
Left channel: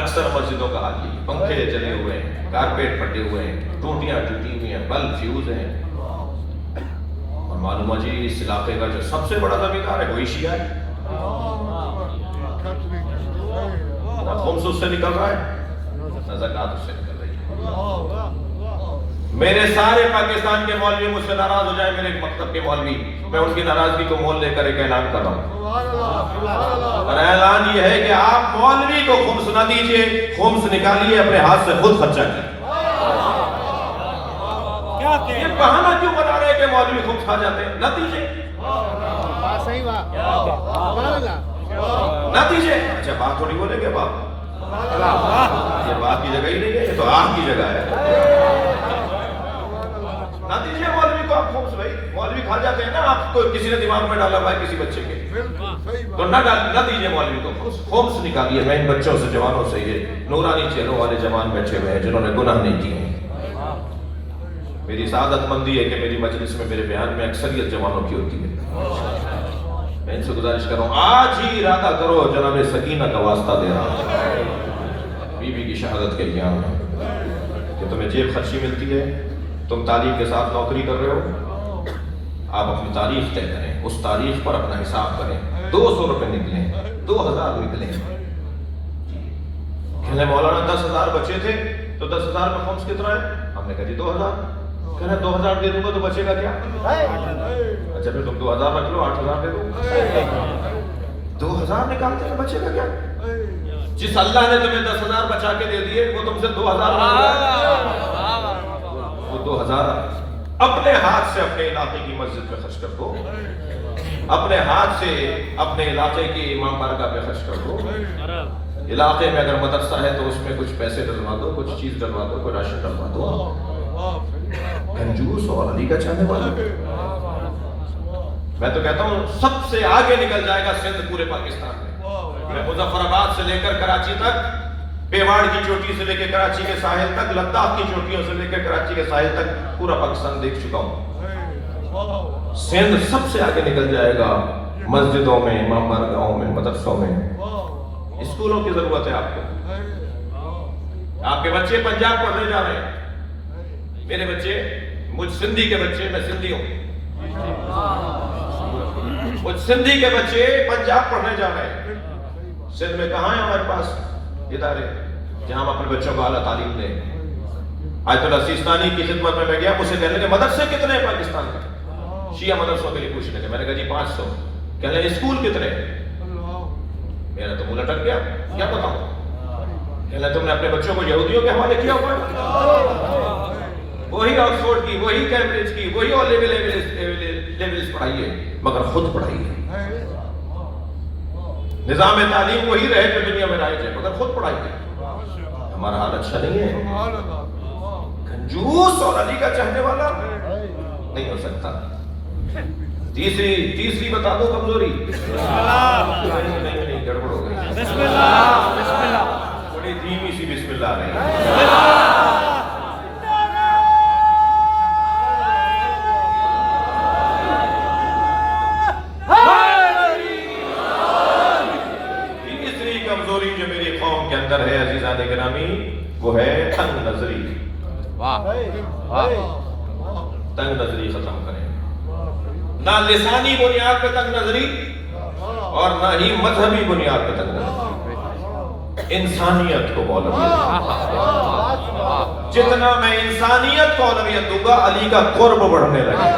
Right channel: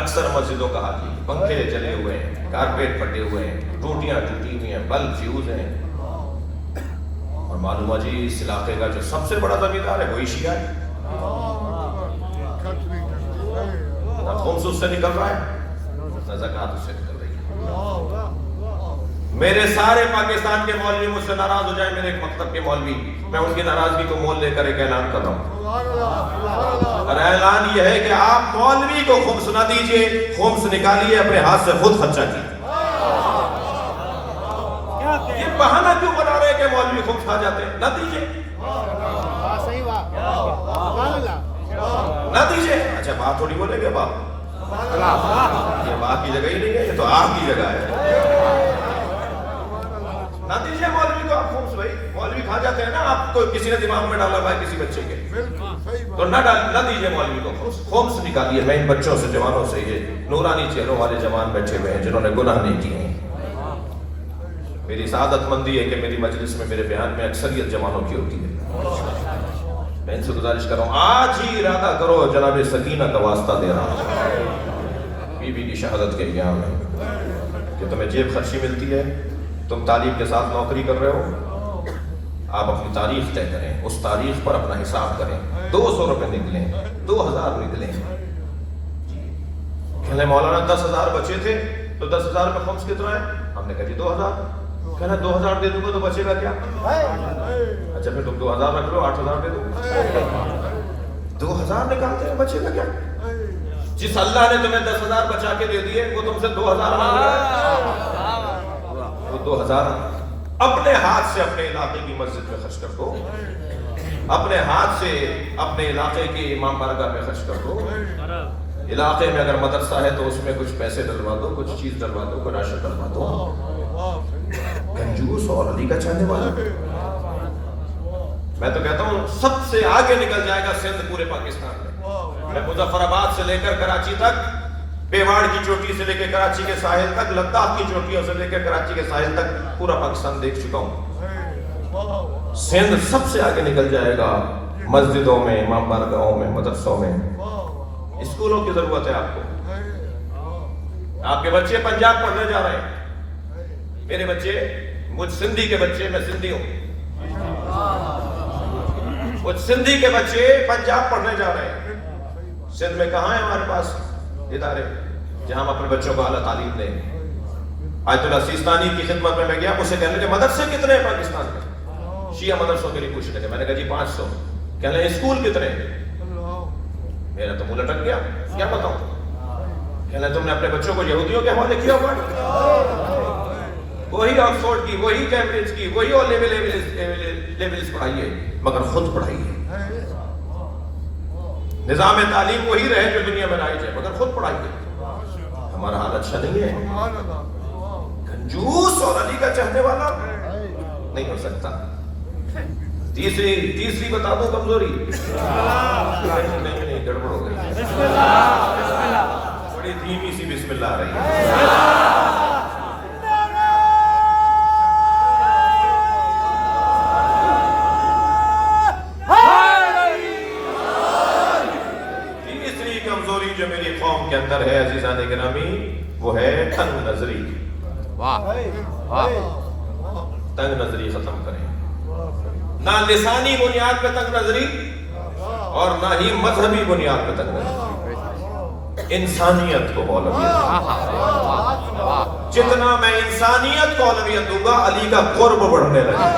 اکثر مسجدوں کا حال یہ ہے. پنکھے جلے ہوئے ہیں، کارپیٹ پھٹے ہوئے ہیں، ٹوٹیاں ٹوٹی ہوئی ہیں، بلب فیوز ہیں. اور معلوم ہے جی اس علاقے کا جو سب سے بڑا زمیندار ہے وہی شیعہ ہے. نہ خمس اس سے نکل رہا ہے، نہ زکوٰۃ اس سے نکل رہی ہے. میرے سارے پاکستان کے مولوی مجھ سے ناراض ہو جائیں، میرے ایک مکتب کے مولوی، میں ان کی ناراضگی کو مول لے کر ایک اعلان کر رہا ہوں. اور اعلان یہ ہے کہ آپ مولوی کو خمس نہ دیجئے، خمس نکالیے اپنے ہاتھ سے خود خرچہ کیجیے. یہ بہانہ کیوں بنا رہے ہیں کہ مولوی خمس کھا جاتے ہیں؟ نہ دیجئے، نہ دیجئے. اچھا بات تھوڑی بولیں گے باپ، یہ باپ کی جگہ ہی نہیں ہے، یہ تو آپ کی جگہ ہے. نہ دیجئے مولوی کو آپ خمس. بھائی مولوی کھا جاتے ہیں نا، آپ کو کسی نے دماغ میں ڈالا ہوا ہے کسی بچے کے، تو نہ دیجئے مولوی کو خمس نکالیے. میں ان بچوں سے، جوانوں سے، یہ نورانی چہروں والے جوان بیٹھے ہوئے ہیں جنہوں نے گناہ نہیں کیے. میری سعادت مندی ہے کہ میری مجلس میں، میرے بیان میں اکثریت جوانوں کی ہوتی ہے. میں ان سے گزارش کر رہا ہوں آج ہی ارادہ کرو، جناب سکینہ کا واسطہ دے رہا ہوں بی بی کی شہادت کے ایام میں، کہ تمہیں جیب خرچی ملتی ہے، تم تعلیم کے ساتھ نوکری کر رہے ہو، آپ اپنی تاریخ طے کریں، اس تاریخ پر اپنا حساب کریں. 200 روپے نکلیں، 2000 نکلیں. کہنے مولانا 10,000 بچے تھے تو 10,000 میں خمس کتنا ہے؟ ہم نے کہا جی 2000. کہنا 2000 دے دوں گا تو بچے گا کیا؟ اچھا پھر تم 2000 رکھ لو، 8000 دے دو. 2000 نکالتے ہیں، بچے گا کیا؟ جس اللہ نے تمہیں 10,000 بچا کے دے دیے وہ تم سے 2000 مانگ رہا ہے. وہ 2000 اپنے ہاتھ سے اپنے علاقے کی مسجد میں خرچ کر دو، اپنے ہاتھ سے اپنے علاقے کی امام بارگاہ میں خرچ کر دو. علاقے میں اگر مدرسہ ہے تو اس میں کچھ پیسے ڈلوا دو، کچھ چیز ڈلوا دو، کوئی راشن ڈلوا دو. کنجوس اور علی کا چاہنے والا. میں تو کہتا ہوں سب سے آگے نکل جائے گا سندھ پورے پاکستان میں. میں مظفر آباد سے لے کر کراچی تک، بیواڑ کی چوٹی سے لے کے کراچی کے ساحل تک، لداخ کی چوٹیوں سے لے کے کراچی کے ساحل تک پورا پاکستان دیکھ چکا ہوں. سندھ سب سے آگے نکل جائے گا مسجدوں میں، امام بارگاہوں میں، مدرسوں میں. اسکولوں کی ضرورت ہے آپ کو. آپ کے بچے پنجاب پڑھنے جا رہے ہیں. میرے بچے، مجھ سندھی کے بچے، میں سندھی ہوں، مجھ سندھی کے بچے پنجاب پڑھنے جا رہے ہیں. سندھ میں کہاں ہے ہمارے پاس ادارے جہاں ہم اپنے بچوں کو اعلیٰ تعلیم دیں؟ آیت اللہ سیستانی کی خدمت میں گیا، مجھ سے کہنے لگے مدرسے کتنے ہیں پاکستان میں؟ شیعہ مدرسوں کے لیے پوچھنے لگے. میں نے کہا جی 500. کہنے لگے اسکول کتنے ہیں؟ میرا تو منہ لٹک گیا، کیا بتاؤں. کہنے لگے تم نے اپنے بچوں کو یہودیوں کے حوالے کیا ہوا ہے؟ وہی آکسفورڈ کی، وہی کیمبرج کی، وہی او لیولز پڑھائیے، مگر خود پڑھائیے. نظام تعلیم وہی رہے جو دنیا میں رائج ہے، مگر خود پڑھائیے. ہمارا حال اچھا نہیں ہے. کنجوس اور علی کا چاہنے والا نہیں ہو سکتا. تیسری بتا دو کمزوری. نہیں گڑبڑ ہو گئی، بڑی دھیمی سی بسم بسم اللہ رہی تیسری کمزوری جو میری قوم کے اندر ہے عزیزان گرامی وہ ہے تنگ نظری. تنگ نظری ختم کریں. نہ لسانی بنیاد پہ تنگ نظری اور نہ ہی مذہبی بنیاد پہ تنگ نظری. انسانیت کو اولویت. جتنا میں انسانیت کو اولویت دوں گا علی کا قرب بڑھنے لگے.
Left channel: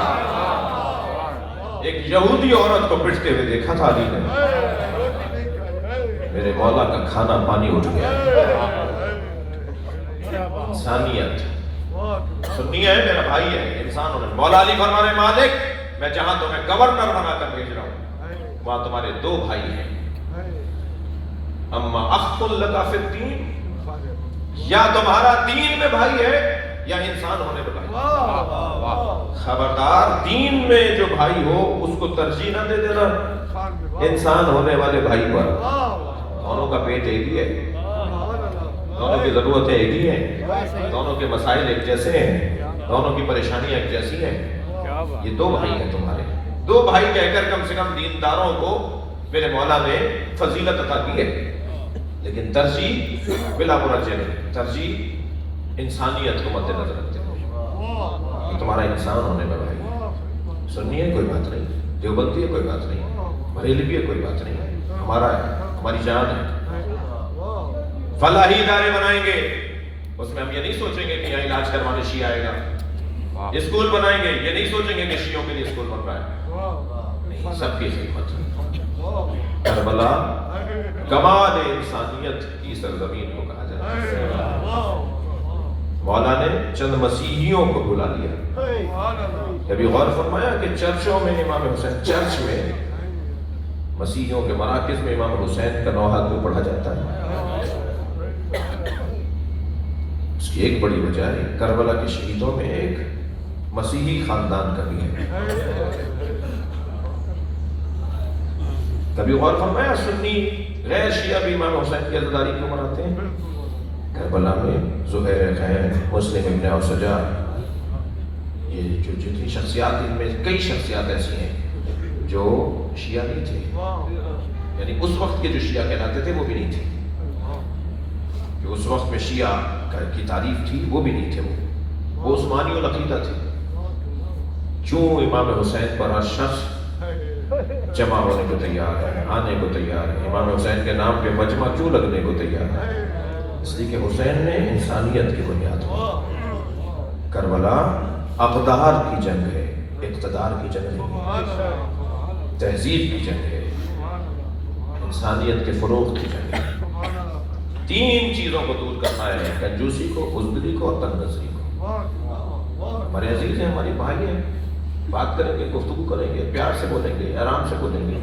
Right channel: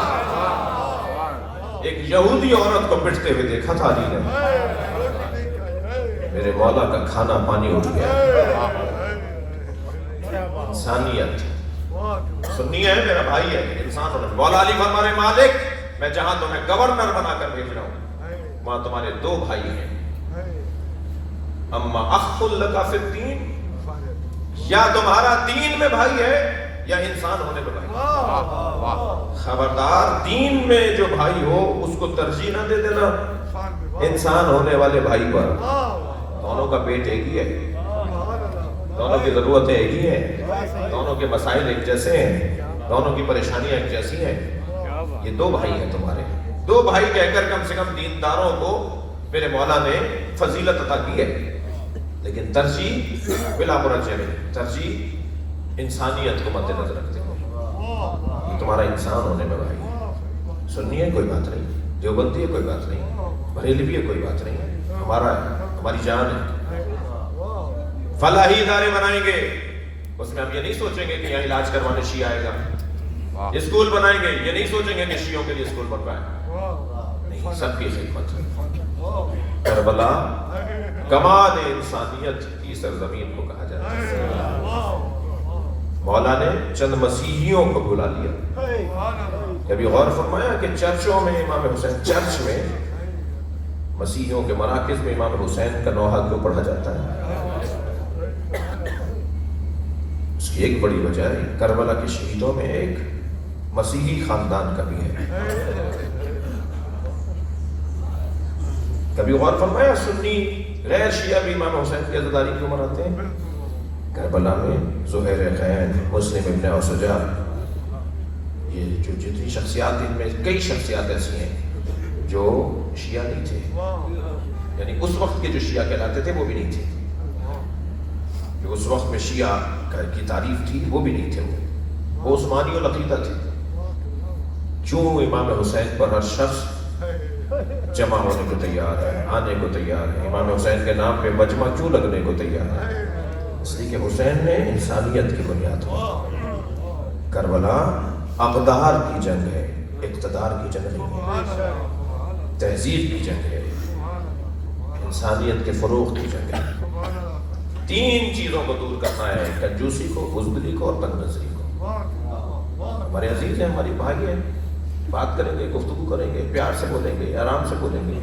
ایک یہودی عورت کو پٹتے ہوئے دیکھا تھا علی نے. میرے مولا کا کھانا پانی اٹھ گیا. انسانیت سنی ہے میرا بھائی ہے انسان ہونے. مولا علی فرمانے مالک میں جہاں تمہیں گورنر بنا کر بھیج رہا ہوں وہاں تمہارے دو بھائی ہیں. اما اخ لکا فی الدین یا تمہارا دین میں بھائی ہے یا انسان ہونے میں بھائی. خبردار دین میں جو بھائی ہو اس کو ترجیح نہ دے دینا انسان ہونے والے بھائی پر. دونوں کا پیٹ ایک ہی ہے. دونوں کی ضرورتیں ایک ہی ہیں. دونوں کے مسائل ایک جیسے ہیں. دونوں کی پریشانیاں ایک جیسی ہیں. یہ دو بھائی ہیں تمہارے. دو بھائی کہہ کر کم سے کم دینداروں کو میرے مولا نے فضیلت عطا کی ہے. لیکن ترجیح بلا مرجع نہیں. ترجیح انسانیت کو مد نظر رکھتے ہوئے تمہارا انسان ہونے میں بھائی. سننی ہے کوئی بات نہیں. دیوبندی ہے کوئی بات نہیں. بریلوی ہے کوئی بات نہیں. ہمارا ہے ہماری جان ہے. فلاحی ادارے بنائیں گے اس میں ہم یہ نہیں سوچیں گے کہ یہاں علاج کروانے شیعہ آئے گا. اسکول بنائیں گے یہ نہیں سوچیں گے کہ شیعوں کے لیے اسکول بن رہا ہے. نہیں سب کی خدمت. کربلا کمال انسانیت کی سرزمین کو کہا جاتا ہے. مولا نے چند مسیحیوں کو بلا لیا. کبھی غور فرمایا کہ چرچوں میں امام حسین چرچ میں مسیحیوں کے مراکز میں امام حسین کا نوحہ کیوں پڑھا جاتا ہے؟ اس کی ایک بڑی وجہ ہے کربلا کے شہیدوں میں ایک مسیحی خاندان کا بھی ہے. کبھی غور فرمایا سنی غیر شیعہ بھی امام حسین کی عزاداری کیوں مناتے ہیں؟ کربلا میں زہیر خین مسلم ابن اوسجا یہ جو جتنی شخصیات ان میں کئی شخصیات ایسی ہیں جو شیعہ نہیں تھے. یعنی اس وقت کے جو شیعہ کہلاتے تھے وہ بھی نہیں تھے. جو اس وقت میں شیعہ کی تعریف تھی وہ بھی نہیں تھے. وہ عثمانی العقیدہ تھے. کیوں امام حسین پر ہر شخص جمع ہونے کو تیار ہے, آنے کو تیار ہے. امام حسین کے نام پہ مجمع کیوں لگنے کو تیار ہے؟ اس لیے کہ حسین نے انسانیت کی بنیاد کی. کربلا اقدار کی جنگ ہے, اقتدار کی جنگ نہیں ہے. تہذیب کی جنگ ہے, انسانیت کے فروغ کی جنگ ہے. تین چیزوں کو دور کرنا ہے, کنجوسی کو, بزدلی کو اور تنگ نظری کو. ہمارے عزیز ہیں, ہماری بھائی ہیں, بات کریں گے, گفتگو کریں گے, پیار سے بولیں گے, آرام سے بولیں گے.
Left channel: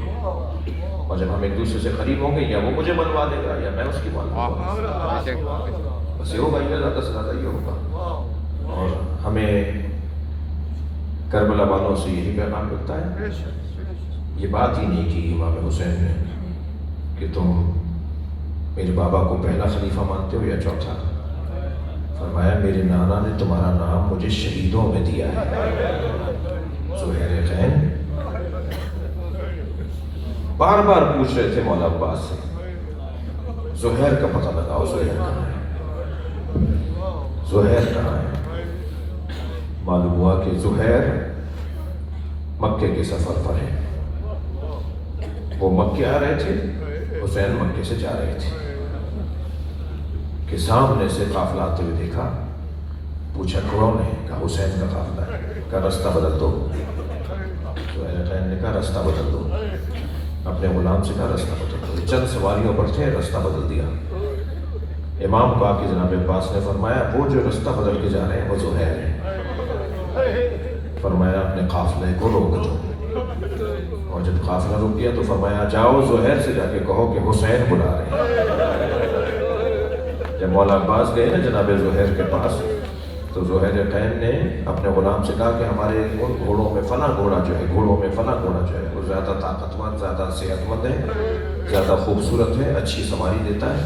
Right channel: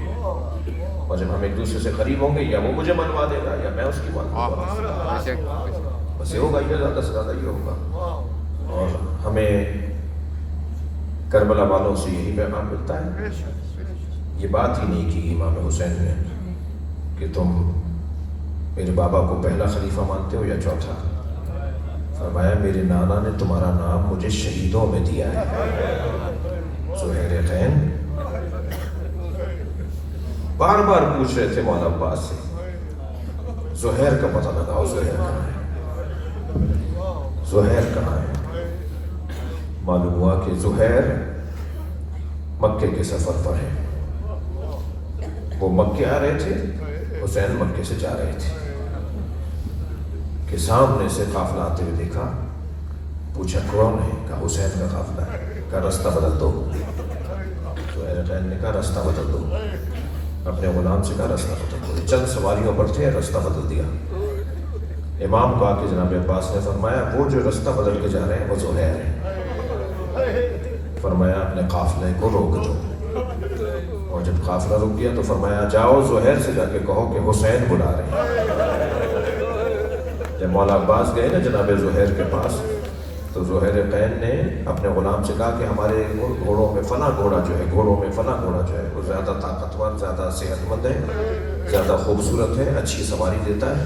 اور جب ہم ایک دوسرے سے قریب ہوں گے یا وہ مجھے منوا دے گا یا میں اس کی منوا دوں گا, بس یہ ہوگا, یہ زیادہ سے زیادہ یہ ہوگا. اور ہمیں کربلا والوں سے یہی پیغام ملتا ہے. یہ بات ہی نہیں کی امام حسین نے کہ تم میرے بابا کو پہلا خلیفہ مانتے ہو یا چوتھا. فرمایا میرے نانا نے تمہارا نام مجھے شہیدوں میں دیا ہے. زہیر خین بار بار پوچھ رہے تھے مولا عباس سے, زہیر کا پتہ لگاؤ, زہیر کہاں ہے, زہیر کہاں ہے. معلوم ہوا کہ زہیر مکے کے سفر پر ہے. وہ مکے آ رہے تھے, حسین مکے سے جا رہے تھے کہ سامنے سے قافلہ آتے ہوئے دیکھا. پوچھا کون ہے؟ کہا حسین کا قافلہ ہے. کہا رستہ بدل دو. زہیر خین نے کہا رستہ بدل دو. اپنے غلام سے کہا رستہ بدل دو. چند سواریوں پر تھے, رستہ بدل دیا. امام کو آ کے جناب عباس نے فرمایا وہ جو رستہ بدل کے جا رہے ہیں وہ زہیر ہیں. فرمایا اپنے قافلے کو روک دو. اور جب قافلہ رک گیا تو فرمایا جاؤ زہیر سے جا کے کہو کہ حسین بلا رہے ہیں. جب مولا عباس گئے نا جناب زہیر کے پاس تو زہیر خین نے اپنے غلام سے کہا کہ ہمارے ان گھوڑوں میں فلاں گھوڑا جو ہے, گھوڑوں میں فلاں گھوڑا جو ہے وہ زیادہ طاقتور, زیادہ صحت مند ہے, زیادہ خوبصورت ہے, اچھی سواری دیتا ہے,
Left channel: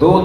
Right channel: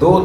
2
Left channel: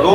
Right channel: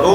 2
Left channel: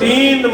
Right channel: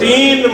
3